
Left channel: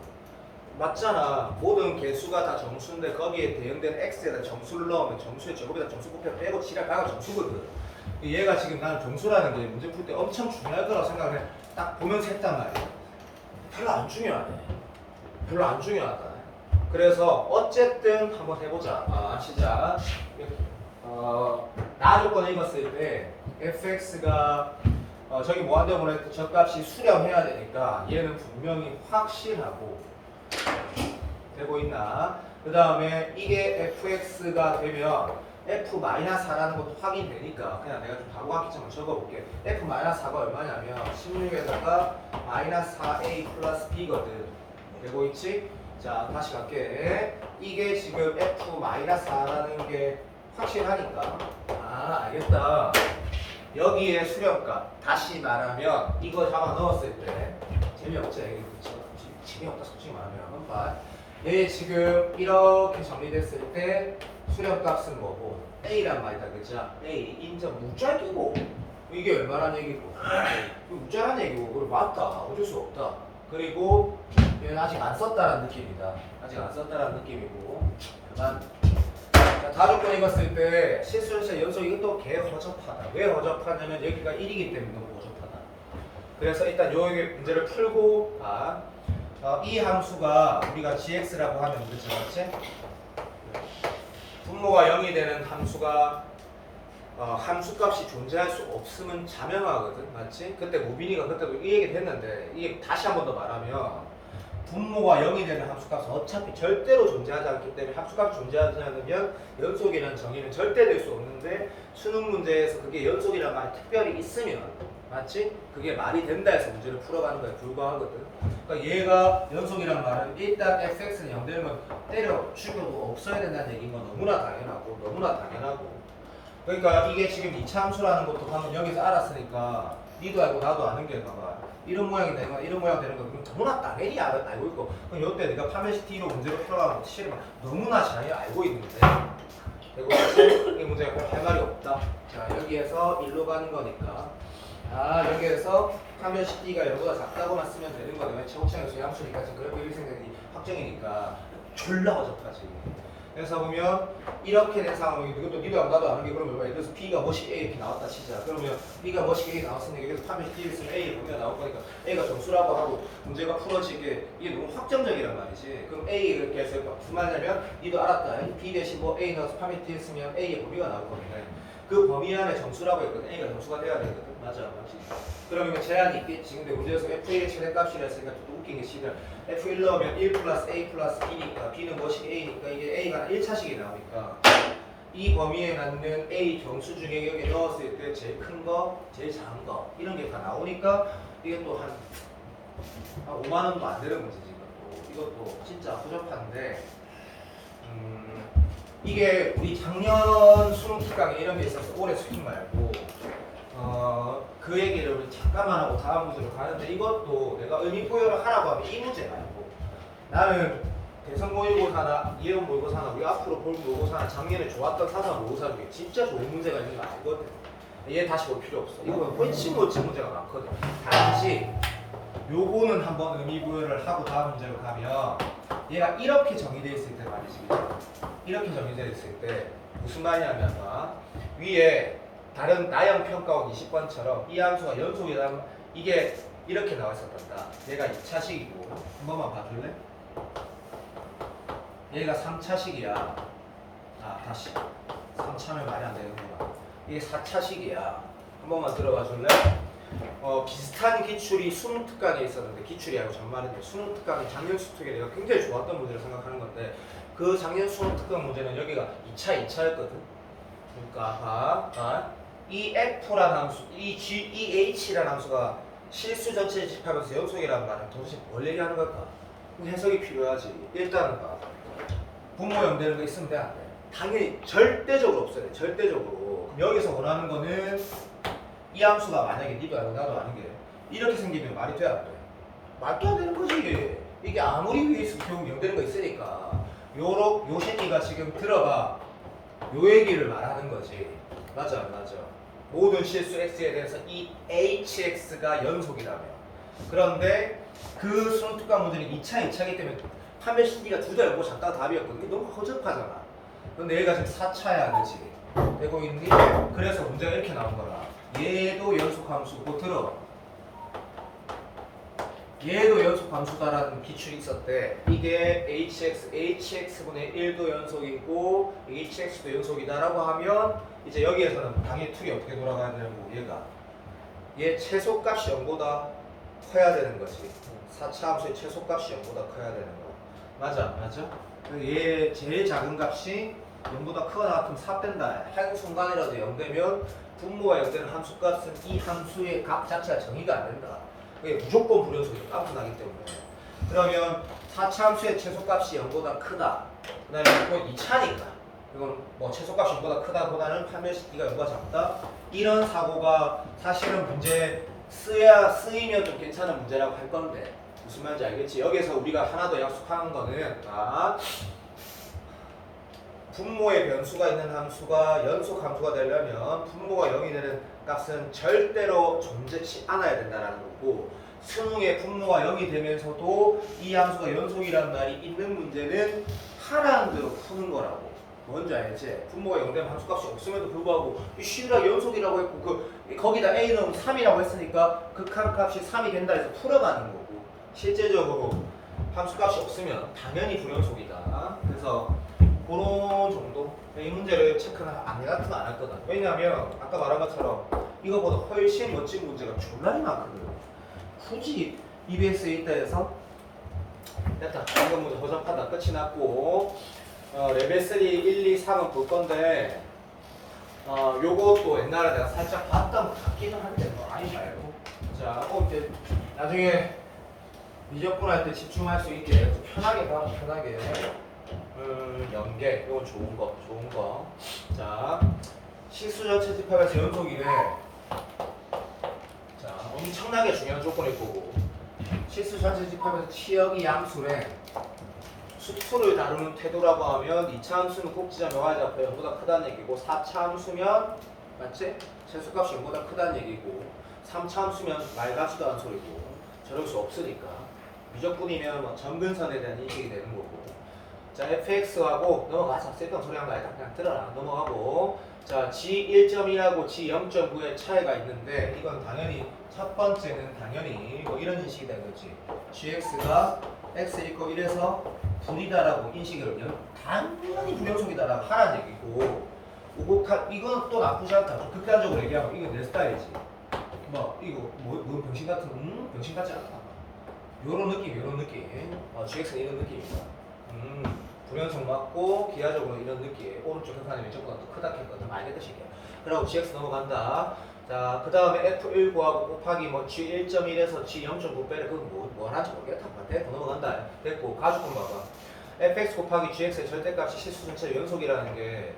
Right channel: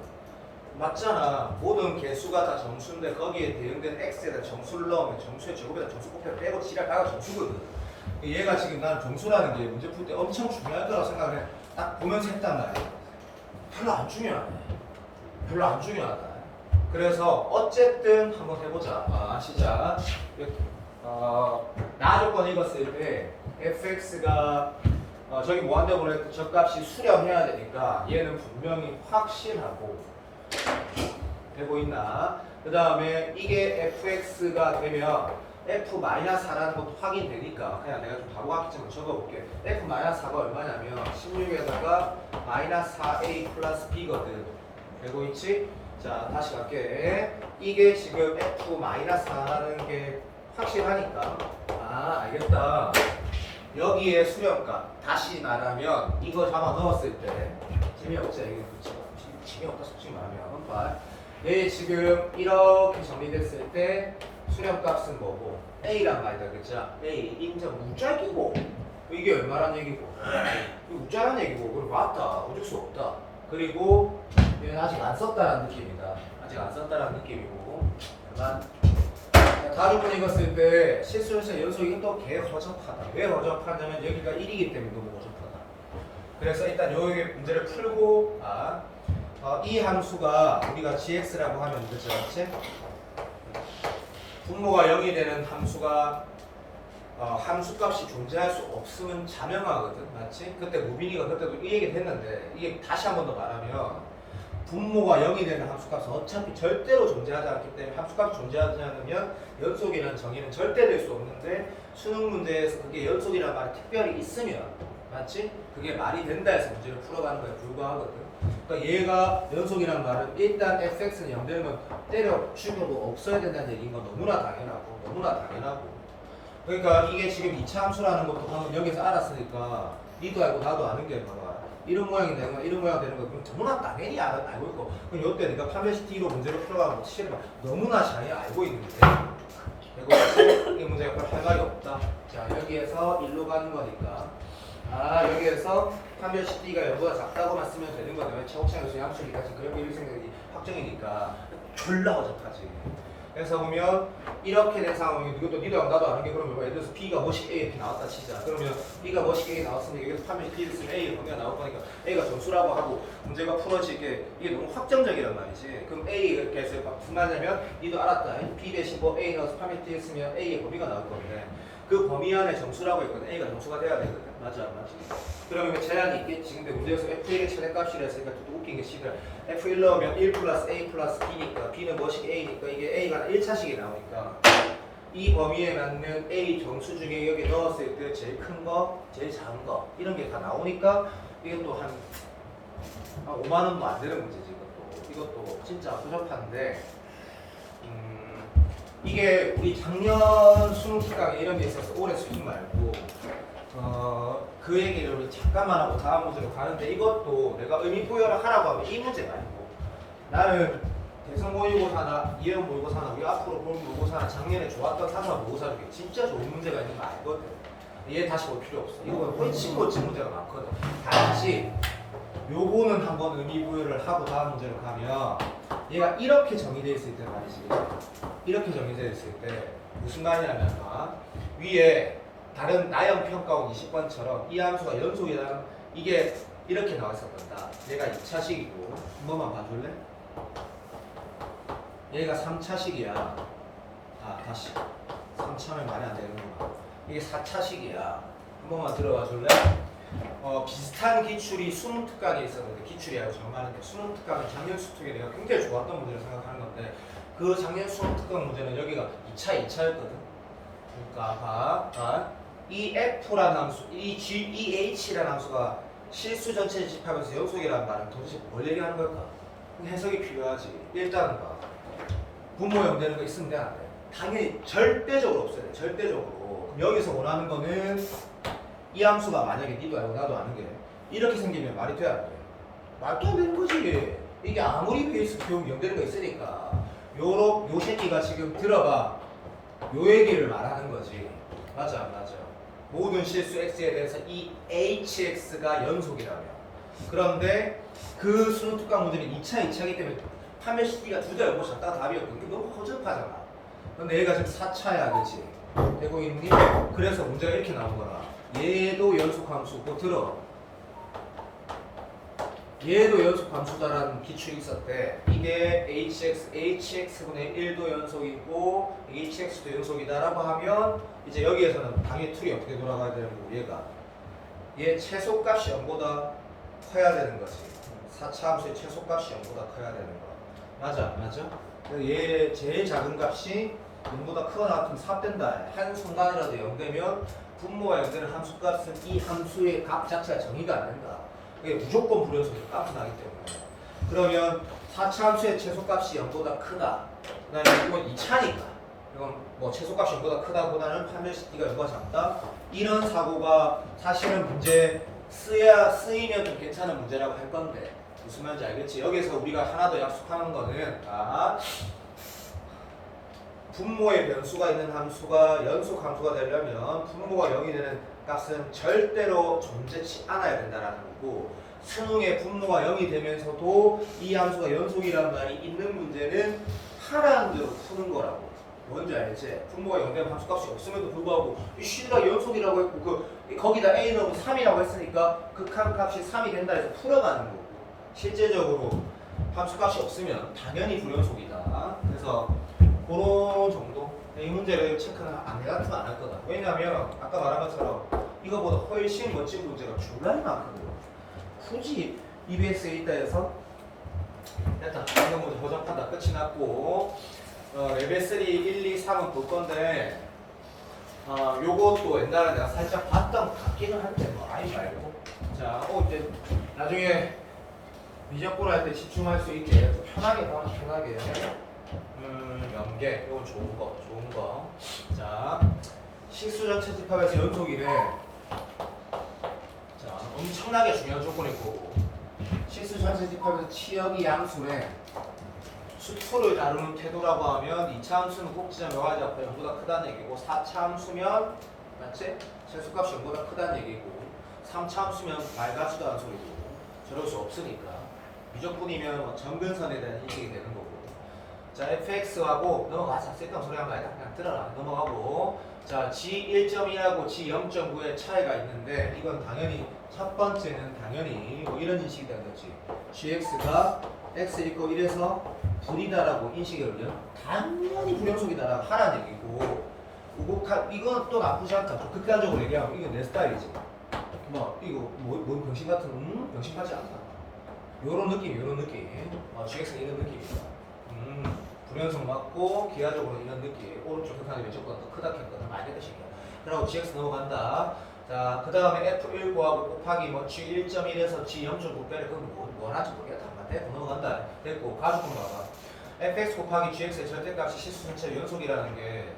맞잖아. 모든 개수가 다 정수인데 거기에 대응되는 x에다 정수를 넣으면 정수의 제곱에다 정수 곱해서 빼고 칠하다가 정수거든. 얘가 지금 나는 정수라는 게 문제 풀 때 엄청 중요할 거라고 생각을 해. 딱 보면서 했단 말이야. 별로 안 중요하네. 별로 안 중요하다. 그래서 어쨌든 한번 해보자. 시작. 나 조건 읽었을 때 fx가 저기 뭐 한다고 그랬더니 저 값이 수렴해야 되니까 얘는 분명히 확실하고 되고 있나. 그 다음에 이게 fx가 되면 f-4라는 것도 확인되니까 그냥 내가 좀 바보 같겠지만 적어볼게. f-4가 얼마냐면 16에다가 마이너스 4a 플러스 b거든. 되고 있지? 자, 다시 갈게. 이게 지금 f-4라는 게 확실하니까 알겠다. 여기에 수렴값 다시 말하면 이거 잡아 넣었을 때 재미없지? 이게 그렇죠? 재미없다 솔직히 말하면 얘 지금 이렇게 정리됐을 때 수렴값은 뭐고 A란 말이다. 그죠? A 인정 우짤 끼고 이게 얼마란 얘기고 이게 우짤란 얘기고 그래 맞다. 어쩔 수 없다. 그리고 얘는 아직 안 썼다라는 느낌이다. 아직 안 썼다라는 느낌이고 그만. 다조건 읽었을 때 실수연차 연속 이것도 개 허접하다. 왜 허접하냐면 여기가 1이기 때문에 너무 허접하다. 그래서 일단 요 문제를 풀고 이 함수가 우리가 gx라고 하면 그렇죠, 맞지? 분모가 0이 되는 함수가 함수값이 존재할 수 없으면 자명하거든, 맞지? 그때 무빈이가 그때도 이 얘기를 했는데 이게 다시 한 번 더 말하면 분모가 0이 되는 함수값은 어차피 절대로 존재하지 않기 때문에 함수값이 존재하지 않으면 연속이라는 정의는 절대 될 수 없는데 수능 문제에서 그게 연속이라는 말이 특별히 있으면 맞지? 그게 말이 된다 해서 문제를 풀어가는 거에 불과하거든. 그러니까 얘가 연속이라는 말은 일단 fx는 0 되면 때려 죽여도 없어야 된다는 얘기인 건 너무나 당연하고 그러니까 이게 지금 이차함수라는 것도 방금 여기서 알았으니까 니도 알고 나도 아는 게 봐봐. 이런 모양이다 이건 이런 모양 되는 거야. 그럼 너무나 당연히 알고 있고 그럼 이때 내가 판별식 T로 문제를 풀어가면 실은 막 너무나 잘 알고 있는데 이거 사실 이 문제가 할 말이 없다. 자 여기에서 1로 가는 거니까 여기에서 판별식 T가 0보다 작다고만 쓰면 되는 거면 최고차함수 함수니까 지금 그렇게 일 생각이 확정이니까 졸라 어접하지. 그래서 보면 이렇게 된 상황이면 이것도 니도 알고 나도 아는 게 그러면 예를 들어서 B가 뭐씩 A, B 나왔다 치자. 그러면 B가 뭐씩 A 나왔으니까 여기서 판별식 B를 쓰면 A 보면 나올 거니까 A가 점수라고 하고 문제가 풀어지게 이게 너무 확정적이란 말이지. 그럼 A 이렇게 해서 무슨 말이냐면 니도 알았다. B 대신 뭐 A 넣어서 판별식 B 쓰면 A의 범위가 나올 건데 그 범위 안에 점수라고 했거든. A가 점수가 돼야 되거든. 맞아 안 맞지? 그러면 제한이 있겠지. 근데 문제에서 F1의 최대값이라 했으니까 또 웃긴 게 시간 F1 넣으면 1 플러스 A 플러스 B니까 B는 뭐씩 A니까 이게 A가 1차식이 나오니까 이 범위에 맞는 A 정수 중에 여기 넣었을 때 제일 큰 거, 제일 작은 거 이런 게 다 나오니까 이게 또 한 5만 원도 안 되는 문제지 이것도 진짜 부족한데 이게 우리 작년 수능 특강에 이런 게 있어서 올해 수능 말고 그 얘기를 우리 잠깐만 하고 다음 문제로 가는데 이것도 내가 의미 부여를 하라고 하면 이 문제 말고 나는 대선 모의고사나 예원 모의고사나 우리 앞으로 볼 모의고사나 작년에 좋았던 사설 모의고사 중에 진짜 좋은 문제가 있는 거 알거든. 얘 다시 볼 필요 없어. 이거 훨씬 멋진 문제가 많거든. 단지 요거는 한번 의미 부여를 하고 다음 문제로 가면 얘가 이렇게 정의되어 있을 때 말이지. 이렇게 정의되어 있을 때 무슨 말이냐면 위에 다른 나형 평가원 20번처럼 이 함수가 연속이라면 이게 이렇게 나와 있었단다. 얘가 2차식이고 한 번만 봐줄래? 얘가 3차식이야. 다시 3차면 말이 안 되는구나. 이게 4차식이야. 한 번만 들어봐 줄래? 비슷한 기출이 수능 특강에 있었는데 기출이라고 정말인데 수능 특강은 작년 수특에 내가 굉장히 좋았던 문제를 생각하는 건데 그 작년 수능 특강 문제는 여기가 2차였거든. 그러니까 이 F라는 함수, 이 H라는 함수가 실수 전체를 집합해서 연속이라는 말은 도대체 뭘 얘기하는 걸까? 해석이 필요하지. 일단 분모 연대는 거 있으면 돼, 안 돼? 당연히 절대적으로 없어야 돼. 절대적으로. 그럼 여기서 원하는 거는 이 함수가 만약에 니도 알고 나도 아는 게 이렇게 생기면 말이 돼, 안 돼? 말도 안 되는 거지. 이게 아무리 위에서 교육 연대는 거 있으니까 요 새끼가 지금 들어봐. 요 얘기를 말하는 거지. 맞아 안 맞아? 모든 실수 x에 대해서 이 hx가 연속이라며. 그런데 그 수능 특강 문제는 2차이기 때문에 판별식 D가 둘 다 연고 작다가 답이었거든. 이게 너무 허접하잖아. 근데 얘가 지금 4차야, 그치? 되고 있니? 그래서 문제가 이렇게 나온 거라. 얘도 연속함수, 뭐 들어. 얘도 연속함수다라는 기출이 있었대. 이게 hx분의 1도 연속이고 hx도 연속이다라고 하면 이제 여기에서는 당연히 틀이 어떻게 돌아가야 되는 거고 얘 최소값이 0보다 커야 되는 거지. 4차 함수의 최소값이 0보다 커야 되는 거. 맞아? 얘 제일 작은 값이 0보다 크거나 같으면 4 뺀다. 한 순간이라도 0 되면 분모가 0 되는 함수값은 이 함수의 값 자체가 정의가 안 된다. 그게 무조건 불연속이 값이 나기 때문에. 그러면 4차 함수의 최소값이 0보다 크다. 그 다음에 이건 2차니까. 이건 뭐 최소값이 0보다 크다보다는 판별식 D가 0보다 작다. 이런 사고가 사실은 문제 쓰이면 좀 괜찮은 문제라고 할 건데 무슨 말인지 알겠지? 여기서 우리가 하나 더 약속하는 거는 분모의 변수가 있는 함수가 연속 함수가 되려면 분모가 0이 되는 값은 절대로 존재치 않아야 된다는 거고 수능의 분모가 0이 되면서도 이 함수가 연속이라는 말이 있는 문제는 하라는 대로 푸는 거라고. 뭔지 알지? 분모가 0 되면 함수값이 없음에도 불구하고 이 C가 연속이라고 했고 거기다 A 넣으면 3이라고 했으니까 극한값이 3이 된다 해서 풀어가는 거고 실제적으로 함수값이 없으면 당연히 불연속이다. 그래서 그런 정도? 이 문제를 체크는 안 같은 거 안 할 거다. 왜냐하면 아까 말한 것처럼 이거보다 훨씬 멋진 문제가 졸라 많거든. 굳이 EBS에 있다 해서 됐다. 이거 문제 허접하다. 끝이 났고 레벨 3, 1, 2, 3은 볼 건데 요것도 옛날에 내가 살짝 봤던 것 같기는 한데 뭐 아니 말고 자, 이제 나중에 미적분 할 때 집중할 수 있게 편하게 봐, 편하게 연계, 이건 좋은 거. 자, 실수전 채집하면서 연속이네. 자, 엄청나게 중요한 조건일 거고. 실수전 채집하면서 치역이 양수래. 수초를 다루는 태도라고 하면 2차 함수는 꼭지점 여과지 앞에 0보다 크다는 얘기고 4차 함수면 맞지? 최소값이 0보다 크다는 얘기고 3차 함수면 말 같지도 않은 소리고 저럴 수 없으니까 무조건이면 뭐 점근선에 대한 인식이 되는 거고. 자, fx하고 넘어가자. 쓸데없는 소리 한 거 아니다. 그냥 들어라. 넘어가고. 자, g1.2하고 g0.9의 차이가 있는데 이건 당연히 첫 번째는 당연히 뭐 이런 인식이 되는 거지. gx가 x 이고 1에서 불이다라고 인식을 당연히 불연속이다라고 하라는 얘기고. 이건 또 나쁘지 않다. 좀 극단적으로 얘기하면 이건 내 스타일이지. 뭐 이거 뭐 병신 같은 병신 같지 않다. 요런 느낌. gx는 이런 느낌이다. 불연속 맞고 기하적으로 이런 느낌. 오른쪽 형산이 왼쪽보다 더 크다 했거든. 많이 됐다 싶어. 그러고 gx 넘어간다. 자, 그 다음에 f1 구하고 곱하기 뭐 g1.1에서 g0.9 빼래. 그거 뭐 하는지 모르겠다. 넘어간다. 됐고 가족분 봐봐. fx 곱하기 gx의 절대값이 실수전체 연속이라는 게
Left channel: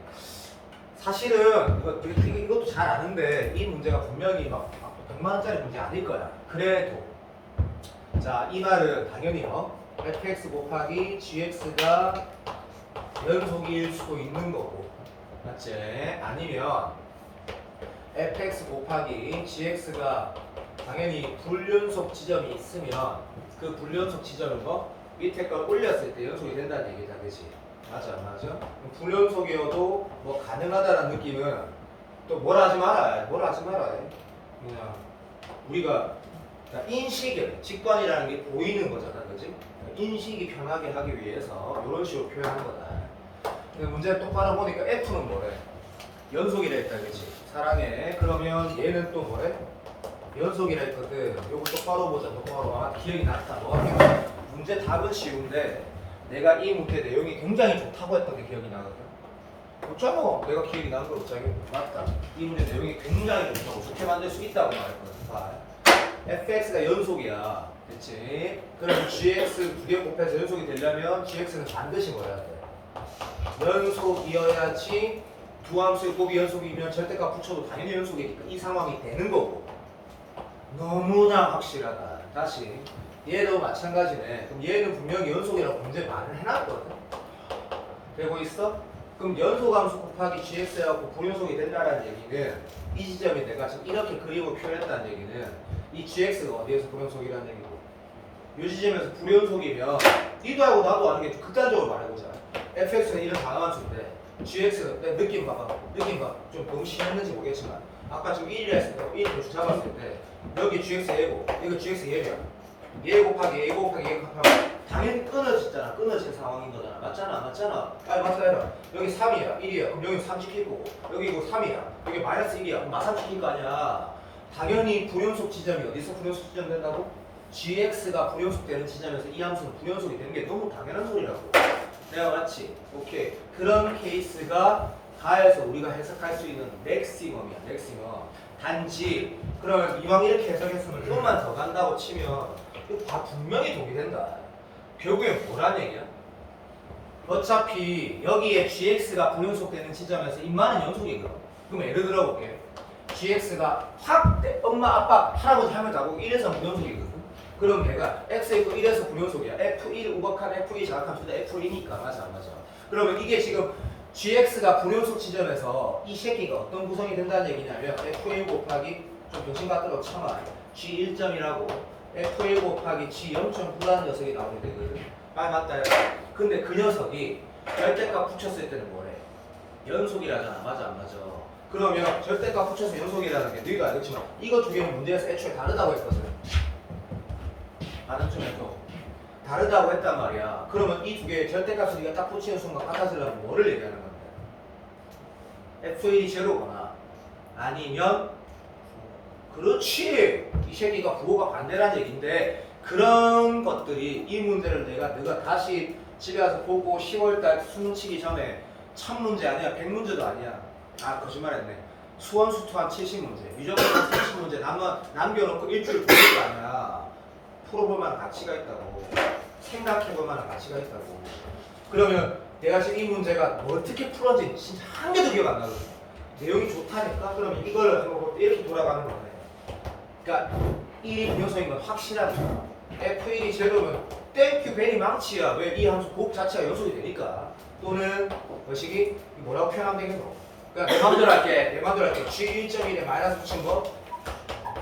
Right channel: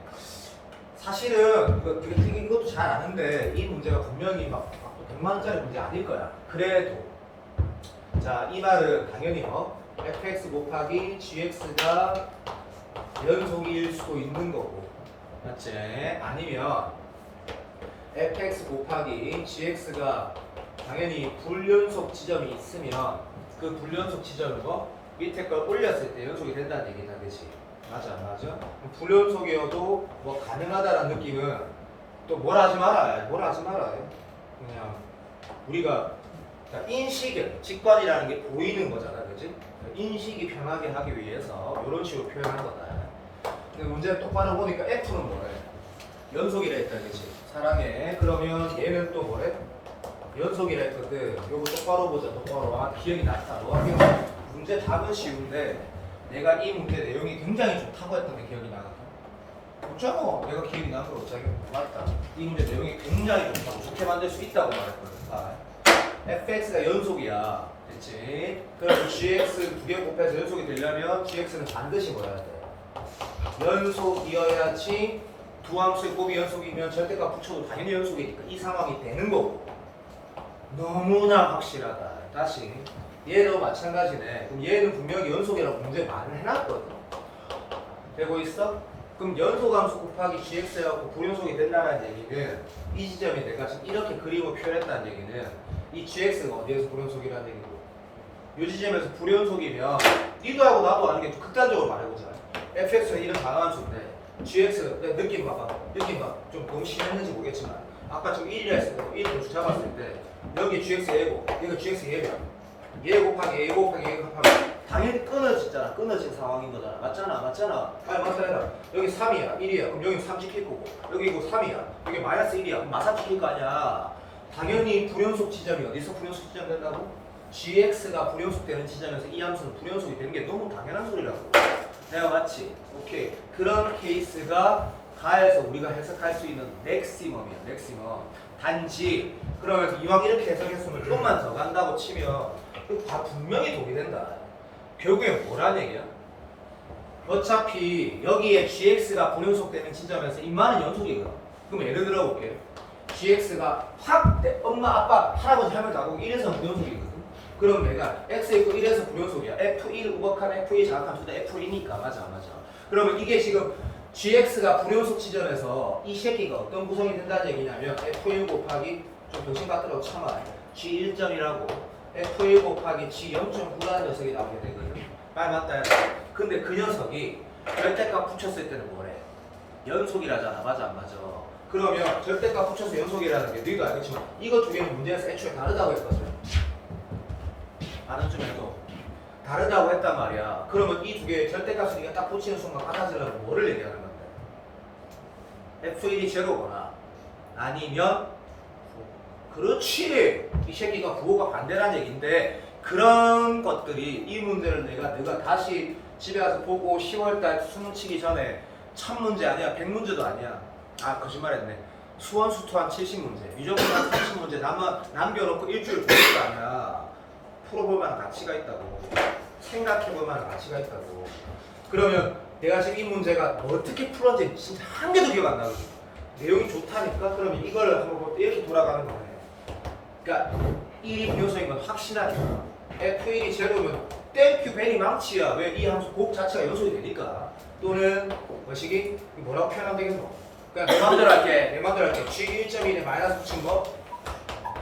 사실은 이것도 잘 아는데 이 문제가 분명히 막 100만 원짜리 문제 아닐 거야. 그래도 자, 이 말은 당연히 fx 곱하기 gx가 연속일 수도 있는 거고, 맞지? 아니면 fx 곱하기 gx가 당연히 불연속 지점이 있으면 그 불연속 지점을 밑에 걸 올렸을 때 연속이 된다는 얘기다, 그치? 맞아, 안 맞아? 불연속이어도 뭐 가능하다라는 느낌은 또 뭐라 하지 마라. 그냥 우리가 인식을, 직관이라는 게 보이는 거잖아, 그치? 인식이 편하게 하기 위해서 이런 식으로 표현한 거다. 근데 문제는 똑바로 보니까 F는 뭐래? 연속이라 했다, 그치? 사랑해. 그러면 얘는 또 뭐래? 연속이라 했거든. 요거 똑바로 보자, 똑바로. 기억이 났다. 뭐가 기억나? 문제 답은 쉬운데 내가 이 문제 내용이 굉장히 좋다고 했던 게 기억이 나거든. 없잖아. 내가 기억이 나는 거 없잖아. 맞다. 이 문제 내용이 굉장히 좋다고, 좋게 만들 수 있다고 말했거든. fx가 연속이야. 됐지? 그럼 gx 두 개 곱해서 연속이 되려면 gx는 반드시 뭐야 돼? 연속이어야지. 두 함수의 곱이 연속이면 절대값 붙여도 당연히 연속이니까 이 상황이 되는 거고. 너무나 확실하다. 다시 얘도 마찬가지네. 그럼 얘는 분명히 연속이라고 문제 말을 해놨거든. 되고 있어? 그럼 연속함수 곱하기 gx하고 불연속이 된다는 얘기는 이 지점이 내가 지금 이렇게 그림을 표현했다는 얘기는 이 gx가 어디에서 불연속이라는 얘기고, 이 지점에서 불연속이면 니도 하고 나도 아는 게 극단적으로 말해보자. fx가 이런 강함수인데 gx가 느낌 봐봐. 좀 너무 심했는지 모르겠지만 아까 지금 1이라 했으니까 1 도수 잡았을 때 여기 gx 얘고 이거 gx 얘면 얘 곱하기 얘 곱하기 얘 곱하기 당연히 끊어지잖아. 끊어진 상황인 거잖아. 맞잖아. 빨리 맞춰내라. 여기 3이야 1이야. 그럼 여기 3 지킬 거고 여기 이거 3이야. 여기 마이너스 1이야. 그럼 마삼 지킬 거 아니야. 당연히 불연속 지점이 어디서 불연속 지점 된다고? gx가 불연속 되는 지점에서 이 함수는 불연속이 되는 게 너무 당연한 소리라고. 내가 맞지? 오케이. 그런 케이스가 가에서 우리가 해석할 수 있는 맥시멈이야. 단지 그러면 이왕 이렇게 해석했으면 좀만 더 간다고 치면 다 분명히 독이 된다. 결국엔 뭐란 얘기야? 어차피 여기에 gx가 불연속되는 지점에서 인마는 연속이거든. 그럼 예를 들어볼게. gx가 확 엄마 아빠 할아버지 할머니 나보고 1에서 불연속이거든. 그럼 내가 x 있고 1에서 불연속이야. f1 우박한 f2 자각함수다. f2니까 맞아. 그러면 이게 지금 gx가 불연속 지점에서 이 새끼가 어떤 구성이 된다는 얘기냐면 f1 곱하기 좀 병신 같더라고 참아. g1점이라고 f1 곱하기 g0.9라는 녀석이 나오게 되거든. 아 맞다. 근데 그 녀석이 절대값 붙였을 때는 뭐래? 연속이라잖아. 맞아 안 맞아? 그러면 절대값 붙여서 연속이라는 게 너희도 알겠지만 이거 두 개는 문제에서 애초에 다르다고 했거든. 아는 중에도 다르다고 했단 말이야. 그러면 이 두 개의 절대값을 네가 딱 붙이는 순간 같아지려면 뭐를 얘기하는 건데? f1이 제로거나 아니면 그렇지! 이 새끼가 부호가 반대라는 얘기인데 그런 것들이 이 문제를 내가 다시 집에 가서 보고 10월달 수능 치기 전에 1000문제 아니야 100문제도 아니야. 아 거짓말했네. 수원수투 한 70문제 미적분 한 30문제 남겨놓고 일주일 보는 거 아니야. 풀어볼 만한 가치가 있다고. 생각해볼 만한 가치가 있다고. 그러면 내가 지금 이 문제가 어떻게 풀었는지 진짜 한 개도 기억 안 나거든. 내용이 좋다니까? 그러면 이걸 이렇게 돌아가는 거네. 그러니까 1이 분연성인 건 확실하니까. F1이 제로면 땡큐 괜히 망치야. 왜? 이 함수 곡 자체가 연속이 되니까. 또는 뭐시기? 뭐라고 표현하면 되겠노? 그냥 내 맘대로 할게. G 1.1에 마이너스 붙인 거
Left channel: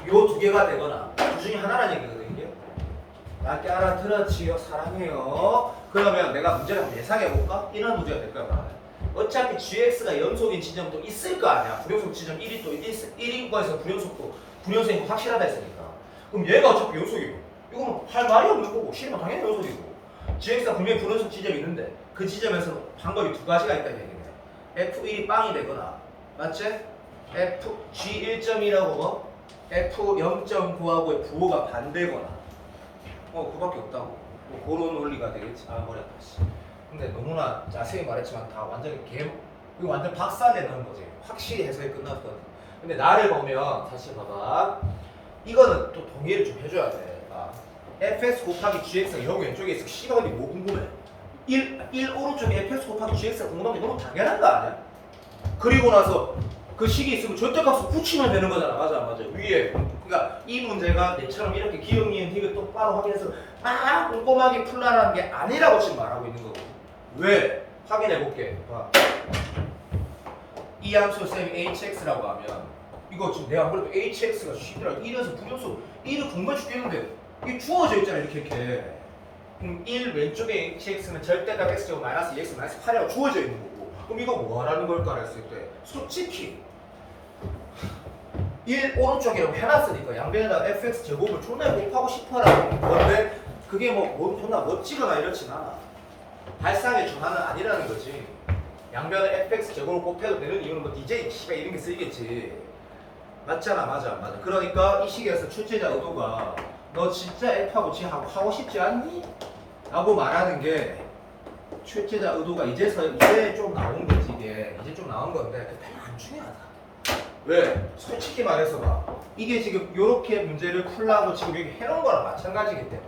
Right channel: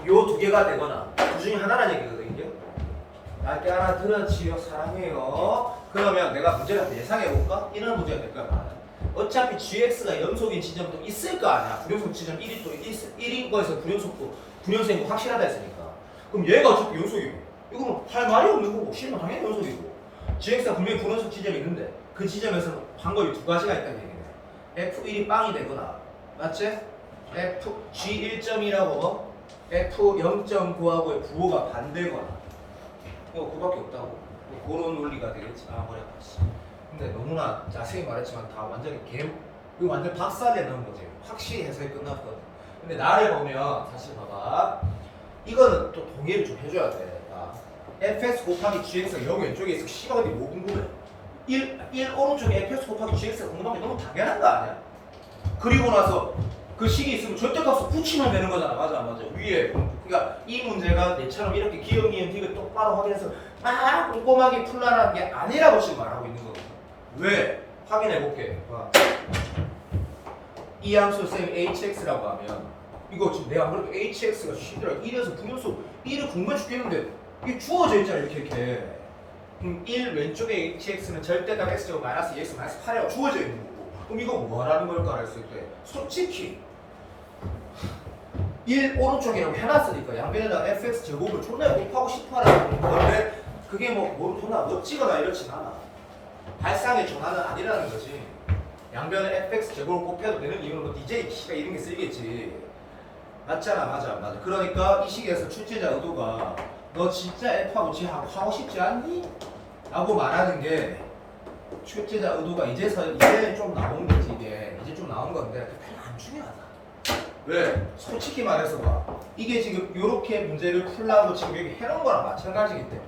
요 두 개가 되거나 그 중에 하나라는 얘기거든요. 낮게 알아들었지요. 사랑해요. 그러면 내가 문제를 한번 예상해볼까? 이런 문제가 될 거야. 어차피 gx가 연속인 지점도 있을 거 아니야. 불연속 지점 1이 또 1인 거에서 불연속도 불연속인 거 확실하다 했으니까. 그럼 얘가 어차피 연속이고 이거는 할 말이 없는 거고 싫으면 당연히 연속이고 gx가 분명히 불연속 지점이 있는데 그 지점에서 방법이 두 가지가 있다는 얘기네. f1이 빵이 되거나 맞지? g 1.2라고 f0.9하고의 부호가 반대거나 그밖에 없다고. 뭐 그런 논리가 되겠지. 아 머리 아프지. 근데 너무나 자세히 말했지만 다 완전히 이거 완전 박사되는 거지. 확실히 해석이 끝났거든. 근데 나를 보면 다시 봐봐. 이거는 또 동의를 좀 해줘야 돼. fx 곱하기 gx가 0 왼쪽에 있어. C가 어디 뭐 궁금해? 1 오른쪽에 fx 곱하기 gx가 궁금한 게 너무 당연한 거 아니야? 그리고 나서 그 식이 있으면 절대값을 붙이면 되는 거잖아. 맞아 안 맞아? 위에. 그러니까 이 문제가 내처럼 이렇게 기억 니은 딕을 똑바로 확인해서 막 꼼꼼하게 풀라라는 게 아니라고 지금 말하고 있는 거거든. 왜? 확인해 볼게. 이 함수 쌤이 hx라고 하면 이거 지금 내가 그래도 hx가 1에서 분연속 1을 궁금해 죽겠는데 이게 주어져 있잖아 이렇게. 그럼 1 왼쪽에 hx는 절대값 x제곱 마이너스 2x 마이너스 8이라고 주어져 있는 거고. 그럼 이거 뭐라는 걸까 했을 때 솔직히 1 오른쪽이라고 해놨으니까 양변에다가 fx 제곱을 존나 곱하고 싶어라는 건데 그게 뭐 존나 멋지거나 이렇진 않아. 발상의 전환은 아니라는 거지. 양변에 fx 제곱을 곱해도 되는 이유는 뭐 DJ 씨발 이런 게 쓰이겠지. 맞잖아. 맞아 안 맞아. 그러니까 이 시기에서 출제자 의도가 너 진짜 f하고 g 하고 싶지 않니? 라고 말하는 게 출제자 의도가 이제 좀 나온 거지. 이제 좀 나온 건데 별로 안 중요하다. 왜? 솔직히 말해서 봐. 이게 지금 요렇게 문제를 풀라고 지금 여기 해놓은 거랑 마찬가지이기 때문에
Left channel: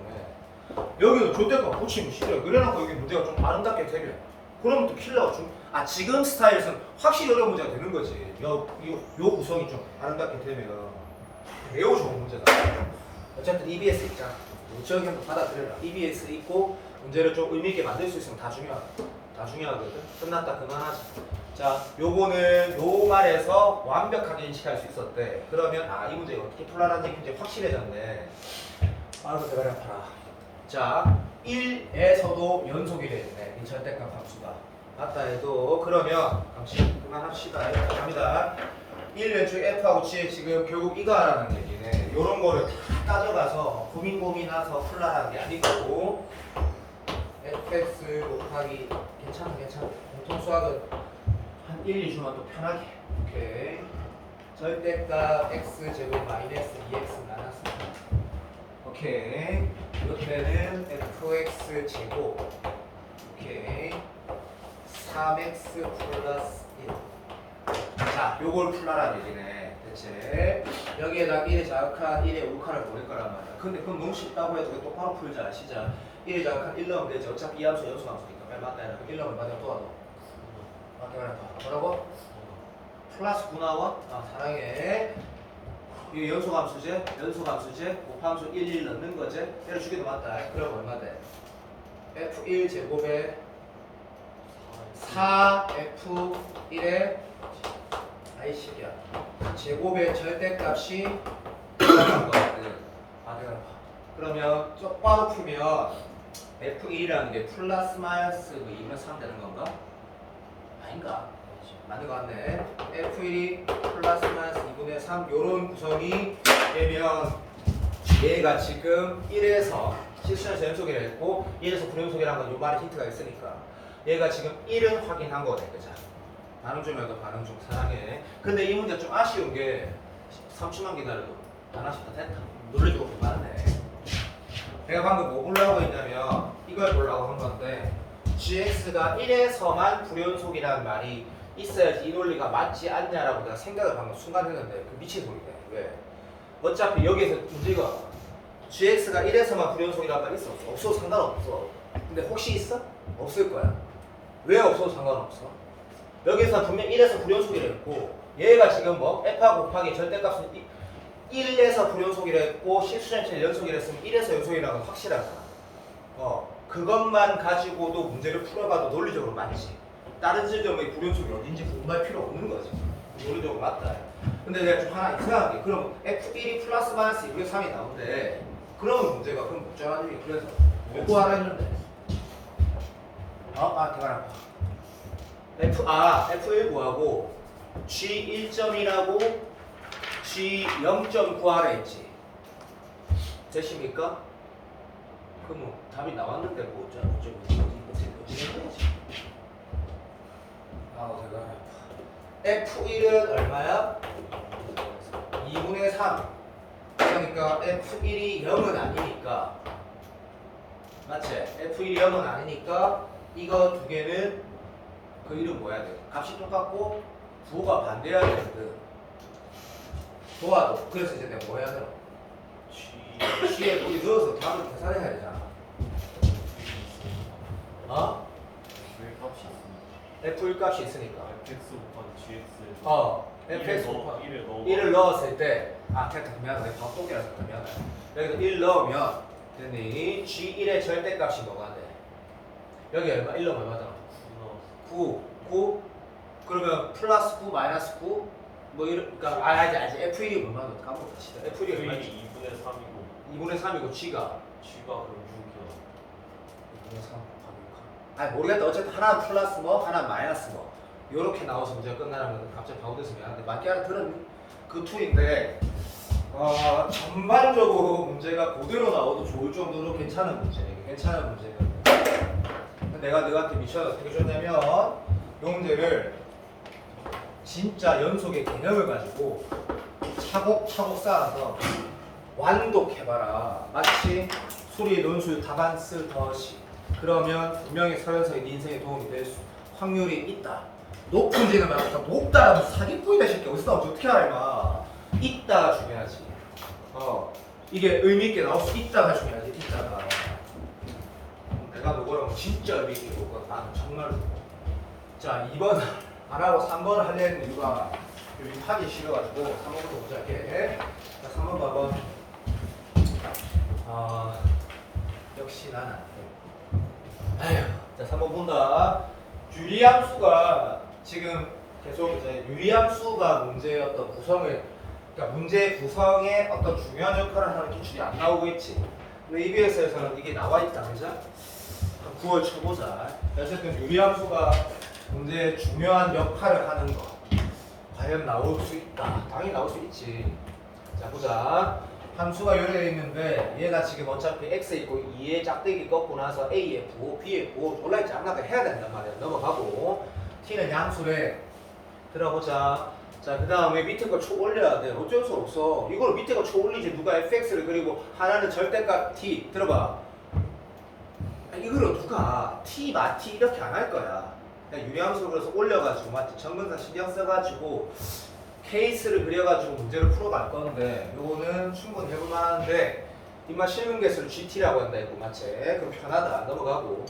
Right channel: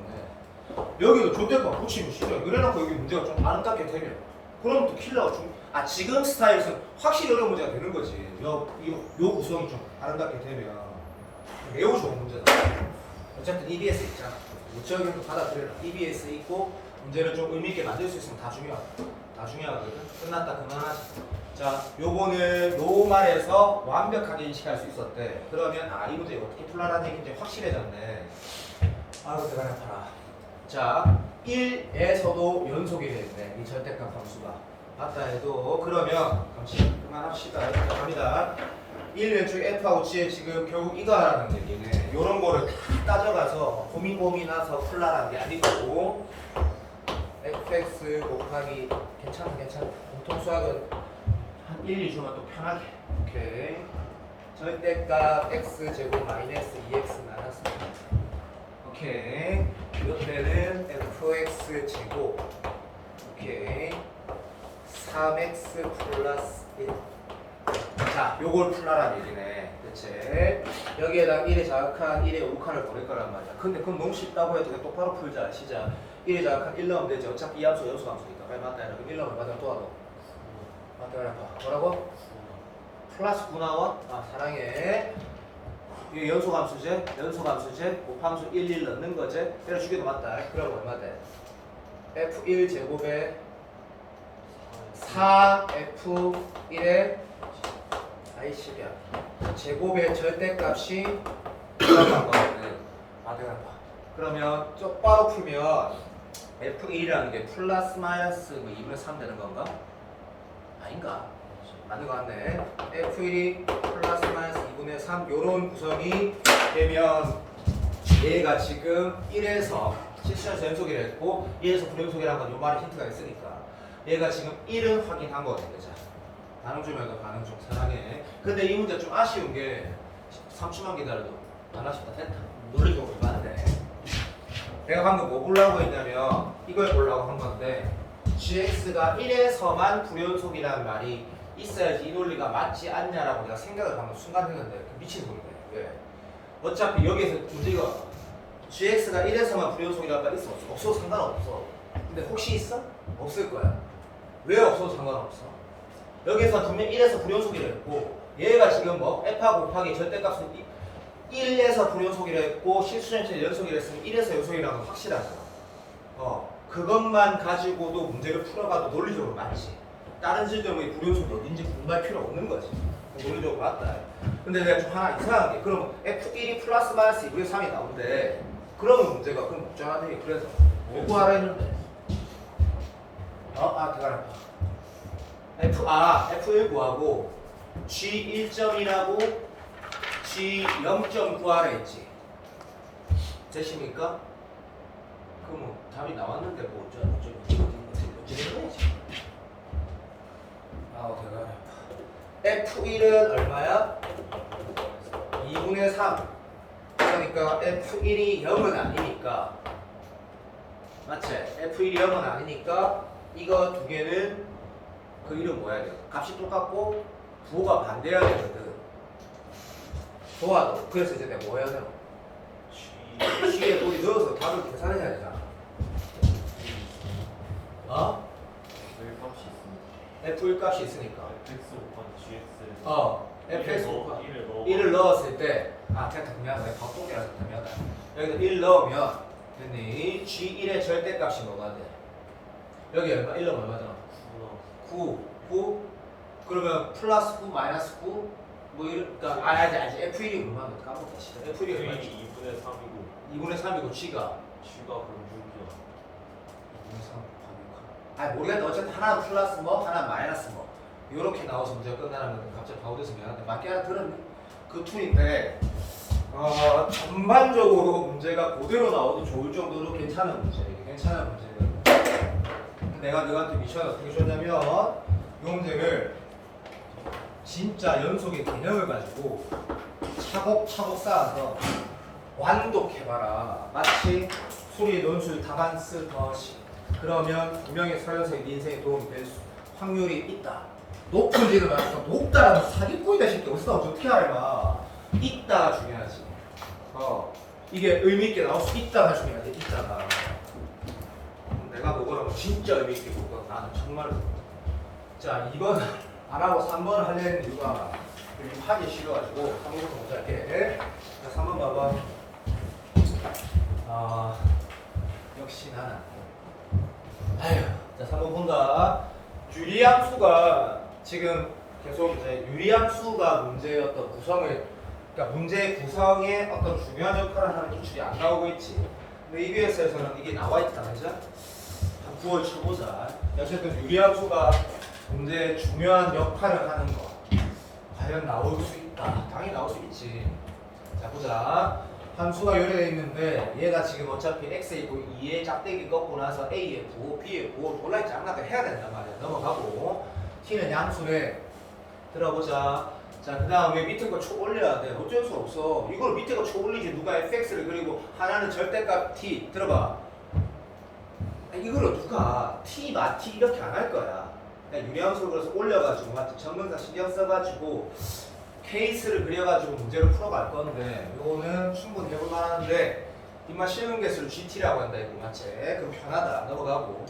여기도 조대값 붙이고 싫어요. 그래놓고 여기 문제가 좀 아름답게 되면 그러면 또 킬러가 좀 지금 스타일에서는 확실히 어려운 문제가 되는 거지. 요 구성이 좀 아름답게 되면 매우 좋은 문제다. 어쨌든 EBS 있잖아. 요적인 거 받아들여라. EBS 있고 문제를 좀 의미 있게 만들 수 있으면 다 중요하다. 다 중요하거든. 끝났다 그만하자. 자, 요거는 노말에서 완벽하게 인식할 수 있었대. 그러면 이 문제가 어떻게 풀라는 얘기인지 확실해졌네. 아이고 내가 아파라. 자, 1에서도 연속이 되겠네. 이 절대값 함수가. 맞다 해도 그러면 잠시 그만합시다. 갑니다. 1 왼쪽 f하고 g에 지금 결국 이거 하라는 얘기네. 요런 거를 다 따져가서 고민하서 풀라라는 게 아니고 fx 곱하기 괜찮아. 공통수학은 한 1, 2주만 또 편하게. 오케이. 절대값 x 제곱 마이너스 2x 마이너스 3. 오케이. 이때는 fx 제곱. 오케이. 3x 플러스 1. 자, 요걸 풀라라는 얘기네. 그치? 여기에다 1에 자극한 1에 5칸을 보낼 거란 말이야. 근데 그건 너무 쉽다고 해도 똑바로 풀자. 시작. 1에 자극한 1 넣으면 되지. 어차피 이 함수 연수 함수니까. 왜 맞다. 그럼 1 넣으면 맞아. 또 하고. 맞게 말해봐. 뭐라고? 플러스 9 나와? 사랑해. 이 연소함수제, 곱함수 1 넣는 거지. 때려주기도 맞다. 그럼 얼마 돼? f1 제곱에 4f1에 아이씨야 제곱의 절대값이 얼마인 거거든. 그러면 똑바로 풀면 f1이라는 게 플러스 마이너스 2분의 3 되는 건가? 아닌가? 맞는 거 같네. f1이 플러스 마이너스 2분의 3 요런 구성이 되면 얘가 지금 1에서 실수에서 연속이라 했고 1에서 불연속이라는 건 요 말에 힌트가 있으니까 얘가 지금 1은 확인한 거거든. 그죠? 반응 좀 해도 반응 좀 사랑해. 근데 이 문제 좀 아쉬운 게 3초만 기다려도 하나씩 다 됐다. 물리적으로 맞네. 내가 방금 뭐 보려고 했냐면 이걸 보려고 한 건데 gx가 1에서만 불연속이라는 말이 있어야지 이 논리가 맞지 않냐라고 내가 생각을 방금 순간 했는데 그 미친 소리네. 왜? 어차피 여기에서 문제가 gx가 1에서만 불연속이라는 말이 있어. 없어도 상관없어. 근데 혹시 있어? 없을 거야. 왜 없어도 상관없어? 여기에서 분명 1에서 불연속이라 했고 얘가 지금 뭐 F하고 곱하기 절대값은 1에서 불연속이라 했고 실수전체 연속이라 했으면 1에서 연속이라는 건 확실하잖아. 그것만 가지고도 문제를 풀어봐도 논리적으로 맞지. 다른 지점의 불연속이 어딘지 궁금할 필요 없는 거지. 논리적으로 맞다. 근데 내가 좀 하나 이상한 게 그럼 F1이 플러스 마이너스 2분의 3이 나오는데 그러면 문제가 그럼 묵정하는 게 그래서 뭐 구하라 했는데 들어가라. F1 구하고 G 1점이라고 G 0점 구하라 했지. 되십니까? 그럼 답이 나왔는데 뭐 어쩌는 거지? 대단해. F1은 얼마야? 2분의 3. 그러니까 F1이 0은 아니니까 맞지? F1이 0은 아니니까 이거 두 개는 그 이름 뭐야 돼? 값이 똑같고 부호가 반대해야 되거든. 좋아도 그래서 이제 내가 뭐 해야 되나? C에 우리 넣어서 답을 계산해야 되잖아. F1 값이 있으니까. fx 곱하기 gx. fx 곱하기 1을 1을 넣었을 때, 그냥 미안하다. 밥동이라서 미안하다. 여기다 1 넣으면, 됐니? G1의 절대값이 뭐가 돼? 여기 얼마? 1 넣으면 얼마잖아? 9. 그러면 플러스 9, 마이너스 9? 뭐 이런, 그니까, 알지. F1이 얼마나 까먹었다. F1이 얼마지? 2분의 3이고 2분의 3이고, G가? g가 그럼 6이야. 2분의 3 모르겠다. 어쨌든 하나는 플러스 뭐, 하나는 마이너스 뭐. 요렇게 나와서 문제가 끝나면 갑자기 바우돼서 미안한데 맞게 하나 들었니? 그 툴인데 전반적으로 문제가 그대로 나와도 좋을 정도로 괜찮은 문제. 괜찮은 문제예요. 내가 너한테 미션을 어떻게 줬냐면 요 문제를 진짜 연속의 개념을 가지고 차곡차곡 쌓아서 완독해봐라. 마치 수리 논술 답안 쓰듯이. 그러면 분명히 서현석의 네 인생에 도움이 될 확률이 있다. 높은지는 말고 높다라고 사기꾼이다 싶게 어디서 나오지 어떻게 알아 임마. 있다가 중요하지. 이게 의미 있게 나올 수 있다가 중요하지. 있다가. 내가 너거랑 진짜 의미 있게 볼 거야. 나는 정말로. 자 2번 안 하고 3번 하려는 이유가 여기 하기 싫어가지고 3번부터 먼저 할게. 자 3번 봐봐. 역시 나는 자 3번 본다. 유리함수가 지금 계속 이제 유리함수가 문제의 어떤 구성을, 그러니까 문제의 구성에 어떤 중요한 역할을 하는 기출이 안 나오겠지. 근데 EBS에서는 이게 나와 있다, 그죠? 한 9월 쳐보자. 어쨌든 유리함수가 문제의 중요한 역할을 하는 거 과연 나올 수 있다. 당연히 나올 수 있지. 자 보자. 함수가 요래되어 있는데 얘가 지금 어차피 x 있고 2의 짝대기 꺾고 나서 a의 부호, b의 부호 골라있 장난을 해야 된단 말이야. 넘어가고 t는 양수래. 들어보자. 자, 그 다음에 밑에 거 초 올려야 돼. 어쩔 수 없어. 이걸 밑에 거 초 올리지. 누가 fx를 그리고 하나는 절대값 t. 들어봐. 이거를 누가 t, t 이렇게 안 할 거야. 그냥 유리함수로 그래서 올려가지고 맞지? 정근사 신경 써가지고 케이스를 그려가지고 문제를 풀어갈 건데 요거는 충분히 해볼만 하는데 이만 실능 개수를 GT라고 한다 이거 맞지? 그럼 편하다. 넘어가고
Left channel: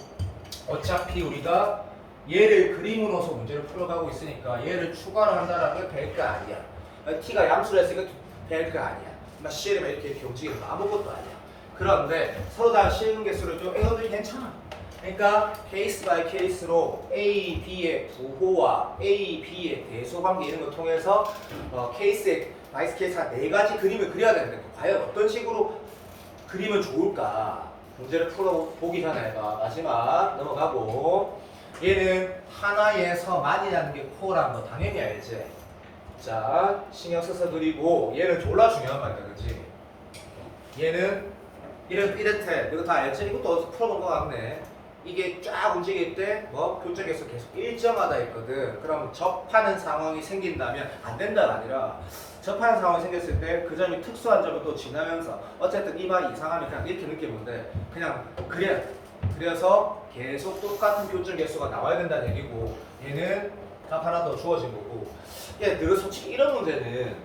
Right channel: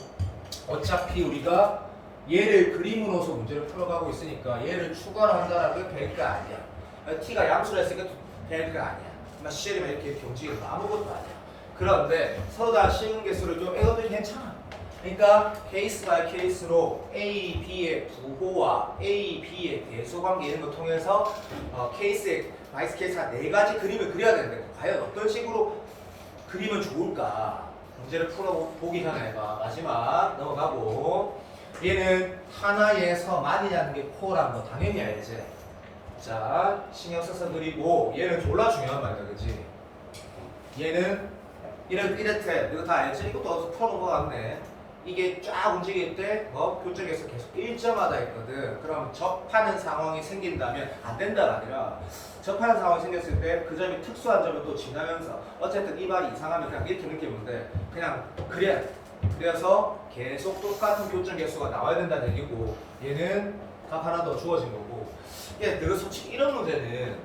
어차피 우리가 얘를 그림으로서 문제를 풀어가고 있으니까 얘를 추가로 한다라면 별거 아니야. T가 양수라 했으니까 별거 아니야. 막 실으면 이렇게 움직이면 아무것도 아니야. 그런데 서로 다른 실능 개수를 좀 이것들이 괜찮아. 그러니까 케이스 바이 케이스로 A, B의 부호와 A, B의 대소관계 이런 걸 통해서 케이스의 바이스 케이스가 4가지 그림을 그려야 되는데 과연 어떤 식으로 그리면 좋을까? 문제를 풀어보기 전에 마지막 넘어가고 얘는 하나에서 만이라는 게 코어라는 거 당연히 알지? 자 신경 써서 그리고 얘는 졸라 중요한 말이야 그치? 얘는 이렇게 이거 다 알지? 이것도 어디서 풀어본 거 같네. 이게 쫙 움직일 때 뭐 교정에서 계속 일정하다 있거든. 그럼 접하는 상황이 생긴다면 안 된다가 아니라 접하는 상황이 생겼을 때 그 점이 특수한 점을 또 지나면서 어쨌든 이 말이 이상하면 그냥 이렇게 느끼면 돼. 그냥 그래야 돼. 그래서 계속 똑같은 교정 개수가 나와야 된다는 얘기고 얘는 답 하나 더 주어진 거고. 너가 솔직히 이런 문제는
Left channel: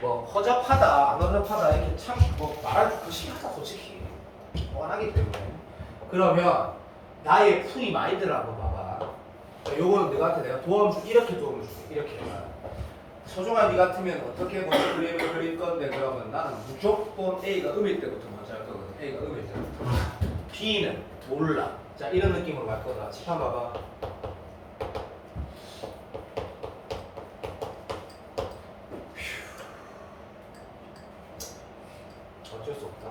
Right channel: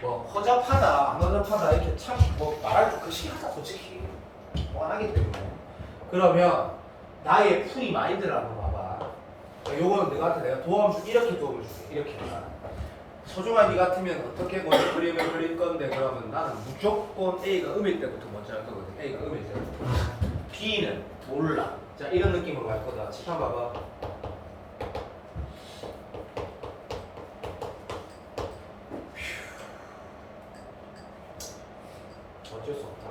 뭐 허접하다 안 허접하다 이렇게 참 뭐 말할 그 시하다 솔직히 뻔하기 때문에. 그러면 나의 풀이 마인드를 한번 봐봐. 요거는 너한테 내가 도움을 줄게. 이렇게 도움을 줄게. 이렇게. 서종아 니 같으면 어떻게 먼저 그림을 그릴 건데 그러면 나는 무조건 A가 음일 때부터 먼저 할 거거든. A가 음일 때부터. B는 몰라. 자 이런 느낌으로 갈 거다. 칠판 봐봐. 어쩔 수 없다.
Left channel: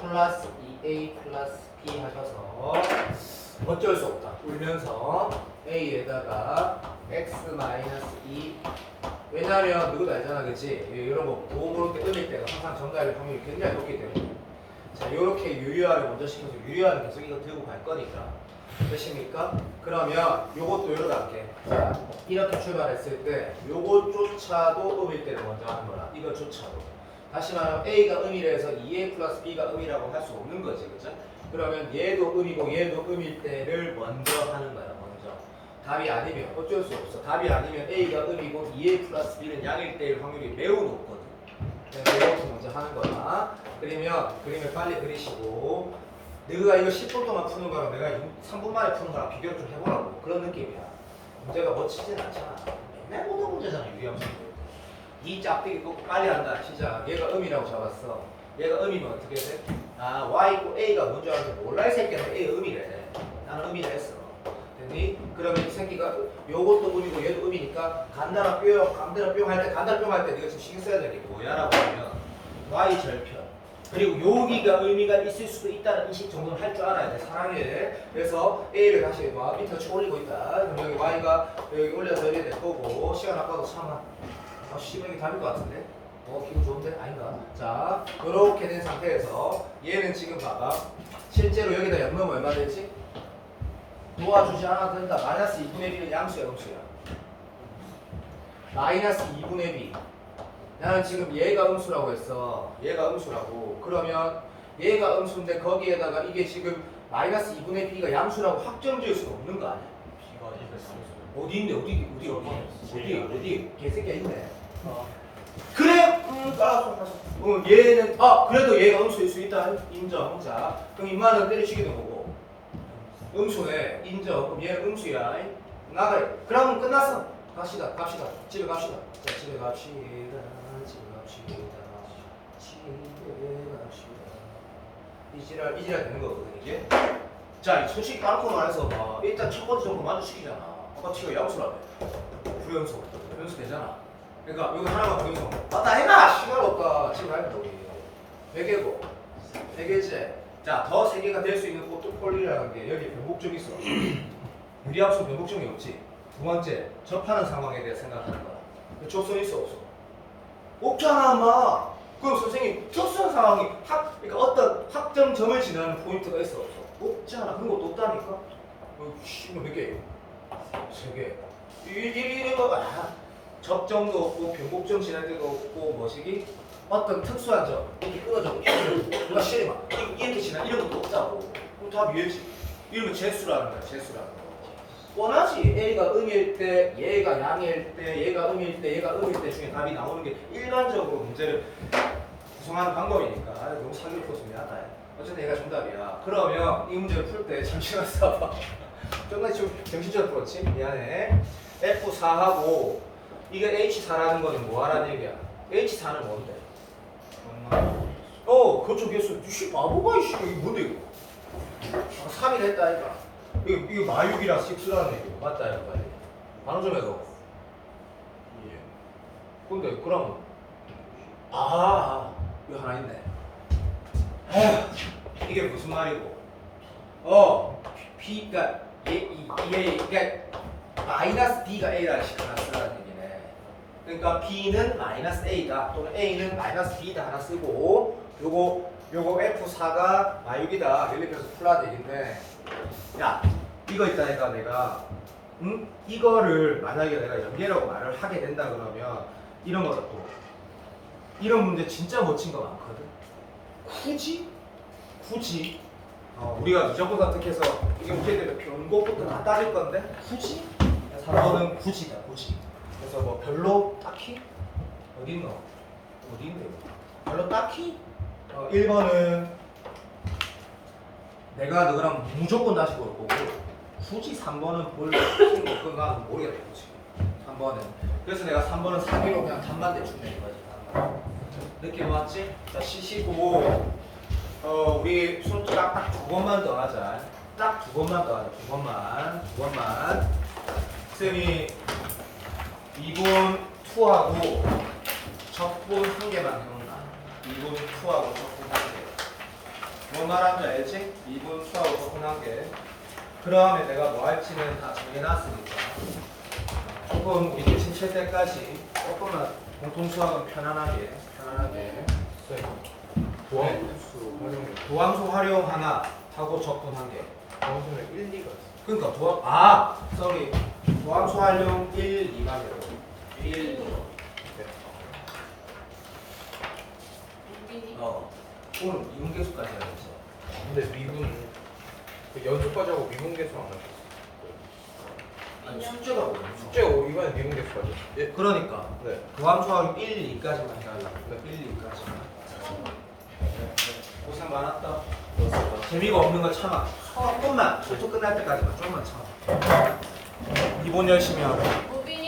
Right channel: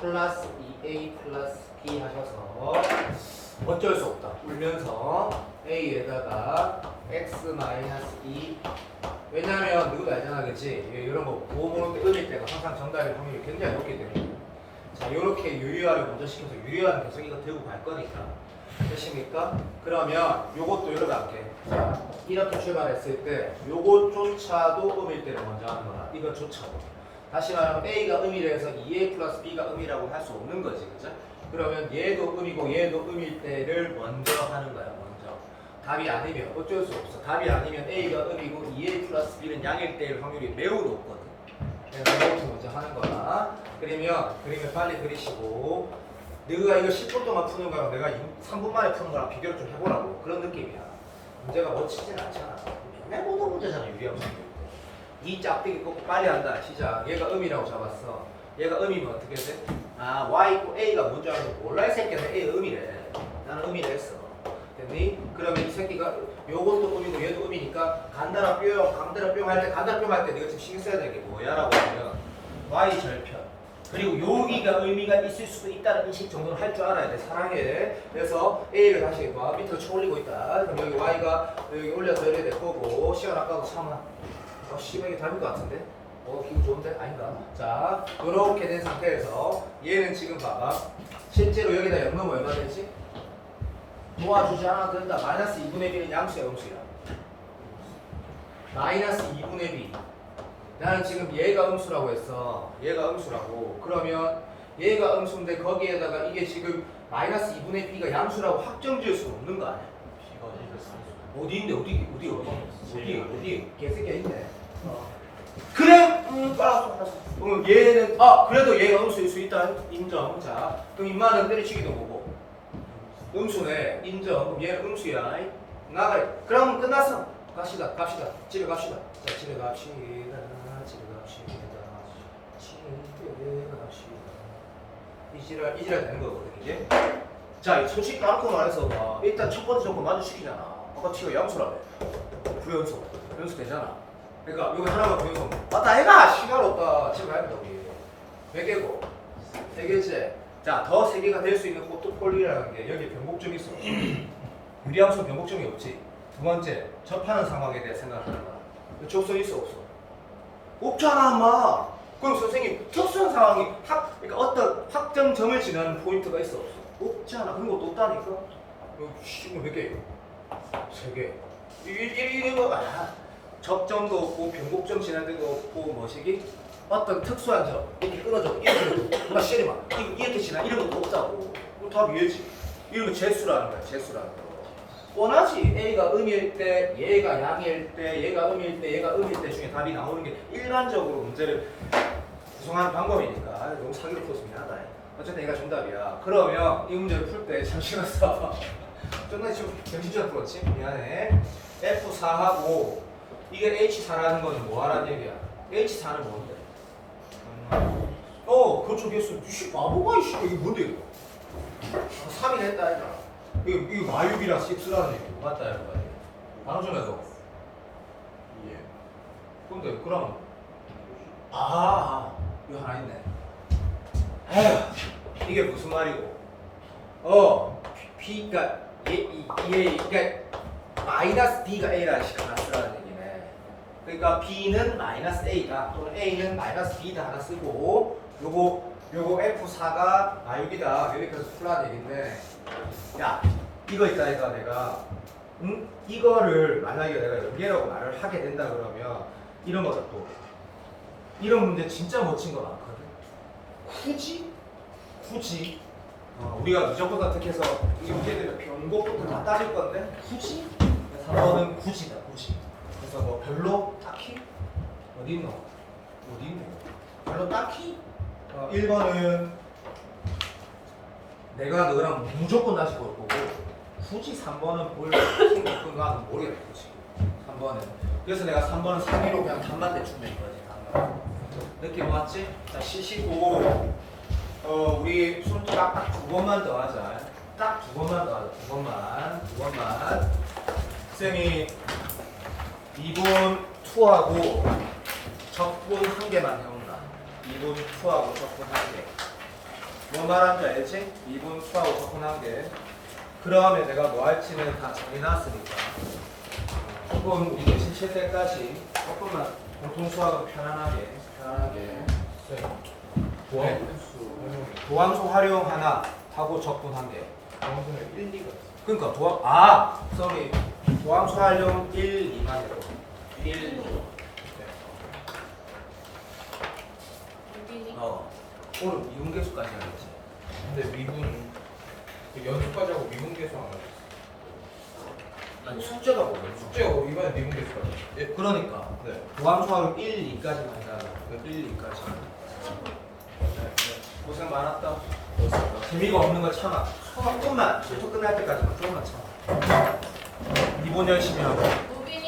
플러스 2A 플러스 B 하셔서 어쩔 수 없다. 울면서 A에다가 X 마이너스 2 왜냐하면 누구도 알잖아 그치? 이런 거 보고 때 음일 때가 항상 정답일 확률이 굉장히 높기 때문에 자 이렇게 유리화를 먼저 시켜서 유리화는 계속 이거 들고 갈 거니까 되십니까? 그러면 요것도 요렇게 할게. 자 이렇게 출발했을 때 요것조차도 음일 때를 먼저 하는 거라 이것조차도 다시 말하면 A가 음이라서 2A 플러스 B가 음이라고 할 수 없는 거지 그죠? 그러면 얘도 음이고 얘도 음일 때를 먼저 하는 거야 먼저 답이 아니면 어쩔 수 없어 답이 아니면 A가 음이고 2A 플러스 B는 양일 때일 확률이 매우 높거든 그래서 이것부터 먼저 하는 거야 그러면 그림을 빨리 그리시고 너가 이거 10분 동안 푸는 거랑 내가 3분 만에 푸는 거랑 비교를 좀 해보라고 그런 느낌이야 문제가 멋지진 않잖아 맨날 보던 문제잖아 유리함수 이 짝대기 꼭 빨리 한다 시작 얘가 음이라고 잡았어 얘가 음이면 어떻게 돼? 아 y 있고 a가 뭔지 알고 몰라 이 새끼야 a 음이래 나는 음이라 했어 됐니? 그러면 이 새끼가 요것도 음이고 얘도 음이니까 간다라 뿅 간다라 뿅 할 때 간다라 뿅 할 때 내가 지금 신경 써야 되는 게 뭐야라고 하면 y 절편 그리고 여기가 의미가 있을 수도 있다는 인식 정도는 할 줄 알아야 돼 사랑해 그래서 a를 다시 봐 밑으로 쳐 올리고 있다 그럼 여기 y가 여기 올려서 이래 될 거고 시간 아까도 참아 시간이 답일 것 같은데? 기분 좋은데? 아닌가? 자, 요렇게 된 상태에서 얘는 지금 봐봐. 실제로 여기다 연놈 얼마 되지? 도와주지 않아도 된다. 마이너스 2분의 b는 양수야, 음수야. 마이너스 2분의 b. 나는 지금 얘가 음수라고 했어. 얘가 음수라고. 그러면 얘가 음수인데 거기에다가 이게 지금 마이너스 2분의 b가 양수라고 확정 지을 수는 없는 거 아니야? 어디 있는데? 어디? 개새끼야 있네. 그래, 알았어. 얘는 그래도 얘가 음수일 수 있다 인정. 자, 그럼 임마는 때려치기는 뭐고? 음수네 인정. 그럼 얘는 음수야. 나가. 그럼 끝났어. 갑시다. 집에 갑시다. 자, 집에 갑시다. 이지랄 되는 거거든 이게. 자, 솔직히 까놓고 말해서 일단 첫 번째 조건 마주치기잖아. 아까 지가 양수라며. 부연수 되잖아. 그러니까 여기 하나가 부연수. 맞다 해가 시간 없다. 집에 가야 돼 우리. 100개고 3개째. 자, 더 3개가 될 수 있는 포트폴리오라는 게 여기 변곡점이 있어. 유리함수 변곡점이 없지. 두 번째, 접하는 상황에 대해 생각하는 거야. 조건이 있어 없어? 없잖아 인마. 그럼 선생님 특수한 상황이 그러니까 어떤 확정점을 지나는 포인트가 있어 없어? 없잖아. 그런 것도 없다니까. 이거 몇 개? 3개. 이거 접점도 없고 변곡점 지날 때도 없고 뭐시기? 어떤 특수한 점 이렇게 끊어져 이렇게 누가 시리마 이렇게 지나 이런 것도 없다고. 다 위에지. 이런 거 재수라는 거야. 재수라는 거. 뻔하지. A가 음일 때, 얘가 양일 때, 얘가 음일 때, 얘가 음일 때 중에 답이 나오는 게 일반적으로 문제를 구성하는 방법이니까 너무 사기로 풀어서 미안하다. 어쨌든 얘가 정답이야. 그러면 이 문제를 풀 때 잠시만 써봐. 정말 지금 정신적으로 풀었지? 미안해. F4하고 이게 H4라는 거는 뭐 하라는 얘기야? H4는 뭔데? 그렇죠. 개수. 씨 바보가 이씨 이게 뭔데 이거? 3이 됐다니까. 이거 마육이랑 6라는 얘기고 맞다 이거 맞지? 방금 전에도 예. 근데 그럼 이거 하나 있네. 에휴 이게 무슨 말이고? B가 그러니까 마이너스 B가 A라는 식으로 하나 쓰라는 얘기네. 그러니까 B는 마이너스 A다 또는 A는 마이너스 B다 하나 쓰고 요거 F4가 마육이다 이렇게 해서 풀라는 얘기인데 야 이거 있다니까 내가 이거를 만약에 내가 연계라고 말을 하게 된다 그러면 이런 거다 또 이런 문제 진짜 멋진 거 많거든. 굳이 우리가 무조건 선택해서 이렇게 변곡부터 다 따질 건데 굳이 4번은 굳이다. 그래서 뭐 별로 딱히 어디 있네 별로 딱히 1번은 내가 너랑 무조건 다시 볼 거고 굳이 3번은 볼 필요 없던가는 모르겠다. 3번은 그래서 내가 3번은 상위로 그냥 답만 대충 낸 거지. 답만. 느낌 왔지? 자, 쉬시고 우리 손톱 딱두 번만 더 하자. 딱 두 번만 더 하자. 두 번만. 쌤이 2분 2하고 적분 1개만 해온다. 2분 2하고 적분 1개. 뭐 말하는지 알지? 2분 2하고 적분 1개. 그 다음에 내가 뭐 할지는 다 정해놨으니까 조금 우리 대신 칠 때까지 조금만 공통수학은 편안하게 도함수 활용 하나 하고 적분 1개. 방송에 1, 2가 그러니까 도함수 활용 1, 2만 해도 1, 2. 오늘 미분계수까지 하겠지. 근데 미분 그 연습까지 하고 미분계수 안 하죠. 아니 숙제가 오늘 숙제고 이번에 미분계수까지. 예. 그러니까 네. 도함수 활용 1, 2까지만 해달라고. 1, 2까지. 고생 많았다. 재미가 없는 건 참아. 조금만, 수업 끝날 때까지만 조금만 참아. 이번 열심히 하자. 무빈이